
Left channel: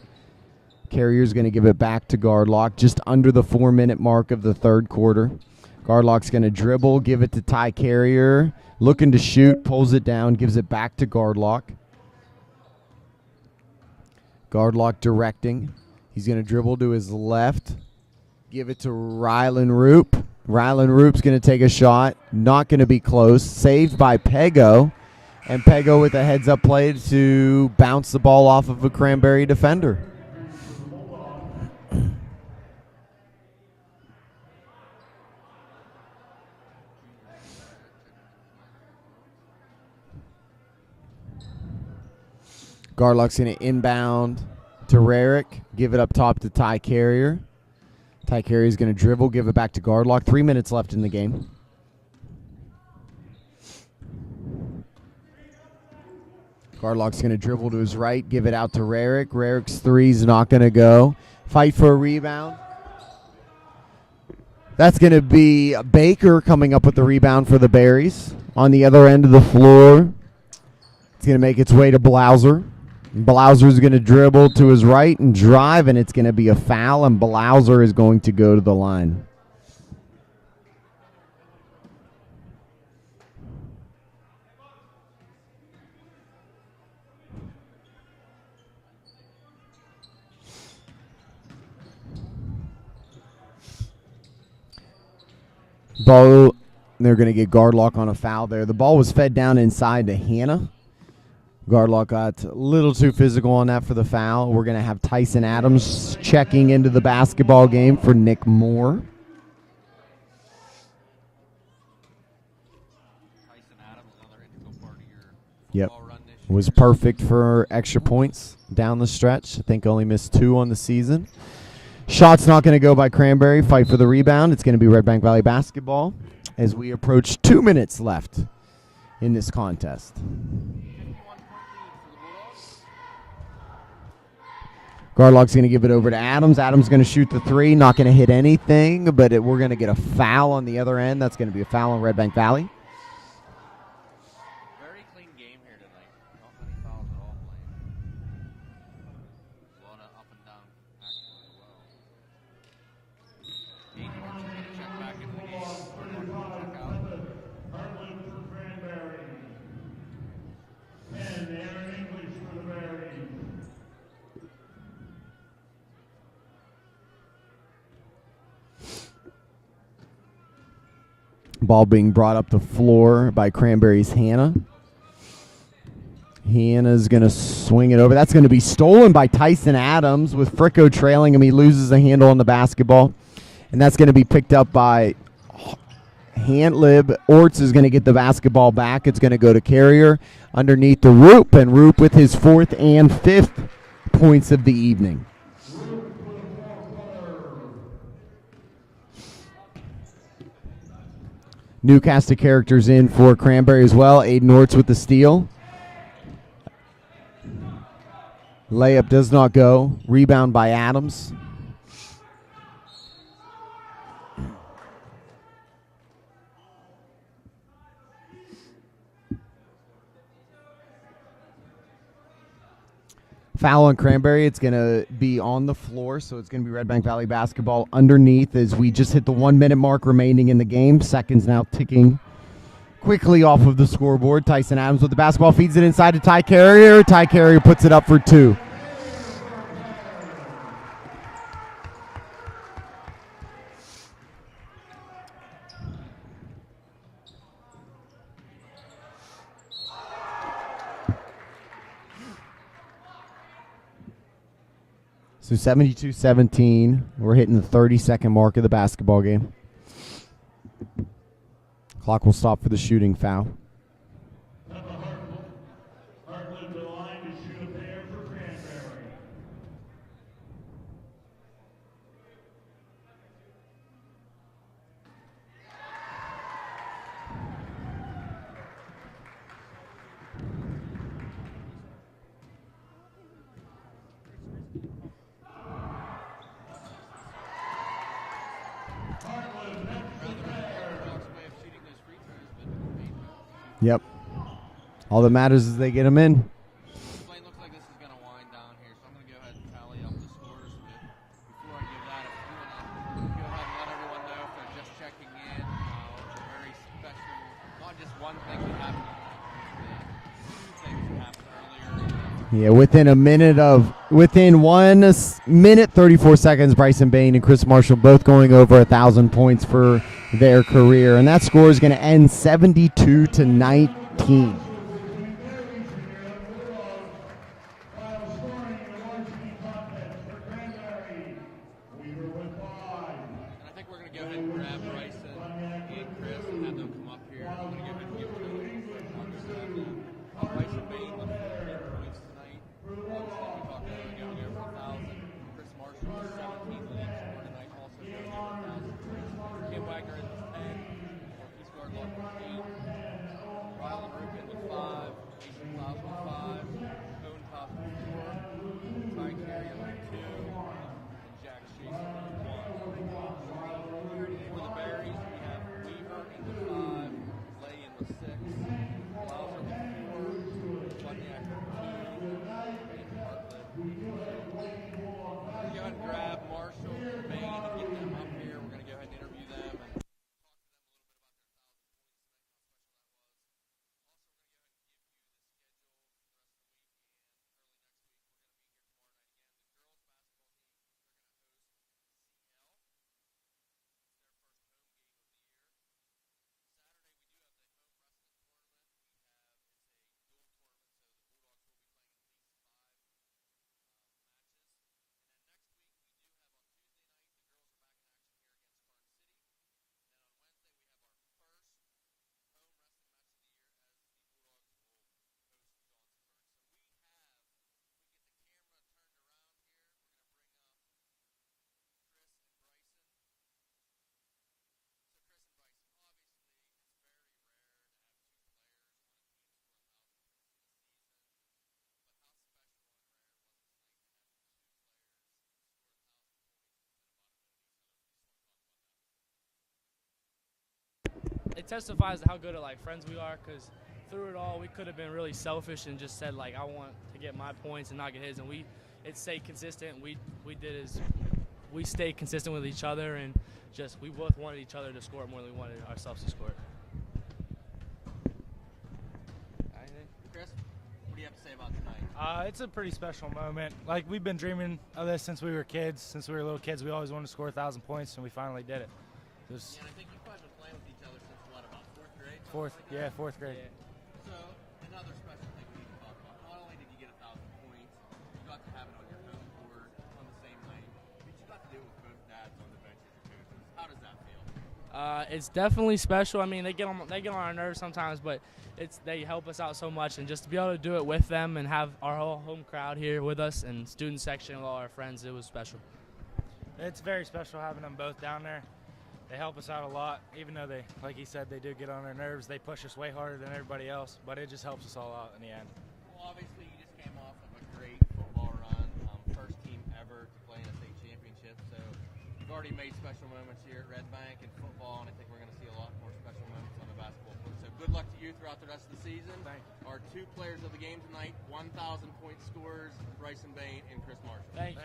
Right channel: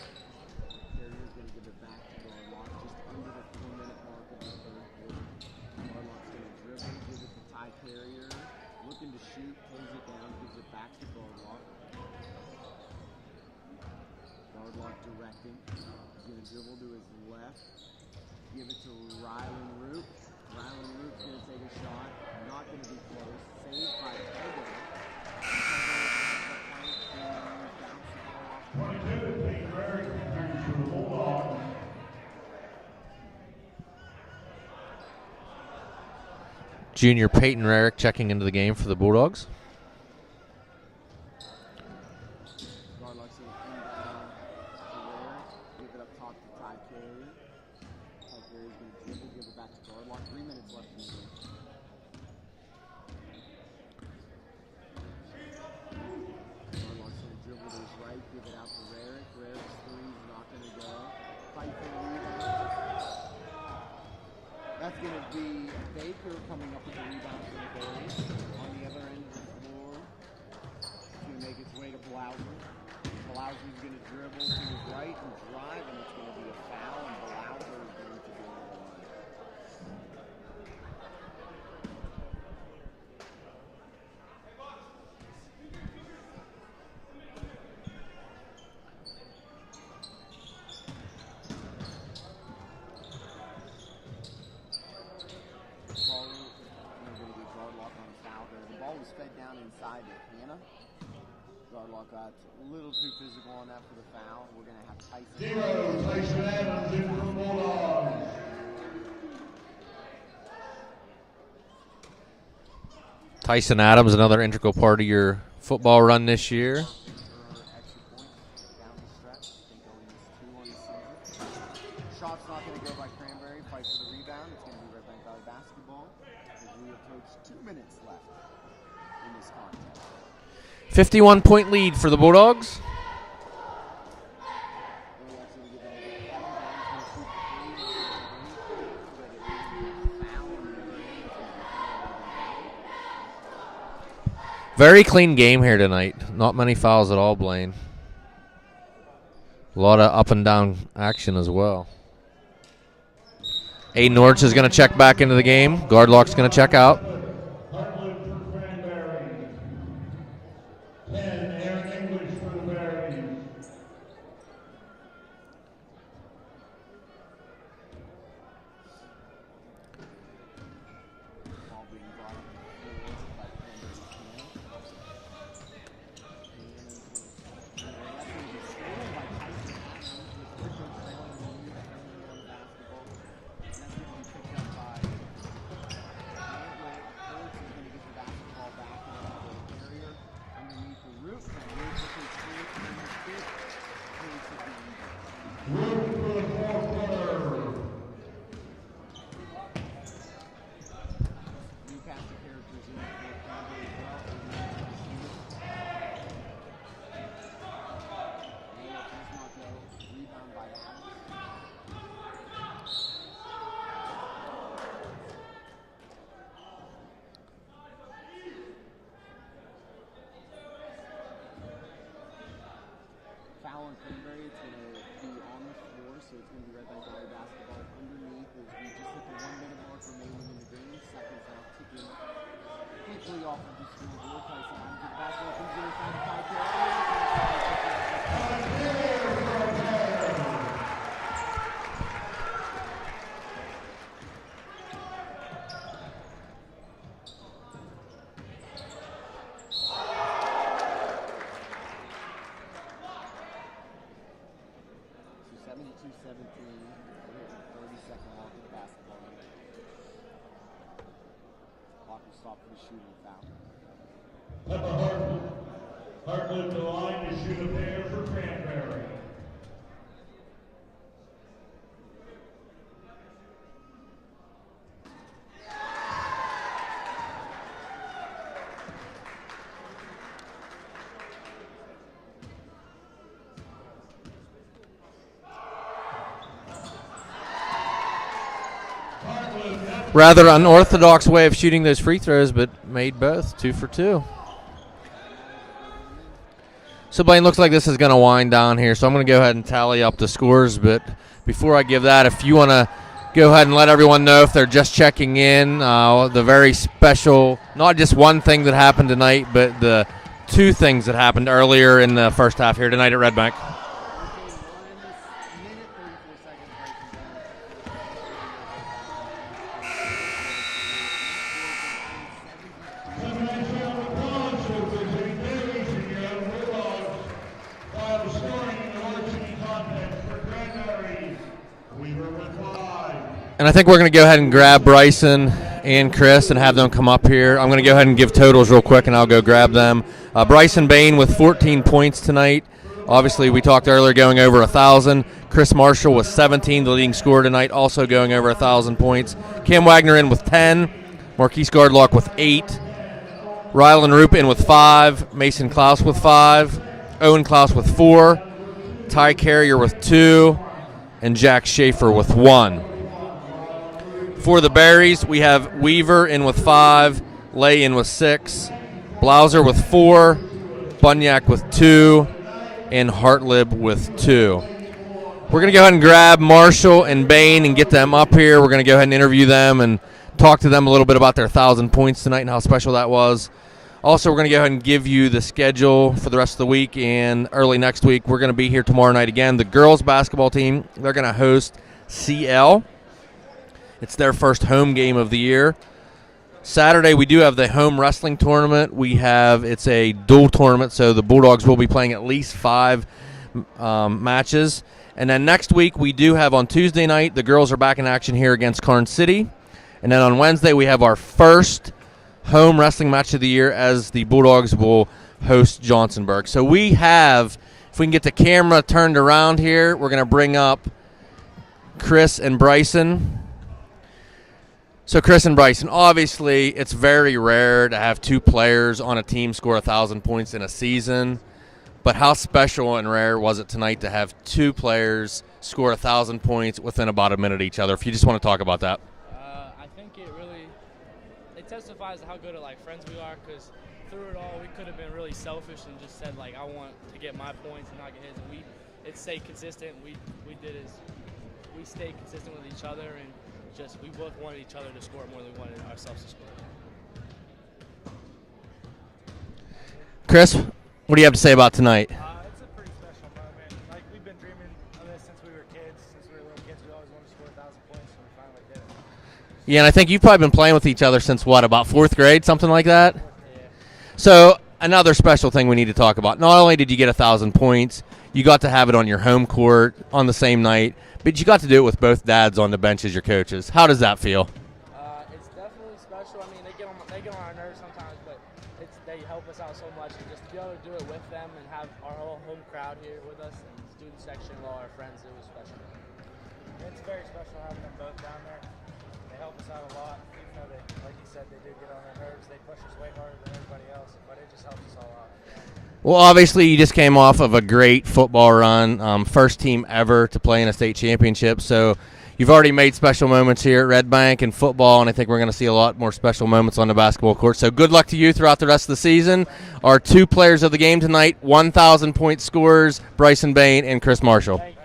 Carrier's going to give it back to Gardlock just under the 4-minute mark of the third quarter. Gardlock's going to dribble, give it to Ty Carrier. Looking to shoot, pulls it down, gives it back to Gardlock. Gardlock directing. He's going to dribble to his left. Give it to Rylan Roop. Rylan Roop's going to take a shot. Not going to be close. Saved by Pago. And Pago with a heads-up play to bounce the ball off of a Cranberry defender. Junior Peyton Rarick checking into the game for the Bulldogs. Gardlock's going to inbound to Rarick. Give it up top to Ty Carrier. Ty Carrier's going to dribble, give it back to Gardlock. 3 minutes left in the game. Gardlock's going to dribble to his right, give it out to Rarick. Rarick's three's not going to go. Fight for a rebound. That's going to be Baker coming up with the rebound for the Berries. On the other end of the floor, it's going to make its way to Blauser. Blauser's going to dribble to his right and drive, and it's going to be a foul, and Blauser is going to go to the line. Ball, they're going to get Gardlock on a foul there. The ball was fed down inside to Hannah. Gardlock got a little too physical on that for the foul. We're going to have Tyson Adams checking into the basketball game for Nick Moore. Tyson Adams, another integral part of your football run this year. Was perfect for extra points down the stretch. I think only missed 2 on the season. Shot's not going to go by Cranberry. Fight for the rebound. It's going to be Redbank Valley basketball as we approach 2 minutes left in this contest. 51-point lead for the Bulldogs. Gardlock's going to give it over to Adams. Adams going to shoot the 3. Not going to hit anything, but we're going to get a foul on the other end. That's going to be a foul on Redbank Valley. Very clean game here tonight. Not many fouls at all, Blaine. A lot of up and down action as well. Aiden Norch is going to check back into the game. Gardlock's going to check out. Ball being brought up the floor by Cranberry's Hannah. Hannah's going to swing it over. That's going to be stolen by Tyson Adams with Fricko trailing him. He loses the handle on the basketball. And that's going to be picked up by Hantlib. Orts is going to get the basketball back. It's going to go to Carrier underneath the Roop. And Roop with his 4th and 5th points of the evening. New cast of characters in for Cranberry as well. Aiden Orts with the steal. Layup does not go. Rebound by Adams. Foul on Cranberry. It's going to be on the floor, so it's going to be Redbank Valley basketball underneath as we just hit the 1 minute mark remaining in the game. Seconds now ticking quickly off of the scoreboard. Tyson Adams with the basketball, feeds it inside to Ty Carrier. Ty Carrier puts it up for 2. So 72-17. We're hitting the 30-second mark of the basketball game. Clock will stop for the shooting foul. Hartland the line to shoot a pair for Cranberry. Rather unorthodox way of shooting those free throws, but made both. 2 for 2. All that matters is they get them in. So, Blaine, looks like this is going to wind down here, so I'm going to go ahead and tally up the scores. But before I give that, if you want to go ahead and let everyone know if they're just checking in, the very special, not just one thing that happened tonight, but the 2 things that happened earlier in the first half here tonight at Redbank. Within 1 minute, 34 seconds, Bryson Bain and Chris Marshall both going over 1,000 points for their career. And that score is going to end 72-19. And I think we're going to go ahead and grab Bryson and Chris and have them come up here. I'm going to go ahead and give totals real quick, and I'll go grab them. Bryson Bain with 14 points tonight. Obviously, we talked earlier going over 1,000. Chris Marshall with 17, the leading scorer tonight, also going over 1,000 points. Cam Wagner in with 10. Marquise Gardlock with 8. Rylan Roop in with 5. Mason Klaus with 5. Owen Klaus with 4. Ty Carrier with 2. And Jack Schaefer with 1. For the Berries, we have Weaver in with 5. Lay in with 6. Blauser with 4. Bunyak with 2. And Hartlib with 2. We're going to go ahead and grab Marshall and Bain and get them up here. We're going to go ahead and interview them and talk to them a little bit about their 1,000 points tonight and how special that was. Also, we're going to go ahead and give you the schedule for the rest of the week, and early next week, we're going to be here tomorrow night again. The girls basketball team, they're going to host CL. It's their first home game of the year. Saturday, we do have the home wrestling tournament. It's a dual tournament, so the Bulldogs will be playing at least 5 matches. And then next week, we do have on Tuesday night, the girls are back in action here against Karn City. And then on Wednesday, we have our first home wrestling match of the year as the Bulldogs will host Johnsonburg. So we have, if we can get the camera turned around here, we're going to bring up Chris and Bryson. So Chris and Bryson, obviously it's very rare to have 2 players on a team score 1,000 points in a season. But how special and rare was it tonight to have 2 players score 1,000 points within about a minute of each other? If you just want to talk about that. I think it testifies to how good of friends we are, because through it all we could have been really selfish and just said I want to get my points and not get his, and it stayed consistent. We stayed consistent with each other, and we both wanted each other to score more than we wanted ourselves to score. Chris, what do you have to say about tonight? It's a pretty special moment. We've been dreaming of this since we were kids. Since we were little kids, we always wanted to score 1,000 points, and we finally did it. Yeah, and I think you've probably been playing with each other since what, about 4th grade, something like that? 4th grade. Yeah. So another special thing we need to talk about. Not only did you get 1,000 points, you got to have it on your home court on the same night, but you got to do it with both dads on the bench as your coaches. How does that feel? It's definitely special. I mean, they get on our nerves sometimes, but they help us out so much, and just to be able to do it with them and have our whole home crowd here with us and student section and all our friends, it was special. It's very special having them both down there. They help us out a lot, even though they, like he said, they do get on their nerves. They push us way harder than everybody else, but it just helps us all out in the end. Well, obviously, you just came off of a great football run, first team ever to play in a state championship. So you've already made special moments here at Redbank in football, and I think we're going to see a lot more special moments on the basketball court. So good luck to you throughout the rest of the season. Our 2 players of the game tonight, 1,000-point scorers, Bryson Bain and Chris Marshall. Thank you.